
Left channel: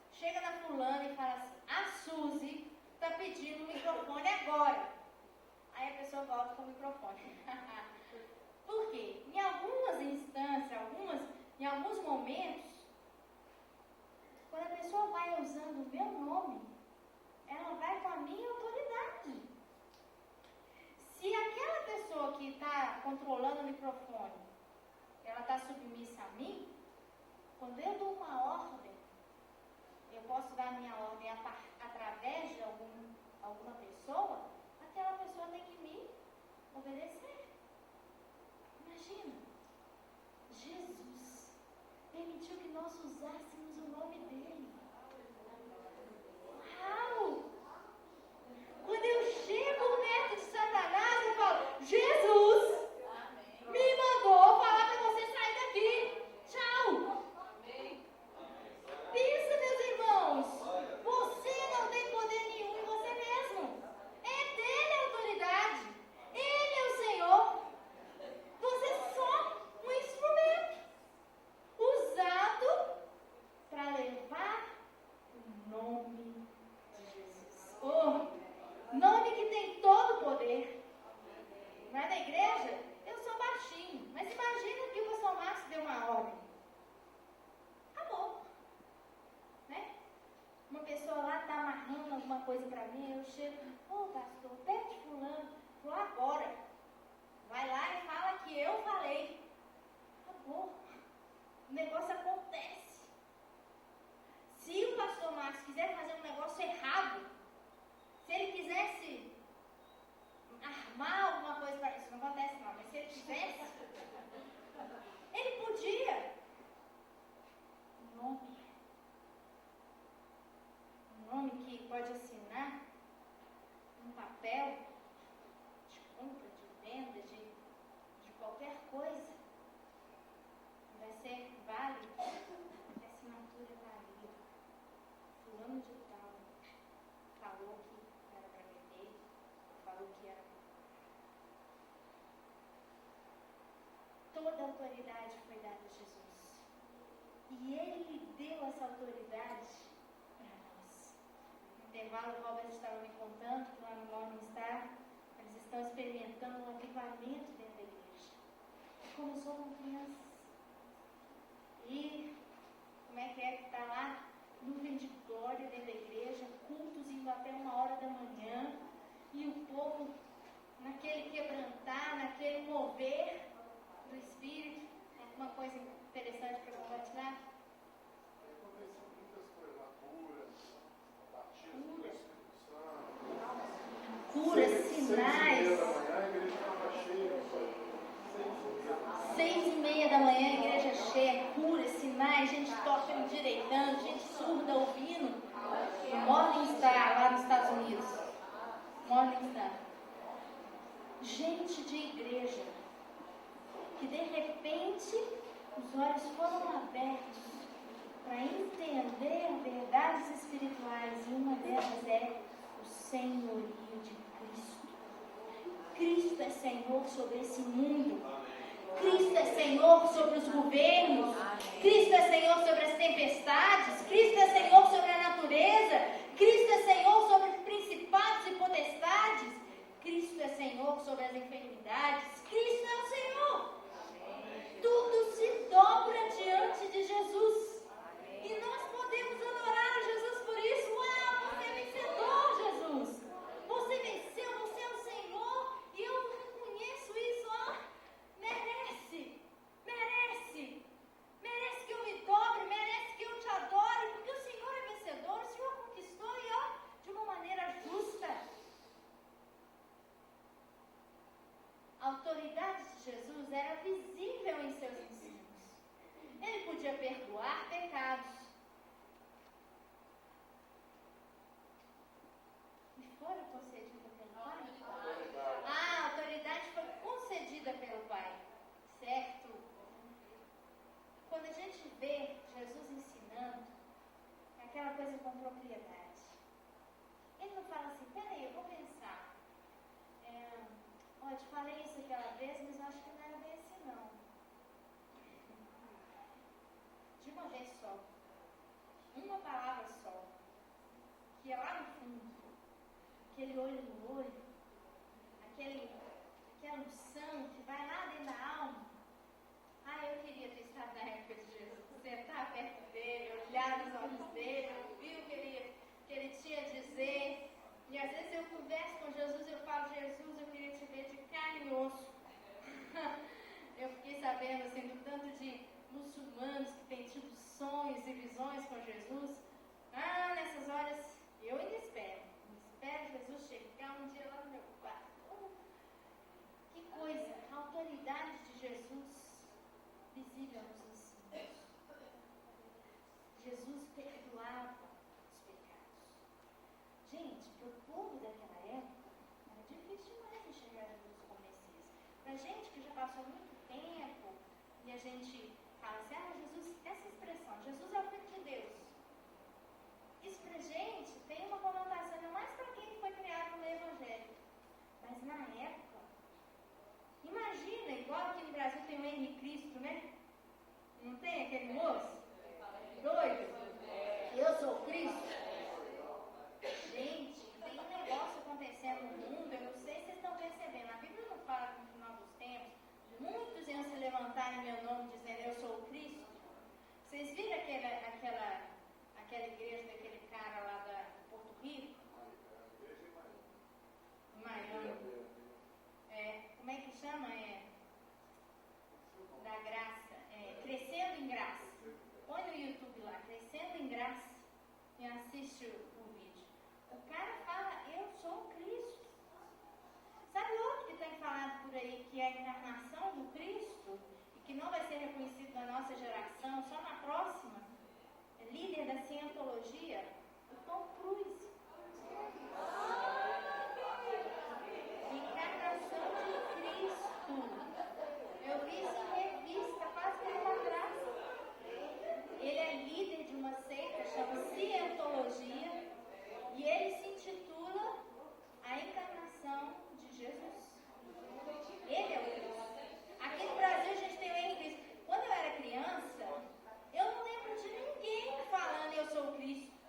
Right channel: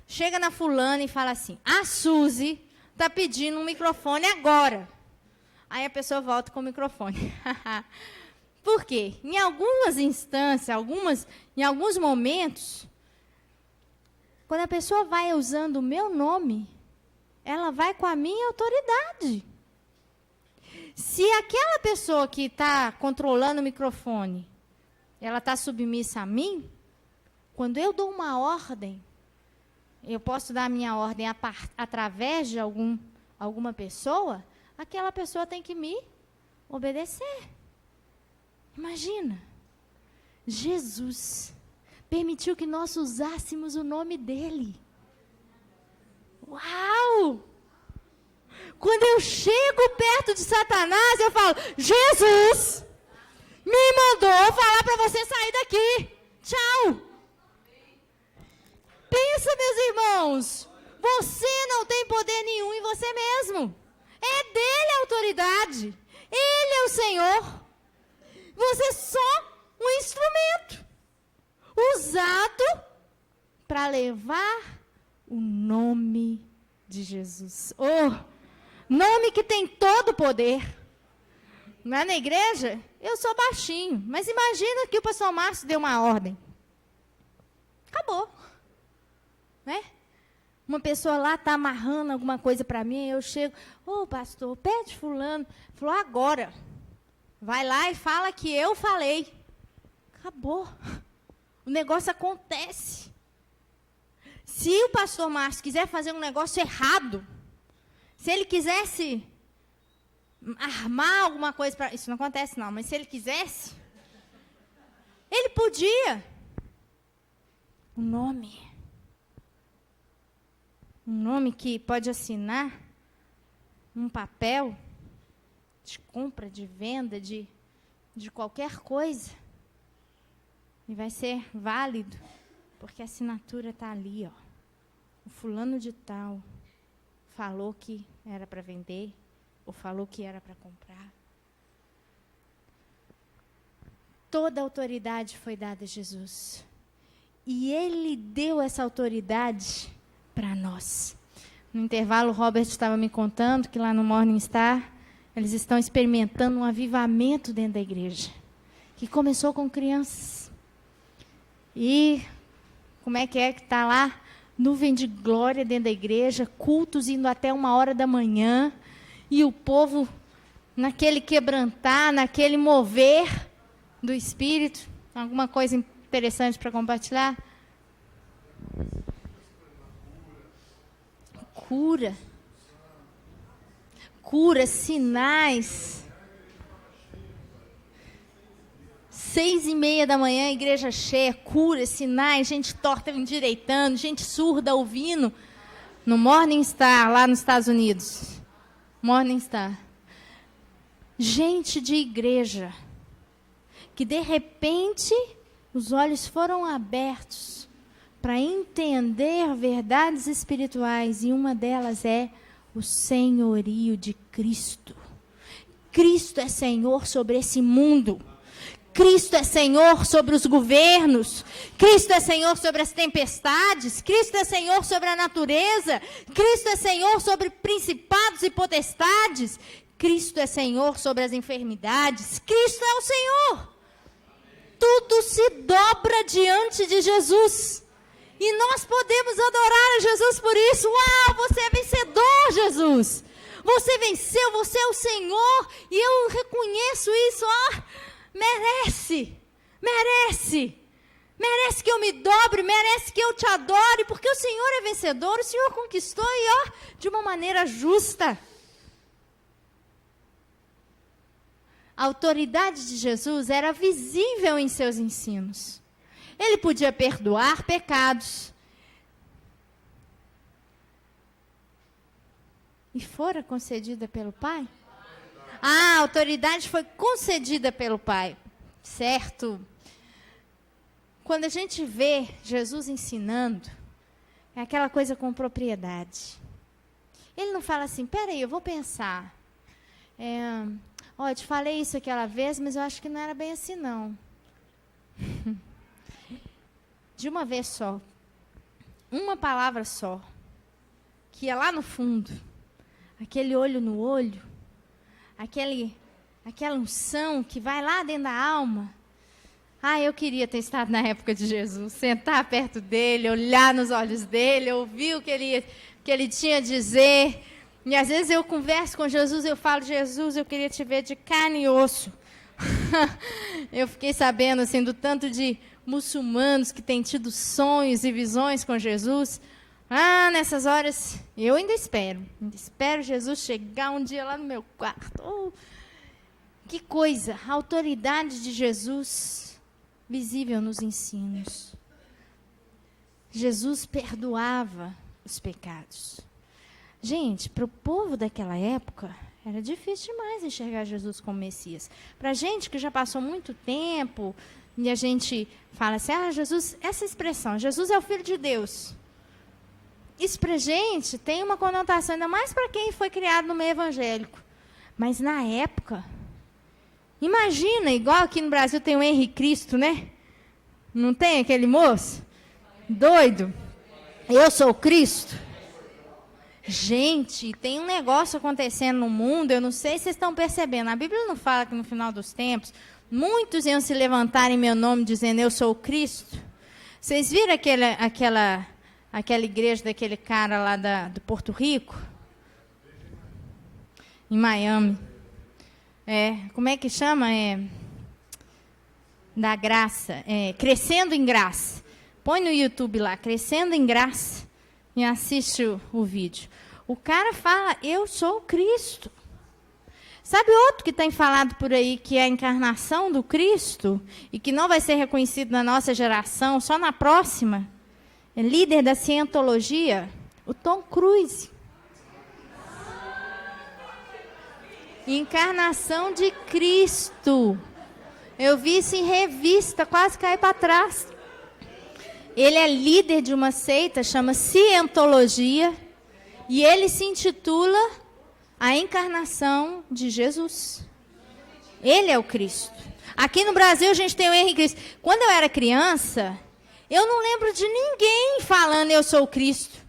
chega na fulana e fala assim, a Suzy está pedindo um microfone agora. Aí a pessoa volta com o microfone. Por quê? Em algumas instâncias, em alguns momentos, quando a pessoa vai usando o meu nome, ela vai com a minha autoridade. Se aquela pessoa que está controlando o microfone, ela está submissa a mim, quando eu dou uma ordem, eu posso dar a minha ordem através de alguma pessoa, aquela pessoa tem que me obedecer. Imagina, Jesus permitiu que nós usássemos o nome dele. Uau! Quando eu chego perto de Satanás, eu falo, Jesus me mandou falar para você sair daqui. Tchau. Pensa, meus irmãos, você não tem poder nenhum em você mesmo. É dele a autoridade. Ele é o Senhor. Você é só um instrumento usado para levar o nome de Jesus. Nome que tem todo o poder. Lá na igreja, eu sou baixinho, mas imagina que o pastor Márcio deu uma ordem. Acabou. Né? Uma pessoa lá está amarrando alguma coisa para mim, eu chego, pastor, pede fulano. Falou, agora. Vai lá e fala que eu falei. Acabou. O negócio acontece. Se o pastor Márcio quiser fazer um negócio errado, se ele quisesse armar alguma coisa para... Isso não acontece não, mas se ele quisesse, ele podia. Um nome que pode assinar um papel de compra, de venda, de qualquer coisa. E vai ser válido, porque a assinatura está ali, ó. O fulano de tal falou que era para vender, ou falou que era para comprar. Toda a autoridade foi dada a Jesus. E ele deu essa autoridade para nós. No intervalo, o Robert estava me contando que lá no Morning Star, eles estão experimentando um avivamento dentro da igreja, que começou com crianças. E como é que está lá? Nuvem de glória dentro da igreja, cultos indo até 1h da manhã, e o povo naquele quebrantar, naquele mover do Espírito. Alguma coisa interessante para compartilhar? Cura, sinais. 6h30 da manhã, igreja cheia, cura, sinais, gente torta endireitando, gente surda ouvindo. No Morning Star, lá nos Estados Unidos. Morning Star. Gente de igreja, que de repente os olhos foram abertos para entender verdades espirituais, e uma delas é o senhorio de Cristo. Cristo é Senhor sobre esse mundo. Cristo é Senhor sobre os governos. Cristo é Senhor sobre as tempestades. Cristo é Senhor sobre a natureza. Cristo é Senhor sobre principados e potestades. Cristo é Senhor sobre as enfermidades. Cristo é o Senhor. Tudo se dobra diante de Jesus. E nós podemos adorar a Jesus por isso. Uau, você é vencedor, Jesus. Você venceu, você é o Senhor, e eu reconheço isso, merece, merece. Merece que eu me dobre, merece que eu te adore, porque o Senhor é vencedor, o Senhor conquistou e de uma maneira justa. A autoridade de Jesus era visível em seus ensinos. Ele podia perdoar pecados. E fora concedida pelo Pai? A autoridade foi concedida pelo Pai, certo? Quando a gente vê Jesus ensinando, é aquela coisa com propriedade. Ele não fala assim, peraí, eu vou pensar. Eu te falei isso aquela vez, mas eu acho que não era bem assim, não. De uma vez só. Uma palavra só. Que é lá no fundo. Aquele olho no olho. Aquela unção que vai lá dentro da alma. Eu queria ter estado na época de Jesus, sentar perto dele, olhar nos olhos dele, ouvir o que ele tinha a dizer. E às vezes eu converso com Jesus, eu falo, Jesus, eu queria te ver de carne e osso. Eu fiquei sabendo assim, do tanto de muçulmanos que têm tido sonhos e visões com Jesus. Nessas horas, eu ainda espero Jesus chegar um dia lá no meu quarto. Que coisa, a autoridade de Jesus visível nos ensinos. Jesus perdoava os pecados. Gente, para o povo daquela época, era difícil demais enxergar Jesus como Messias. Para a gente que já passou muito tempo, e a gente fala assim, Jesus, essa expressão, Jesus é o Filho de Deus. Isso para a gente tem uma conotação, ainda mais para quem foi criado no meio evangélico. Mas na época, imagina, igual aqui no Brasil tem o Henrique Cristo, né? Não tem aquele moço? Doido. Eu sou Cristo. Gente, tem um negócio acontecendo no mundo, eu não sei se vocês estão percebendo. A Bíblia não fala que no final dos tempos, muitos iam se levantar em meu nome dizendo, eu sou o Cristo. Vocês viram aquela igreja daquele cara lá do Porto Rico? Em Miami. Como é que chama? Da graça. Crescendo em graça. Põe no YouTube lá, Crescendo em Graça, e assiste o vídeo. O cara fala, eu sou o Cristo. Sabe outro que tem falado por aí, que é a encarnação do Cristo, e que não vai ser reconhecido na nossa geração, só na próxima? É líder da cientologia, o Tom Cruise. Encarnação de Cristo. Eu vi isso em revista, quase caí para trás. Ele é líder de uma seita, chama Cientologia, e ele se intitula A Encarnação de Jesus. Ele é o Cristo. Aqui no Brasil a gente tem o Henrique Cristo. Quando eu era criança, eu não lembro de ninguém falando eu sou o Cristo.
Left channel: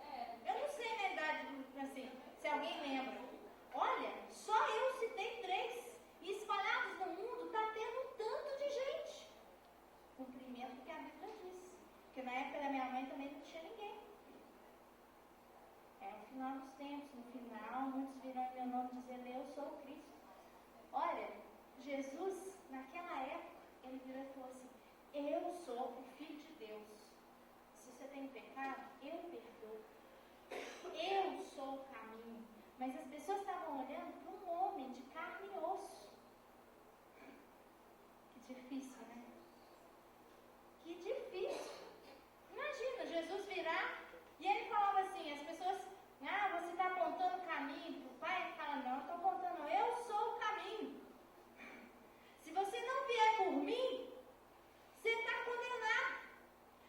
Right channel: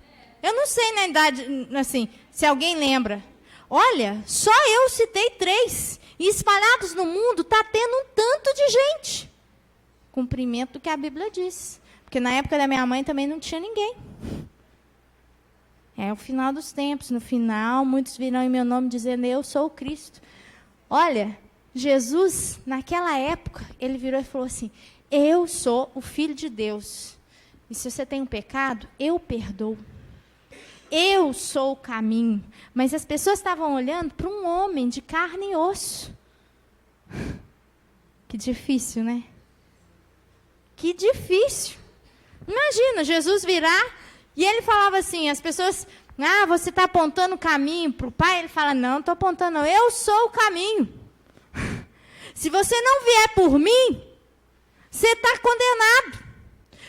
Eu não sei na idade, assim, se alguém lembra. Olha, só eu citei 3. E espalhados no mundo está tendo um tanto de gente. Cumprimento do que a Bíblia diz. Porque na época da minha mãe também não tinha ninguém. É o final dos tempos. No final, muitos virão em meu nome dizendo, eu sou o Cristo. Olha, Jesus, naquela época, ele virou e falou assim, eu sou o Filho de Deus. E se você tem um pecado, eu perdoo. Eu sou o caminho. Mas as pessoas estavam olhando para um homem de carne e osso. Que difícil, né? Que difícil. Imagina, Jesus virar e ele falava assim, as pessoas, você está apontando o caminho para o Pai? Ele fala, não estou apontando, não, eu sou o caminho. Se você não vier por mim, você está condenado.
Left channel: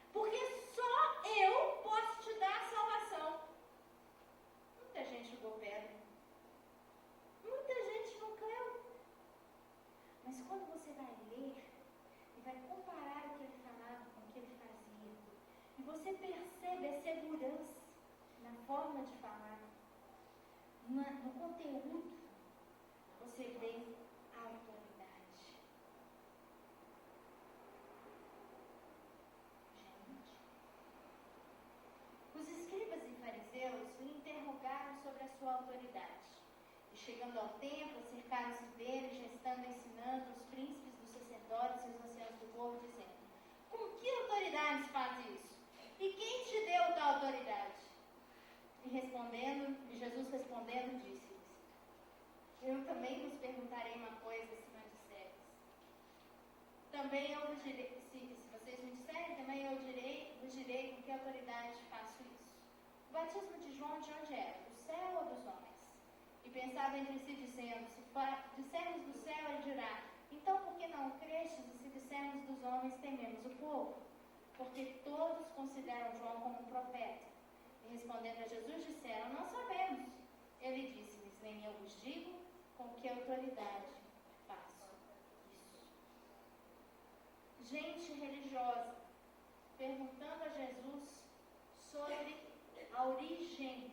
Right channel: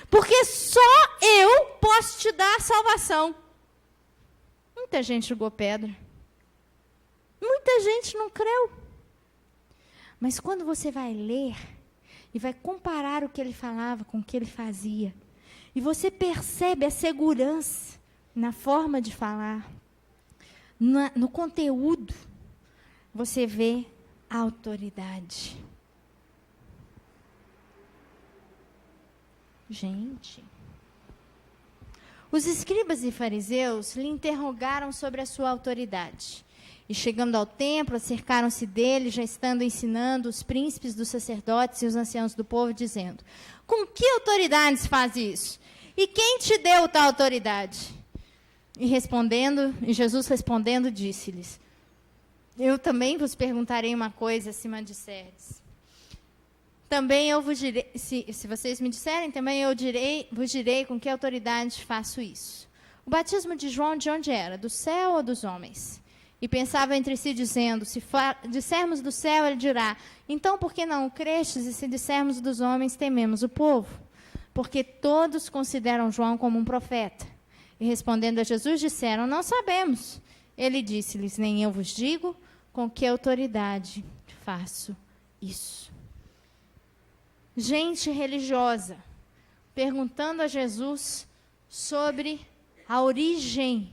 Porque só eu posso te dar a salvação. Muita gente jogou pedra. Muita gente não creu. Mas quando você vai ler e vai comparar o que ele falava com o que ele fazia, e você percebe a segurança na forma de falar, no conteúdo, você vê a autoridade. Gente, os escribas e fariseus lhe interrogaram sobre a sua autoridade. E chegando ao templo, acercaram-se dele, já estando ensinando os príncipes dos sacerdotes e os anciãos do povo, dizendo: com que autoridade se faz isso? E quem te deu tal autoridade? E Jesus respondendo, disse-lhes: eu também vos perguntarei uma coisa, se me disserdes. Também eu vos direi, se vocês me disserem, também eu vos direi com que autoridade faço isso. O batismo de João de onde era? Do céu ou dos homens? E pensavam entre si, dizendo: se dissermos do céu, ele dirá: então por que não o crestes? E se dissermos dos homens, tememos o povo. Porque todos consideram João como um profeta. E respondendo a Jesus, disseram: não sabemos. Ele disse-lhes: nem eu vos digo com que autoridade faço isso. Gente religiosa perguntando a Jesus sobre a origem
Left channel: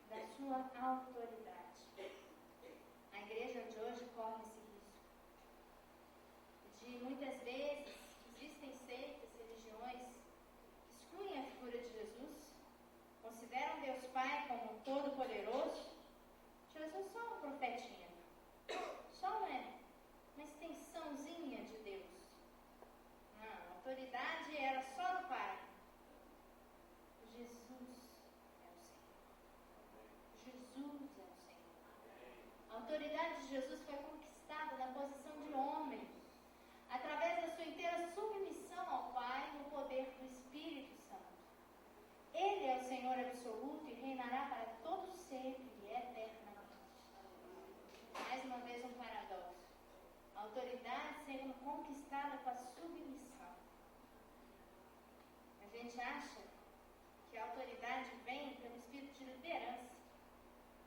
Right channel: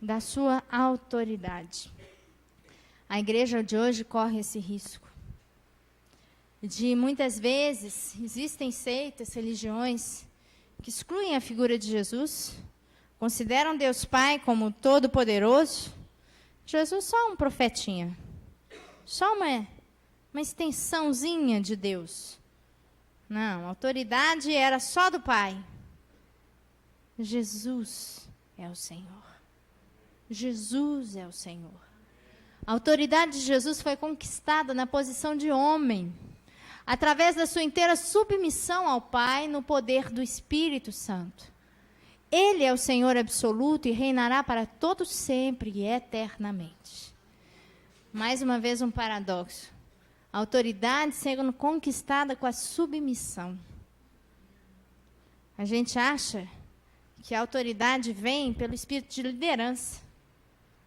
da sua autoridade. A igreja de hoje corre esse risco de, muitas vezes, existem seitas, religiões que excluem a figura de Jesus, consideram Deus Pai como todo-poderoso, Jesus só um profetinha, só uma extensãozinha de Deus. Não, a autoridade era só do Pai. Jesus é o Senhor. Jesus é o Senhor. A autoridade de Jesus foi conquistada na posição de homem, através da sua inteira submissão ao Pai no poder do Espírito Santo. Ele é o Senhor absoluto e reinará para todos sempre e eternamente. Mais uma vez um paradoxo. A autoridade sendo conquistada com a submissão. A gente acha que a autoridade vem pelo espírito de liderança.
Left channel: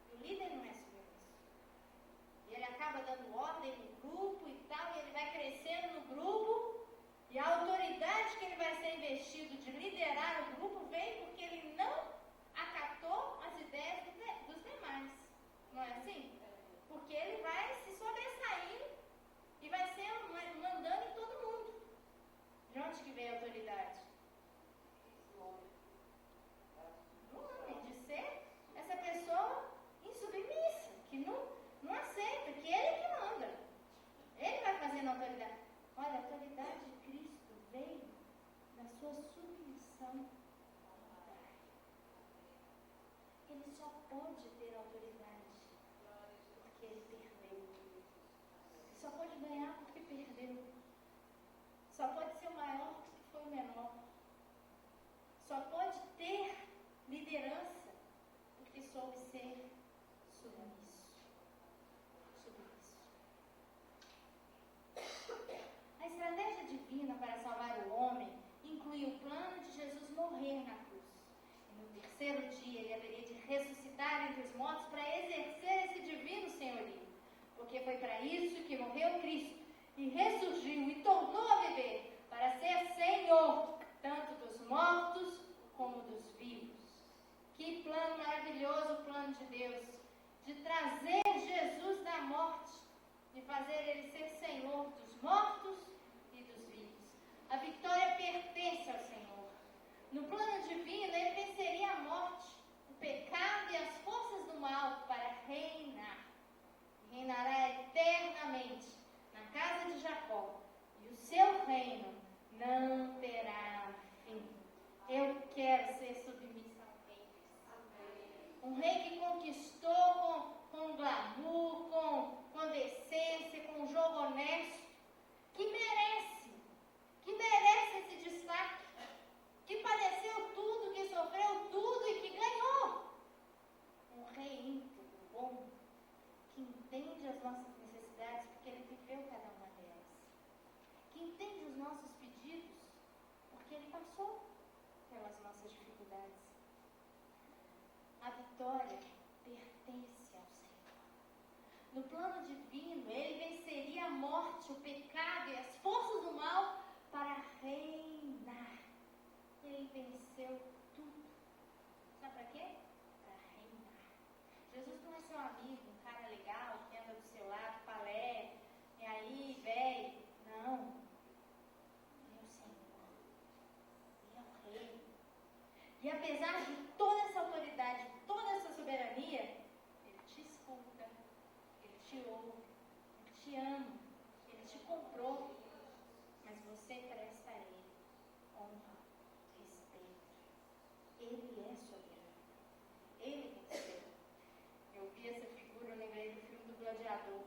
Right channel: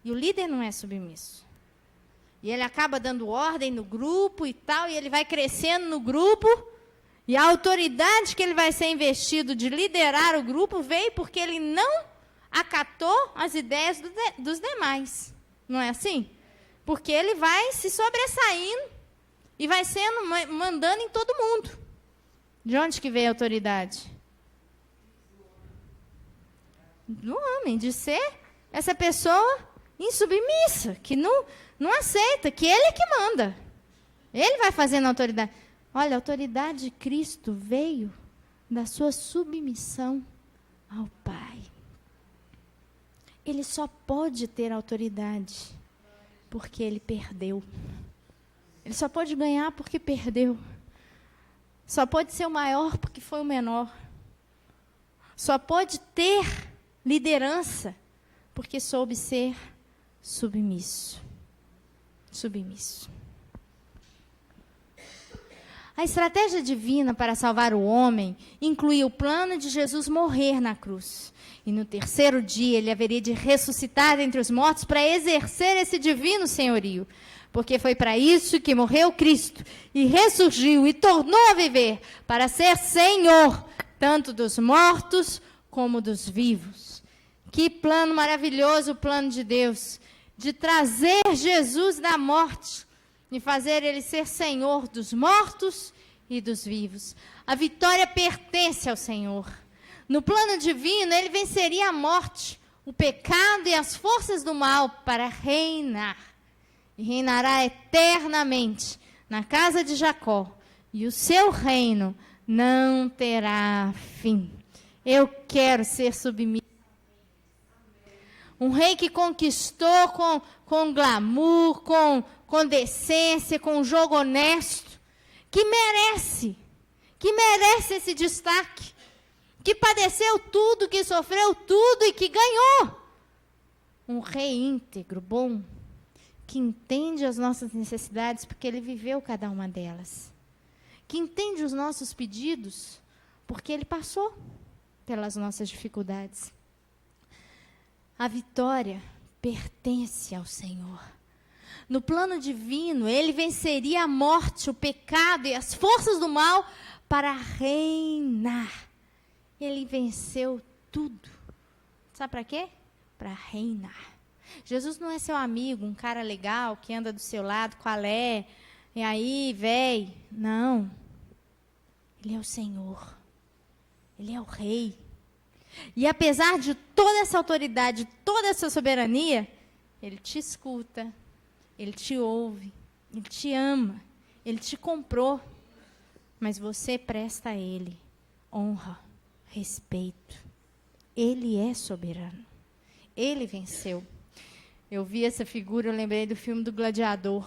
E o líder não é submisso. E ele acaba dando ordem no grupo e tal, e ele vai crescendo no grupo, e a autoridade que ele vai ser investido de liderar o grupo veio porque ele não acatou as ideias dos demais. Não é assim? Porque ele vai se sobressaindo e vai sendo, mandando em todo mundo. De onde que veio a autoridade? Do homem, de ser essa pessoa insubmissa, que não aceita, que ele é que manda. Ele vai fazendo a autoridade. Olha, a autoridade de Cristo veio da sua submissão ao Pai. Ele só pode ter autoridade porque ele perdeu. Ele só pode ganhar porque perdeu. Só pode ser o maior porque foi o menor. Só pode ter liderança porque soube ser submisso. Submisso. A estratégia divina para salvar o homem incluía o plano de Jesus morrer na cruz. E no terceiro dia ele haveria de ressuscitar dentre os mortos para exercer esse divino senhorio. Porque foi para isso que morreu Cristo e ressurgiu e tornou a viver, para ser Senhor, tanto dos mortos como dos vivos. Que plano maravilhoso o plano de Deus, de trazer Jesus da morte e fazer ele ser Senhor dos mortos e dos vivos. A vitória pertence ao Senhor. No plano divino, ele venceria a morte, o pecado e as forças do mal para reinar. E reinará eternamente na casa de Jacó, e o seu reino não terá fim. Eu quero ser submisso. Um rei que conquistou com glamour, com decência, com jogo honesto, que merece esse destaque, que padeceu tudo, que sofreu tudo e que ganhou. Um rei íntegro, bom, que entende as nossas necessidades, porque ele viveu cada uma delas. Que entende os nossos pedidos, porque ele passou pelas nossas dificuldades. A vitória pertence ao Senhor. No plano divino, ele venceria a morte, o pecado e as forças do mal para reinar. Ele venceu tudo. Sabe para quê? Para reinar. Jesus não é seu amigo, um cara legal que anda do seu lado, qual é? E aí, véi? Não. Ele é o Senhor. Ele é o Rei. E apesar de toda essa autoridade, toda essa soberania, Ele te escuta, Ele te ouve, Ele te ama, Ele te comprou, mas você presta a Ele honra, respeito. Ele é soberano. Ele venceu. Eu vi essa figura, eu lembrei do filme do Gladiador.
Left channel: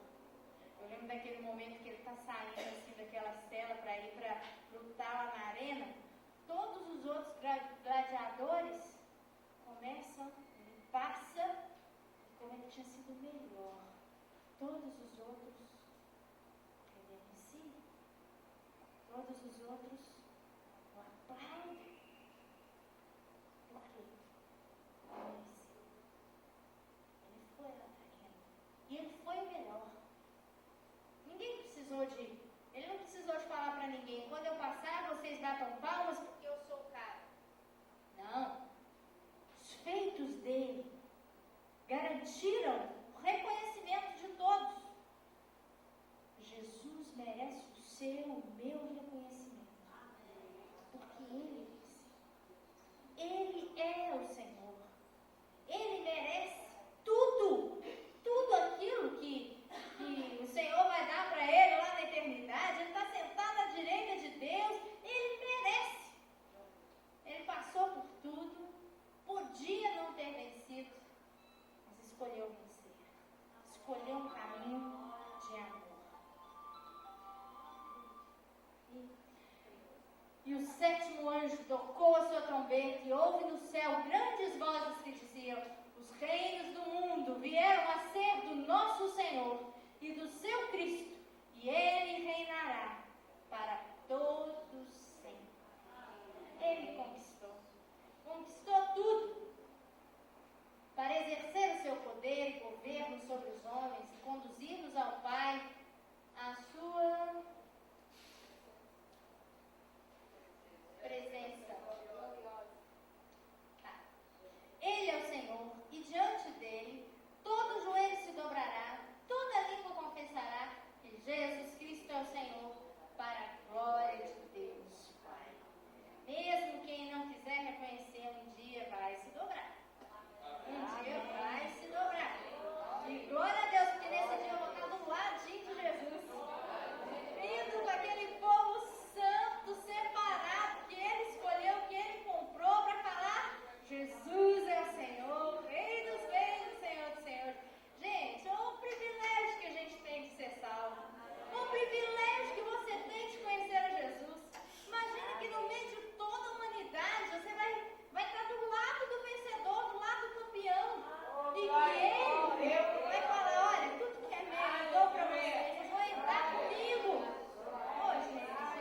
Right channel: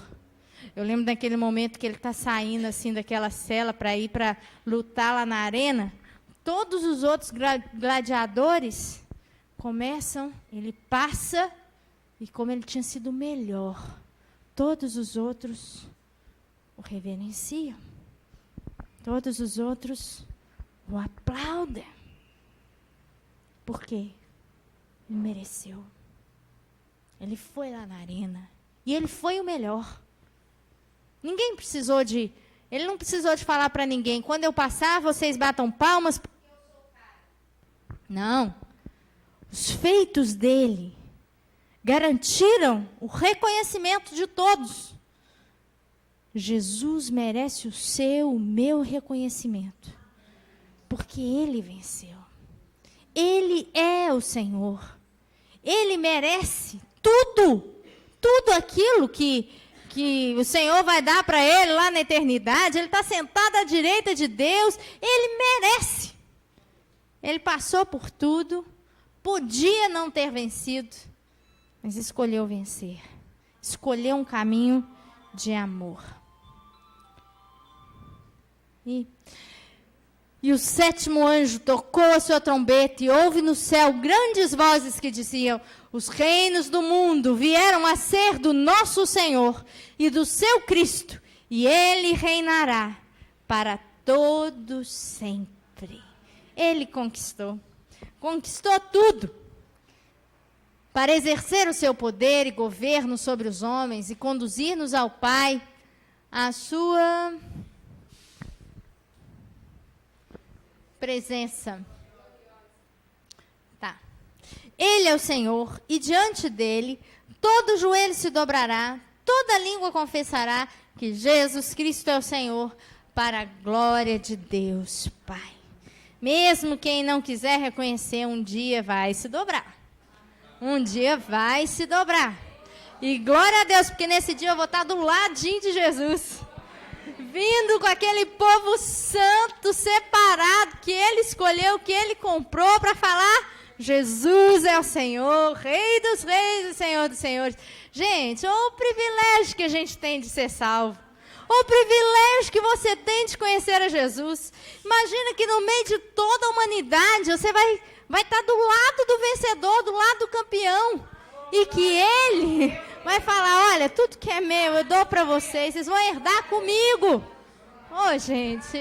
Eu lembro daquele momento que ele está saindo assim daquela cela para ir para lutar lá na arena. Todos os outros gladiadores começam, ele passa, e como ele tinha sido o melhor, todos os outros o reverenciam. Todos os outros o aplaudem. Por quê? Ele mereceu. Ele foi lá na arena. E ele foi o melhor. Ninguém precisou de... Ele não precisou de falar para ninguém. Quando eu passar, vocês batam palmas porque eu sou o cara. Não. Os feitos dele garantiram o reconhecimento de todos. Jesus merece o seu, o meu reconhecimento. Porque ele venceu. Ele é o Senhor. Ele merece tudo aquilo que o Senhor vai dar para ele lá na eternidade. Ele está sentado à direita de Deus. Ele merece. Ele passou por tudo. Podia não ter vencido, mas escolheu vencer. Escolheu um caminho de amor. E o sétimo anjo tocou a sua trombeta e houve no céu grandes vozes que diziam: os reinos do mundo vieram a ser do nosso Senhor e do seu Cristo, e ele reinará para todo sempre. Ele conquistou tudo para exercer o seu poder e governo sobre os homens e conduzir-nos ao Pai, a sua presença. Tá. Ele é o Senhor, e diante dele todo joelho se dobrará, toda língua confessará que Jesus Cristo é o Senhor, para a glória de Deus Pai. Mesmo quem não quiser reconhecer, um dia vai se dobrar. Um dia vai se dobrar. E glória a Deus, porque nesse dia eu vou estar do ladinho de Jesus. Vindo com aquele povo santo, separado, que ele escolheu, que ele comprou para falar: Jesus é o Senhor, Rei dos reis e Senhor dos senhores. Gente, o privilégio que a gente tem de ser salvo. O privilégio que você tem de conhecer a Jesus. Imagina que no meio de toda a humanidade, você vai estar do lado do vencedor, do lado do campeão. E que ele vai falar: olha, tudo que é meu eu dou para vocês vão herdar comigo. Oh, gente,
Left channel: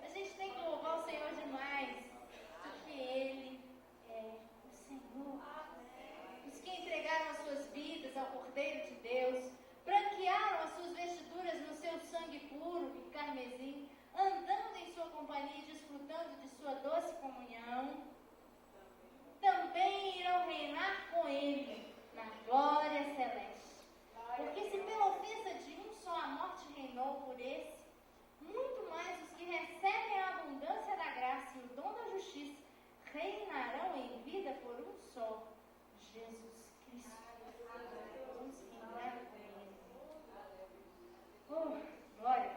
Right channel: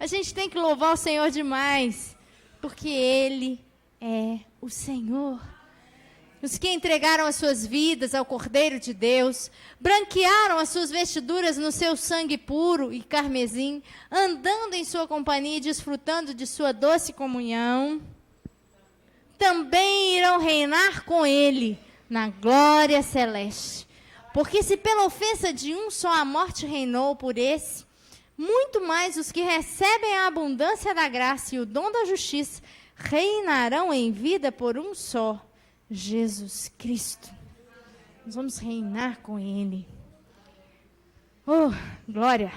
a gente tem que louvar o Senhor demais, porque ele é o Senhor. Os que entregaram as suas vidas ao Cordeiro de Deus, branquearam as suas vestiduras no seu sangue puro e carmesim, andando em sua companhia e desfrutando de sua doce comunhão, também irão reinar com ele na glória celeste. Porque se pela ofensa de um só a morte reinou por esse, muito mais os que recebem a abundância da graça e o dom da justiça reinarão em vida por um só, Jesus Cristo. Nós vamos reinar com ele. Oh, glória!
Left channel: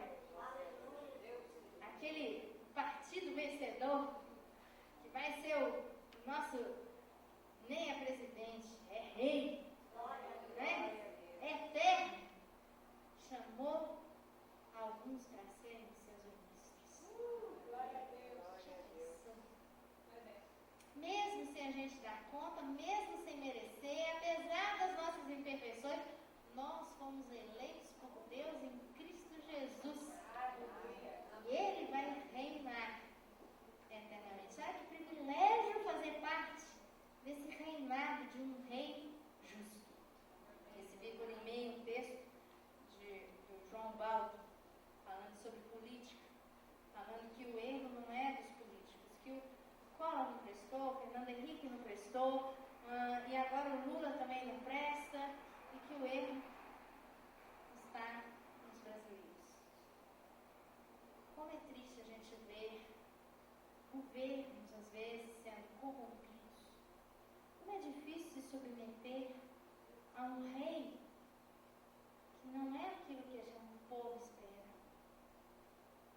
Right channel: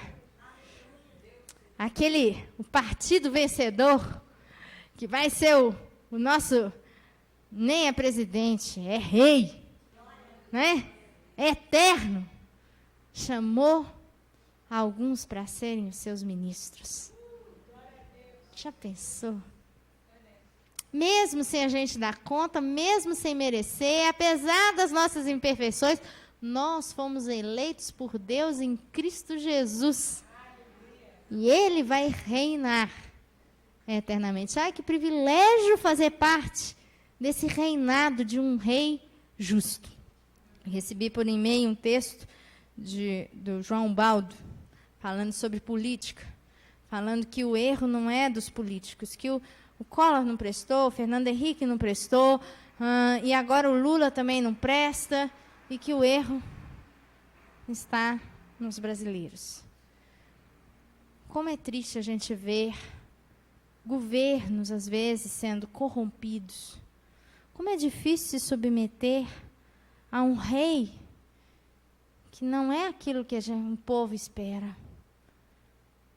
O partido vencedor, que vai ser o nosso, nem é presidente, é rei, né? É eterno. Chamou alguns para serem os seus ministros. Já pensou? Mesmo sem a gente dar conta, mesmo sem merecer, apesar das nossas imperfeições, nós fomos eleitos por Deus em Cristo Jesus. E ele vai reinar eternamente. Ai, que privilégio fazer parte desse reinado de um rei justo. Recebi por e-mail um texto do João Baldo, falando sobre política, falando que o erro não é dos políticos, que o Collor não prestou, o Fernando Henrique não prestou, e agora o Lula também não presta, e que o erro está nos brasileiros. Como é triste a gente ver governos, às vezes, sendo corrompidos. Como é difícil se submeter a um rei que não é aquilo que um povo espera.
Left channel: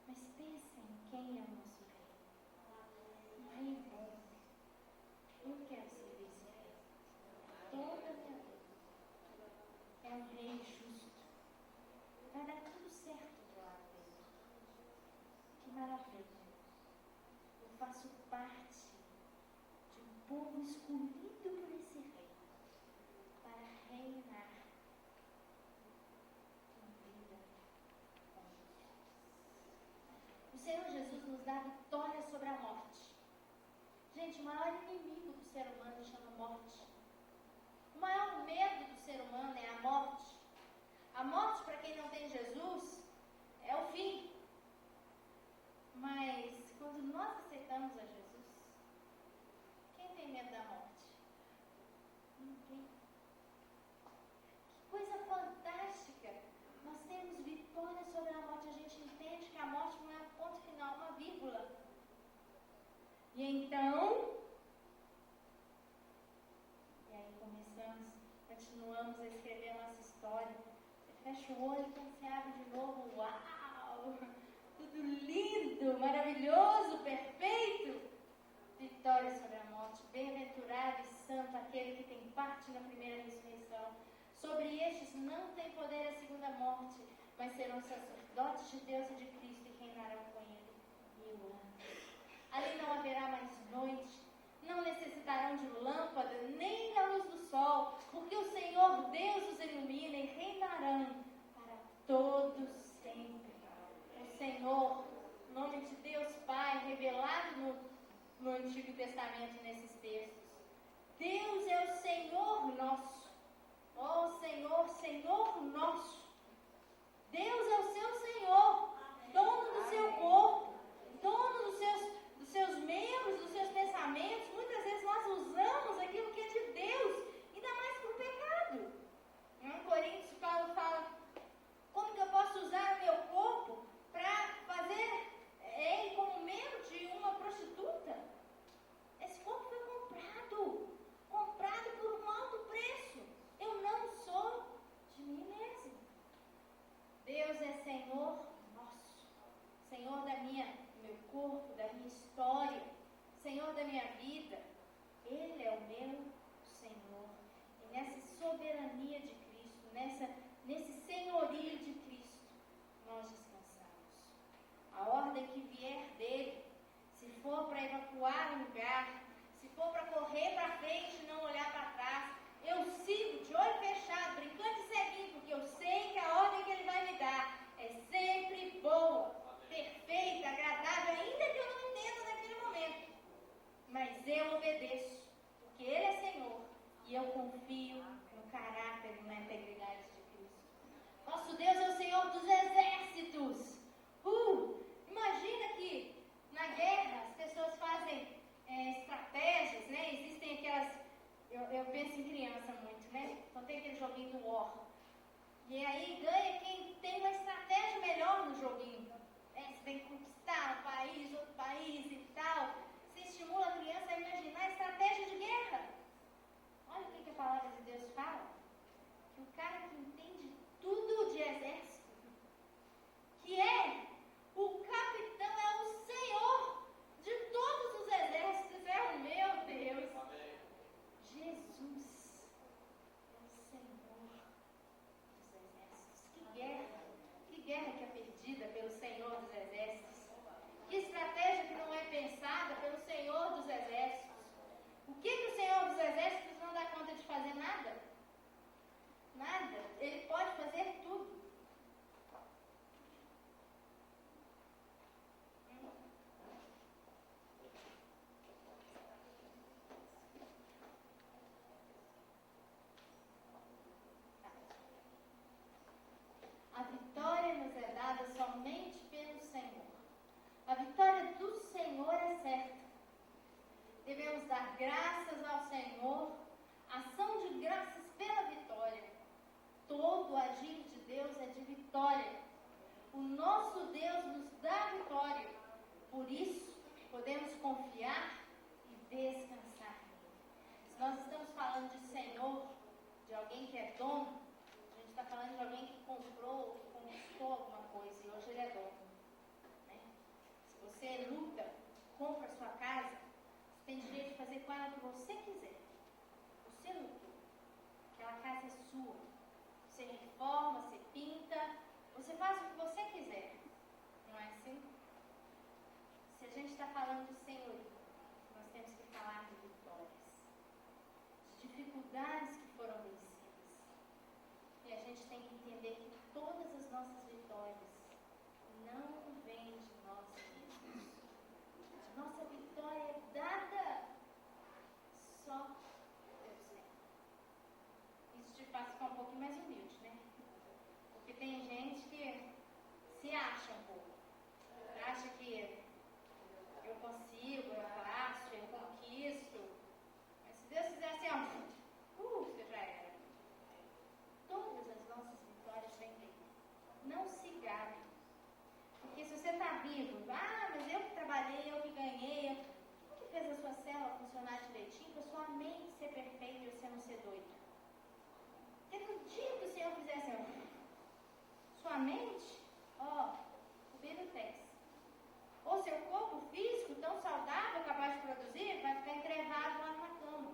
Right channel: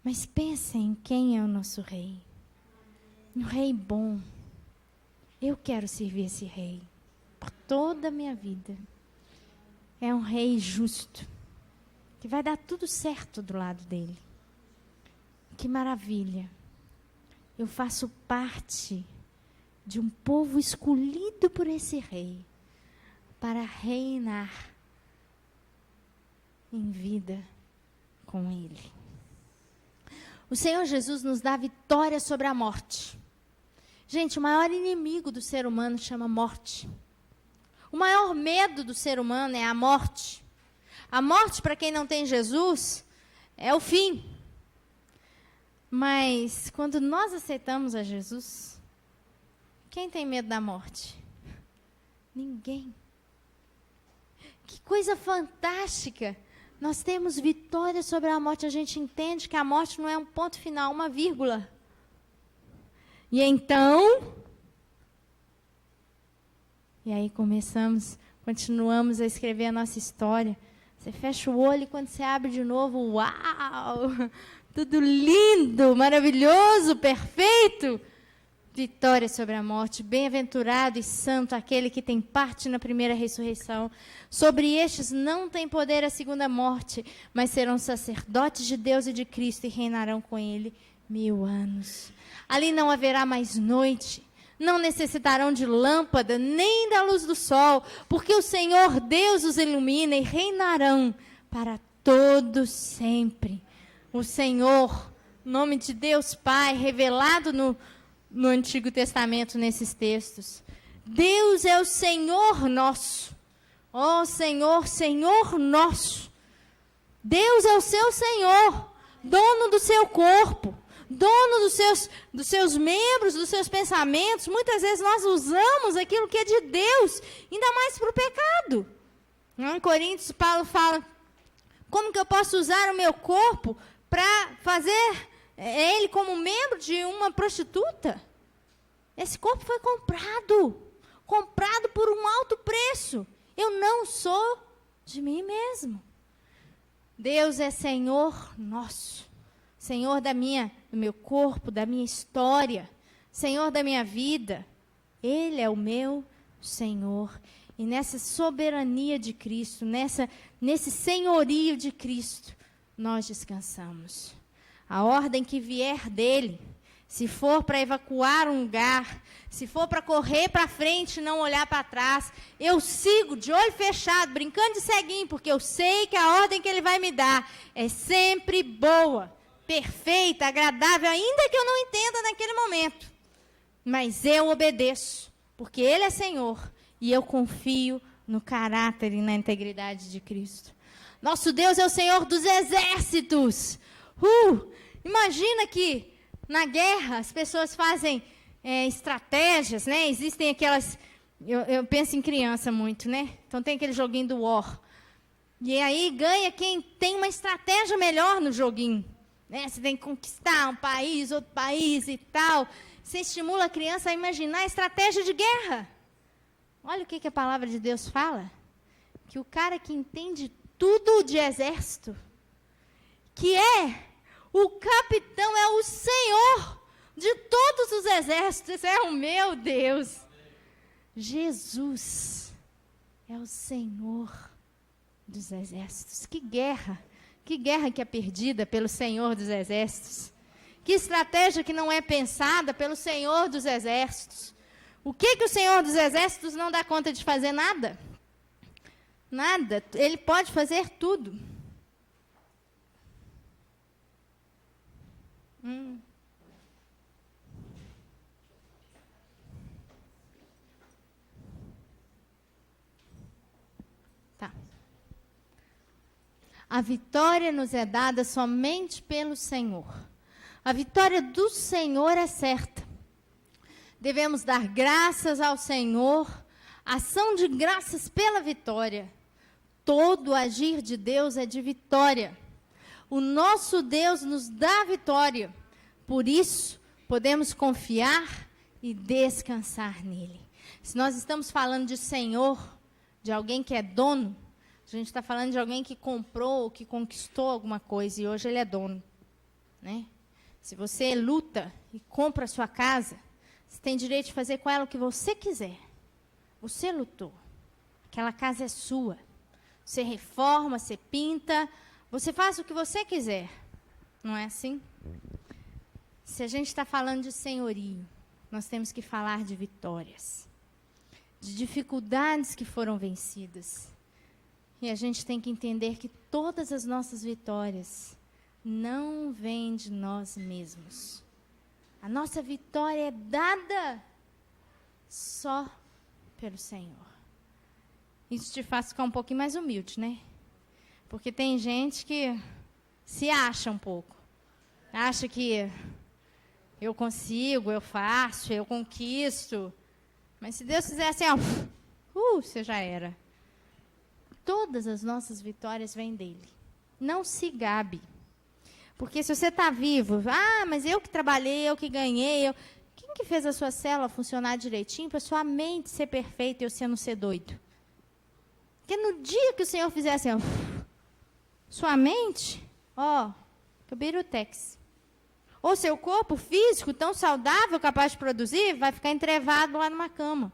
Mas pensem em quem é o nosso rei. Um rei bom. Eu quero servir esse rei por toda a minha vida. É um rei justo, que vai dar tudo certo do lado dele. Que maravilha. Eu faço parte de um povo escolhido por esse rei para reinar em vida com ele. O Senhor Jesus nos dá vitória sobre a morte. Gente, o maior inimigo do ser humano chama morte. O maior medo do ser humano é a morte. A morte, para quem não tem Jesus, é o fim. Mas, quando nós aceitamos a Jesus, quem tem medo da morte? Ninguém. Que coisa fantástica! Nós temos vitória sobre a morte. A gente entende que a morte não é um ponto final, uma vírgula. E então... E aí continuamos a escrever a nossa história. Você fecha o olho e quando você abre de novo, uau! Tudo lindo, maravilhoso, perfeito. Vitória sobre a morte. Bem-aventurado e santo aquele que tem parte na primeira ressurreição. Sobre estes não tem poder a segunda morte, mas serão sacerdotes de Deus e de Cristo e reinarão com ele 1000 anos. Ali não haverá mais noite. Não necessitarão de lâmpada, nem da luz do sol, porque o Senhor Deus os ilumina e reinarão para todo sempre. O Senhor, nome de Deus Pai, revelado no Antigo Testamento, nesses textos. Deus é o Senhor nosso. Ó Senhor, Senhor nosso. Deus é o seu Senhor, dono do seu corpo. Dono dos seus membros, dos seus pensamentos. Muitas vezes nós usamos aquilo que é de Deus, ainda mais para o pecado. Em Coríntios, Paulo fala, como que eu posso usar o meu corpo para fazer ele como membro de uma prostituta? Esse corpo foi comprado por um alto preço. Eu não sou de mim mesmo. Deus é Senhor nosso. Senhor do meu corpo, da minha história, Senhor da minha vida. Ele é o meu Senhor. E nessa soberania de Cristo, nesse senhorio de Cristo, nós descansamos. A ordem que vier dele, se for para evacuar um lugar, se for para correr para frente e não olhar para trás, eu sigo de olho fechado, brincando de ceguinho, porque eu sei que a ordem que ele vai me dar é sempre boa, perfeita, agradável, ainda que eu não entenda naquele momento. Mas eu obedeço, porque ele é Senhor, e eu confio no caráter e na integridade de Cristo. Nosso Deus é o Senhor dos exércitos. Imagina que na guerra as pessoas fazem estratégias, né? Existem aquelas... Eu penso em criança muito, né? Então tem aquele joguinho do War. E aí ganha quem tem uma estratégia melhor no joguinho. Né? Você tem que conquistar um país, outro país e tal. Você estimula a criança a imaginar a estratégia de guerra. Olha o que a palavra de Deus fala. Que o cara que entende tudo de exército, que o capitão, é o Senhor de todos os exércitos. É o meu Deus. Jesus é o Senhor dos exércitos. Que guerra que é perdida pelo Senhor dos exércitos. Que estratégia que não é pensada pelo Senhor dos exércitos. O que o Senhor dos exércitos não dá conta de fazer? Nada. Nada. Ele pode fazer tudo. Tá. A vitória nos é dada somente pelo Senhor. A vitória do Senhor é certa. Devemos dar graças ao Senhor, ação de graças pela vitória. Todo agir de Deus é de vitória. O nosso Deus nos dá vitória. Por isso, podemos confiar e descansar nele. Se nós estamos falando de Senhor, de alguém que é dono, a gente está falando de alguém que comprou, que conquistou alguma coisa e hoje ele é dono, né? Se você luta e compra a sua casa, você tem direito de fazer com ela o que você quiser. Você lutou. Aquela casa é sua. Você reforma, você pinta, você faz o que você quiser. Não é assim? Se a gente está falando de senhorio, nós temos que falar de vitórias, de dificuldades que foram vencidas. E a gente tem que entender que todas as nossas vitórias não vêm de nós mesmos. A nossa vitória é dada só pelo Senhor. Isso te faz ficar um pouquinho mais humilde, né? Porque tem gente que se acha um pouco. Acha que eu consigo, eu faço, eu conquisto. Mas se Deus fizer assim, ó, você já era. Todas as nossas vitórias vêm dele. Não se gabe. Porque se você está vivo, mas eu que trabalhei, eu que ganhei. Quem que fez a sua célula funcionar direitinho para sua mente ser perfeita e você não ser doido? Porque no dia que o Senhor fizer assim, ó, sua mente, birutex. Ou seu corpo físico, tão saudável, capaz de produzir, vai ficar entrevado lá numa cama.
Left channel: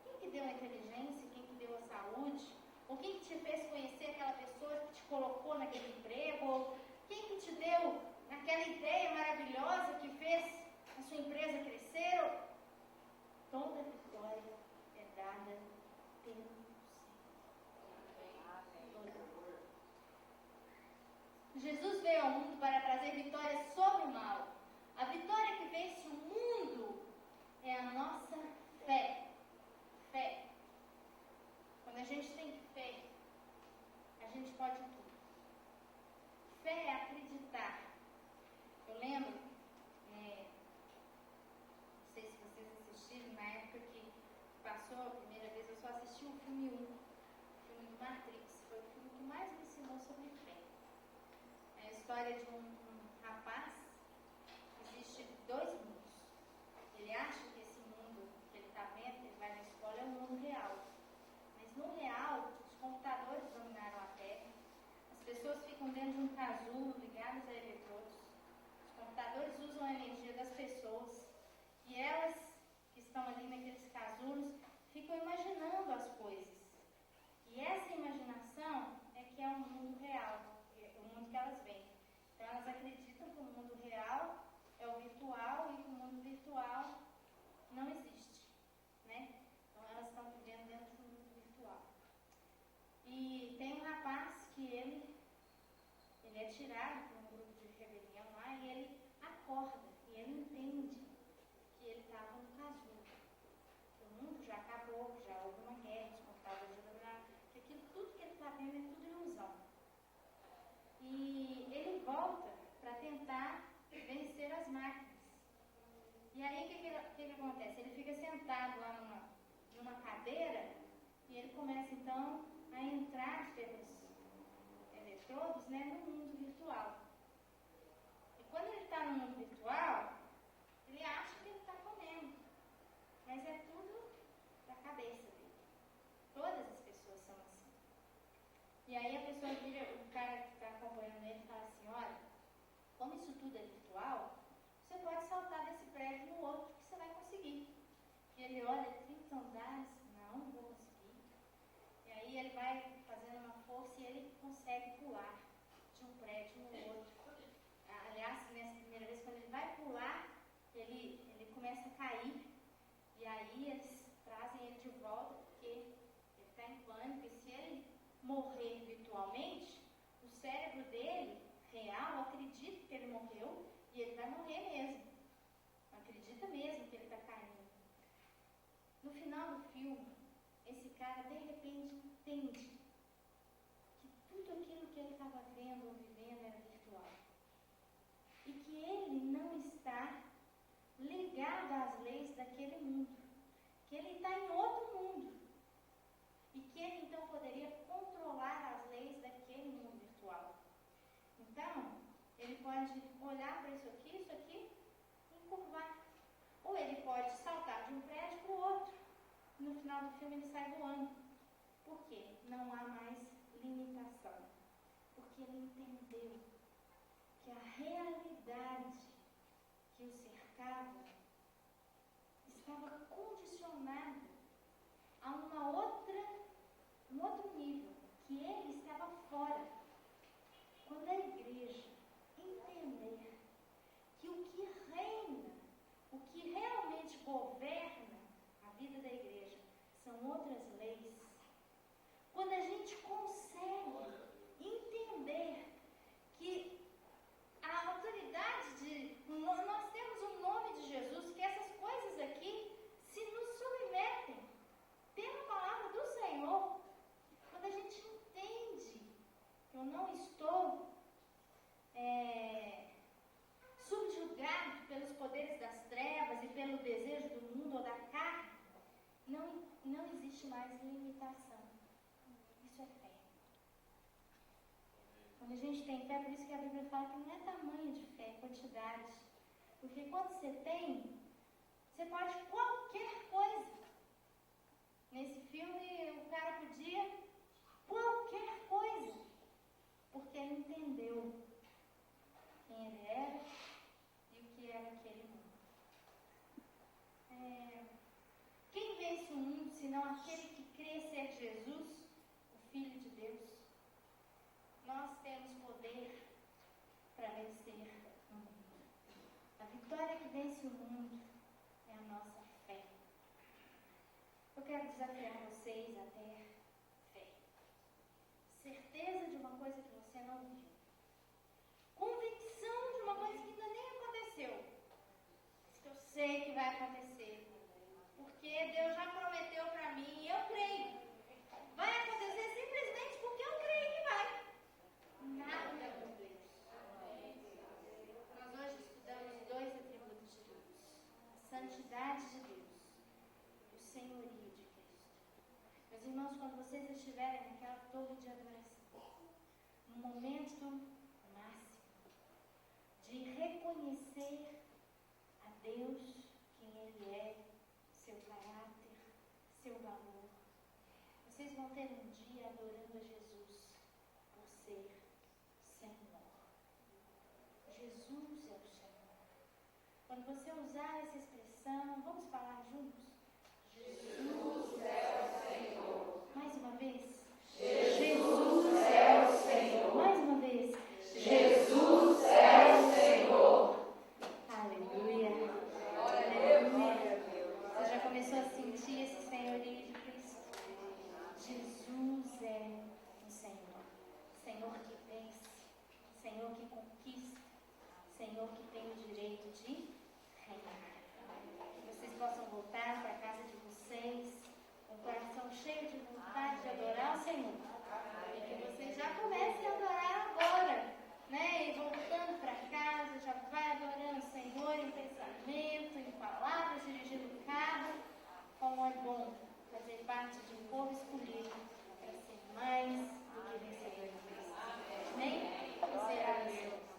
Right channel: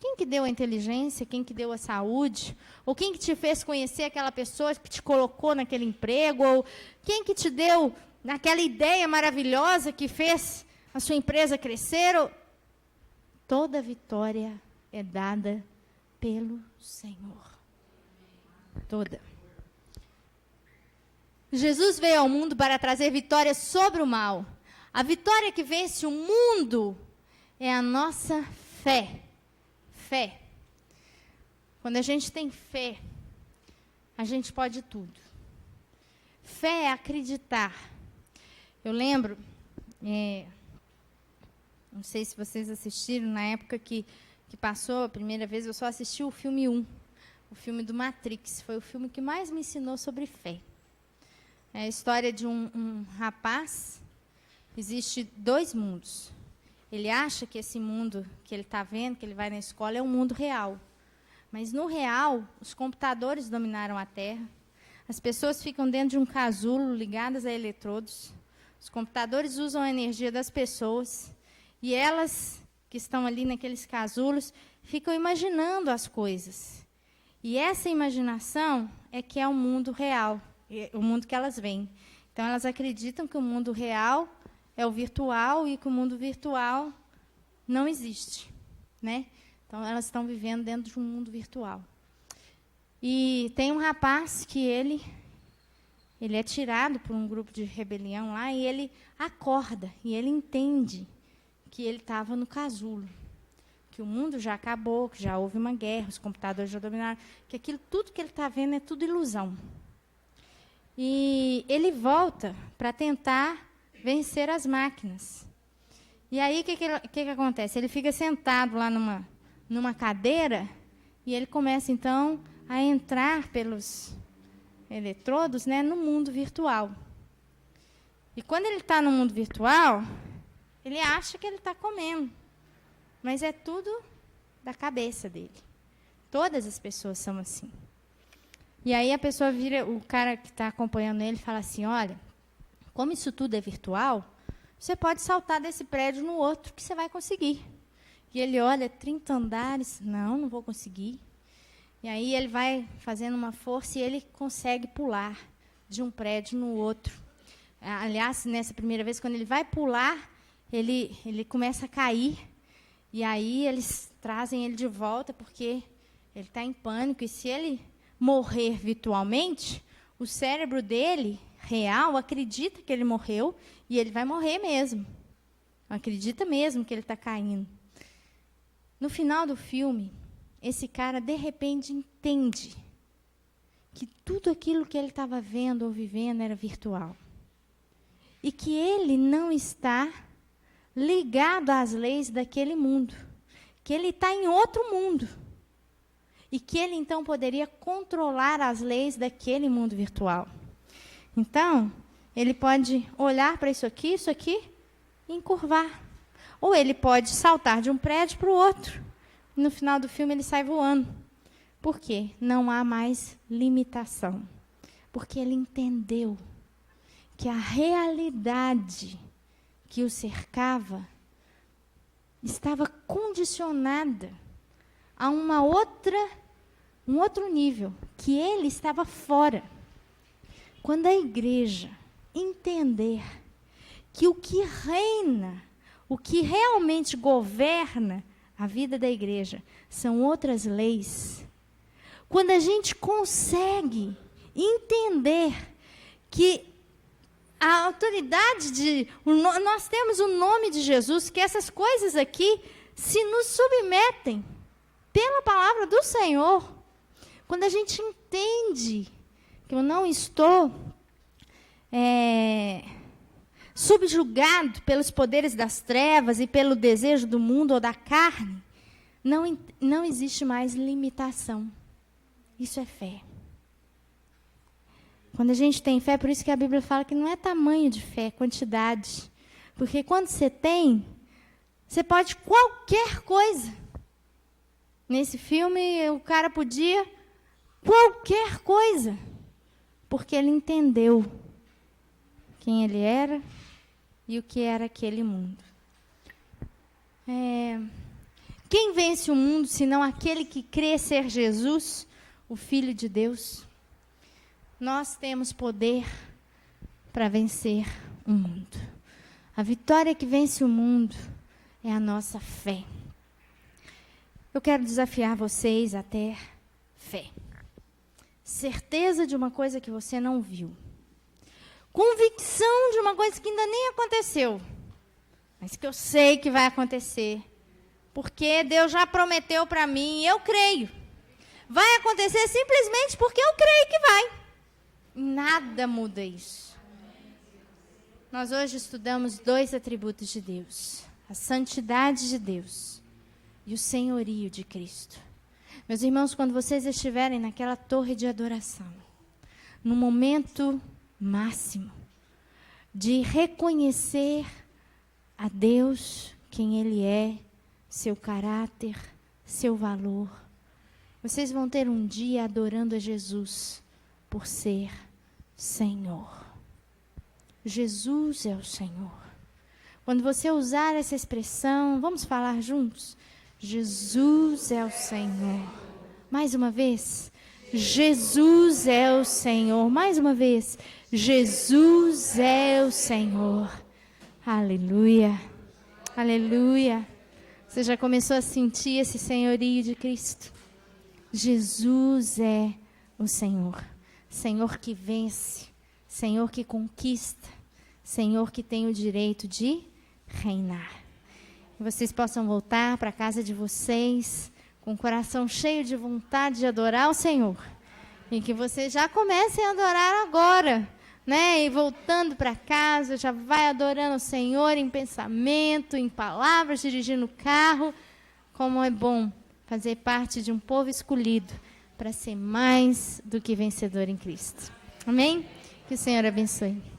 Quem que deu a inteligência? Quem que deu a saúde? Ou quem que te fez conhecer aquela pessoa que te colocou naquele emprego? Ou quem que te deu aquela ideia maravilhosa que fez a sua empresa crescer? Toda vitória é dada pelo Senhor. Toda. Jesus veio ao mundo para trazer vitória sobre o mal. A vitória que vence o mundo é a nossa fé. Fé. Quando a gente tem fé, a gente pode tudo. Fé é acreditar. Eu lembro, não sei se vocês assistiram, na época que passou a primeira vez, eu só assisti o filme 1, o filme do Matrix. Foi o filme que mais me ensinou sobre fé. É a história de um rapaz. Existe 2 mundos. Ele acha que esse mundo que ele está vendo, que ele vai na escola, é um mundo real. Mas no real, os computadores dominaram a Terra. As pessoas ficam dentro de um casulo, ligadas a eletrodos. Os computadores usam a energia das pessoas. E elas, que estão ali naqueles casulos, ficam imaginando as coisas. E essa imaginação é que é o mundo real, o mundo que elas veem. Então, elas acreditam que o mundo real é o virtual e que o mundo virtual não existe, né? Então, elas estão vivendo dentro de um mundo virtual. E tem um rapaz que ele é tirado por um grupo de rebelião lá e ele acorda e ele entende que ele estava no casulo, que o mundo já acabou, que já houve uma guerra, os computadores já dominaram, que aquilo tudo que ele está vendo é tudo ilusão. E ele volta para tentar vencer as máquinas. E aí, o que acontece? Ele fica sentado lá numa cadeira e ele começa, então, a entrar pelos eletrodos, né, no mundo virtual. E quando ele está no mundo virtual, ele acha que ele está comendo. Mas é tudo da cabeça dele. Todas as pessoas são assim. E aí a pessoa vira, o cara que está acompanhando ele fala assim, olha, como isso tudo é virtual, você pode saltar desse prédio no outro que você vai conseguir. E ele olha, 30 andares, não vou conseguir. E aí ele vai fazendo uma força e ele consegue pular de um prédio no outro. Aliás, nessa primeira vez, quando ele vai pular, ele começa a cair. E aí eles trazem ele de volta porque ele está em pânico. E se ele morrer virtualmente, o cérebro dele, real, acredita que ele morreu e ele vai morrer mesmo. Acredita mesmo que ele está caindo. No final do filme, esse cara, de repente, entende que tudo aquilo que ele estava vendo ou vivendo era virtual. E que ele não está ligado às leis daquele mundo. Que ele está em outro mundo. E que ele, então, poderia controlar as leis daquele mundo virtual. Então, ele pode olhar para isso aqui e encurvar. Ou ele pode saltar de um prédio para o outro. E no final do filme, ele sai voando. Por quê? Não há mais limitação. Porque ele entendeu que a realidade que o cercava estava condicionada a um outro nível, que ele estava fora. Quando a igreja entender que o que reina, o que realmente governa a vida da igreja são outras leis, quando a gente consegue entender que a autoridade nós temos o nome de Jesus, que essas coisas aqui se nos submetem pela palavra do Senhor. Quando a gente entende que eu não estou subjugado pelos poderes das trevas e pelo desejo do mundo ou da carne, não existe mais limitação. Isso é fé. Quando a gente tem fé, por isso que a Bíblia fala que não é tamanho de fé, é quantidade. Porque quando você tem, você pode qualquer coisa. Nesse filme, o cara podia qualquer coisa. Porque ele entendeu quem ele era e o que era aquele mundo. Quem vence o mundo, senão aquele que crê ser Jesus, o Filho de Deus? Nós temos poder para vencer o mundo. A vitória que vence o mundo é a nossa fé. Eu quero desafiar vocês a ter fé. Certeza de uma coisa que você não viu. Convicção de uma coisa que ainda nem aconteceu, mas que eu sei que vai acontecer. Porque Deus já prometeu para mim e eu creio. Vai acontecer simplesmente porque eu creio que vai. Nada muda isso. Nós hoje estudamos 2 atributos de Deus: a santidade de Deus e o senhorio de Cristo. Meus irmãos, quando vocês estiverem naquela torre de adoração, no momento máximo de reconhecer a Deus, quem Ele é, seu caráter, seu valor, vocês vão ter um dia adorando a Jesus por ser Senhor. Jesus é o Senhor. Quando você usar essa expressão, vamos falar juntos? Jesus é o Senhor. Mais uma vez. Jesus é o Senhor. Mais uma vez. Jesus é o Senhor. Aleluia. Aleluia. Você já começou a sentir esse senhorio de Cristo? Jesus é o Senhor. Senhor que vence, Senhor que conquista, Senhor que tem o direito de reinar. Que vocês possam voltar para a casa de vocês com o coração cheio de vontade de adorar o Senhor. E que vocês já comecem a adorar agora, né? E voltando para casa, já vai adorando o Senhor em pensamento, em palavras, dirigindo o carro. Como é bom fazer parte de um povo escolhido para ser mais do que vencedor em Cristo. Amém? Que o Senhor abençoe.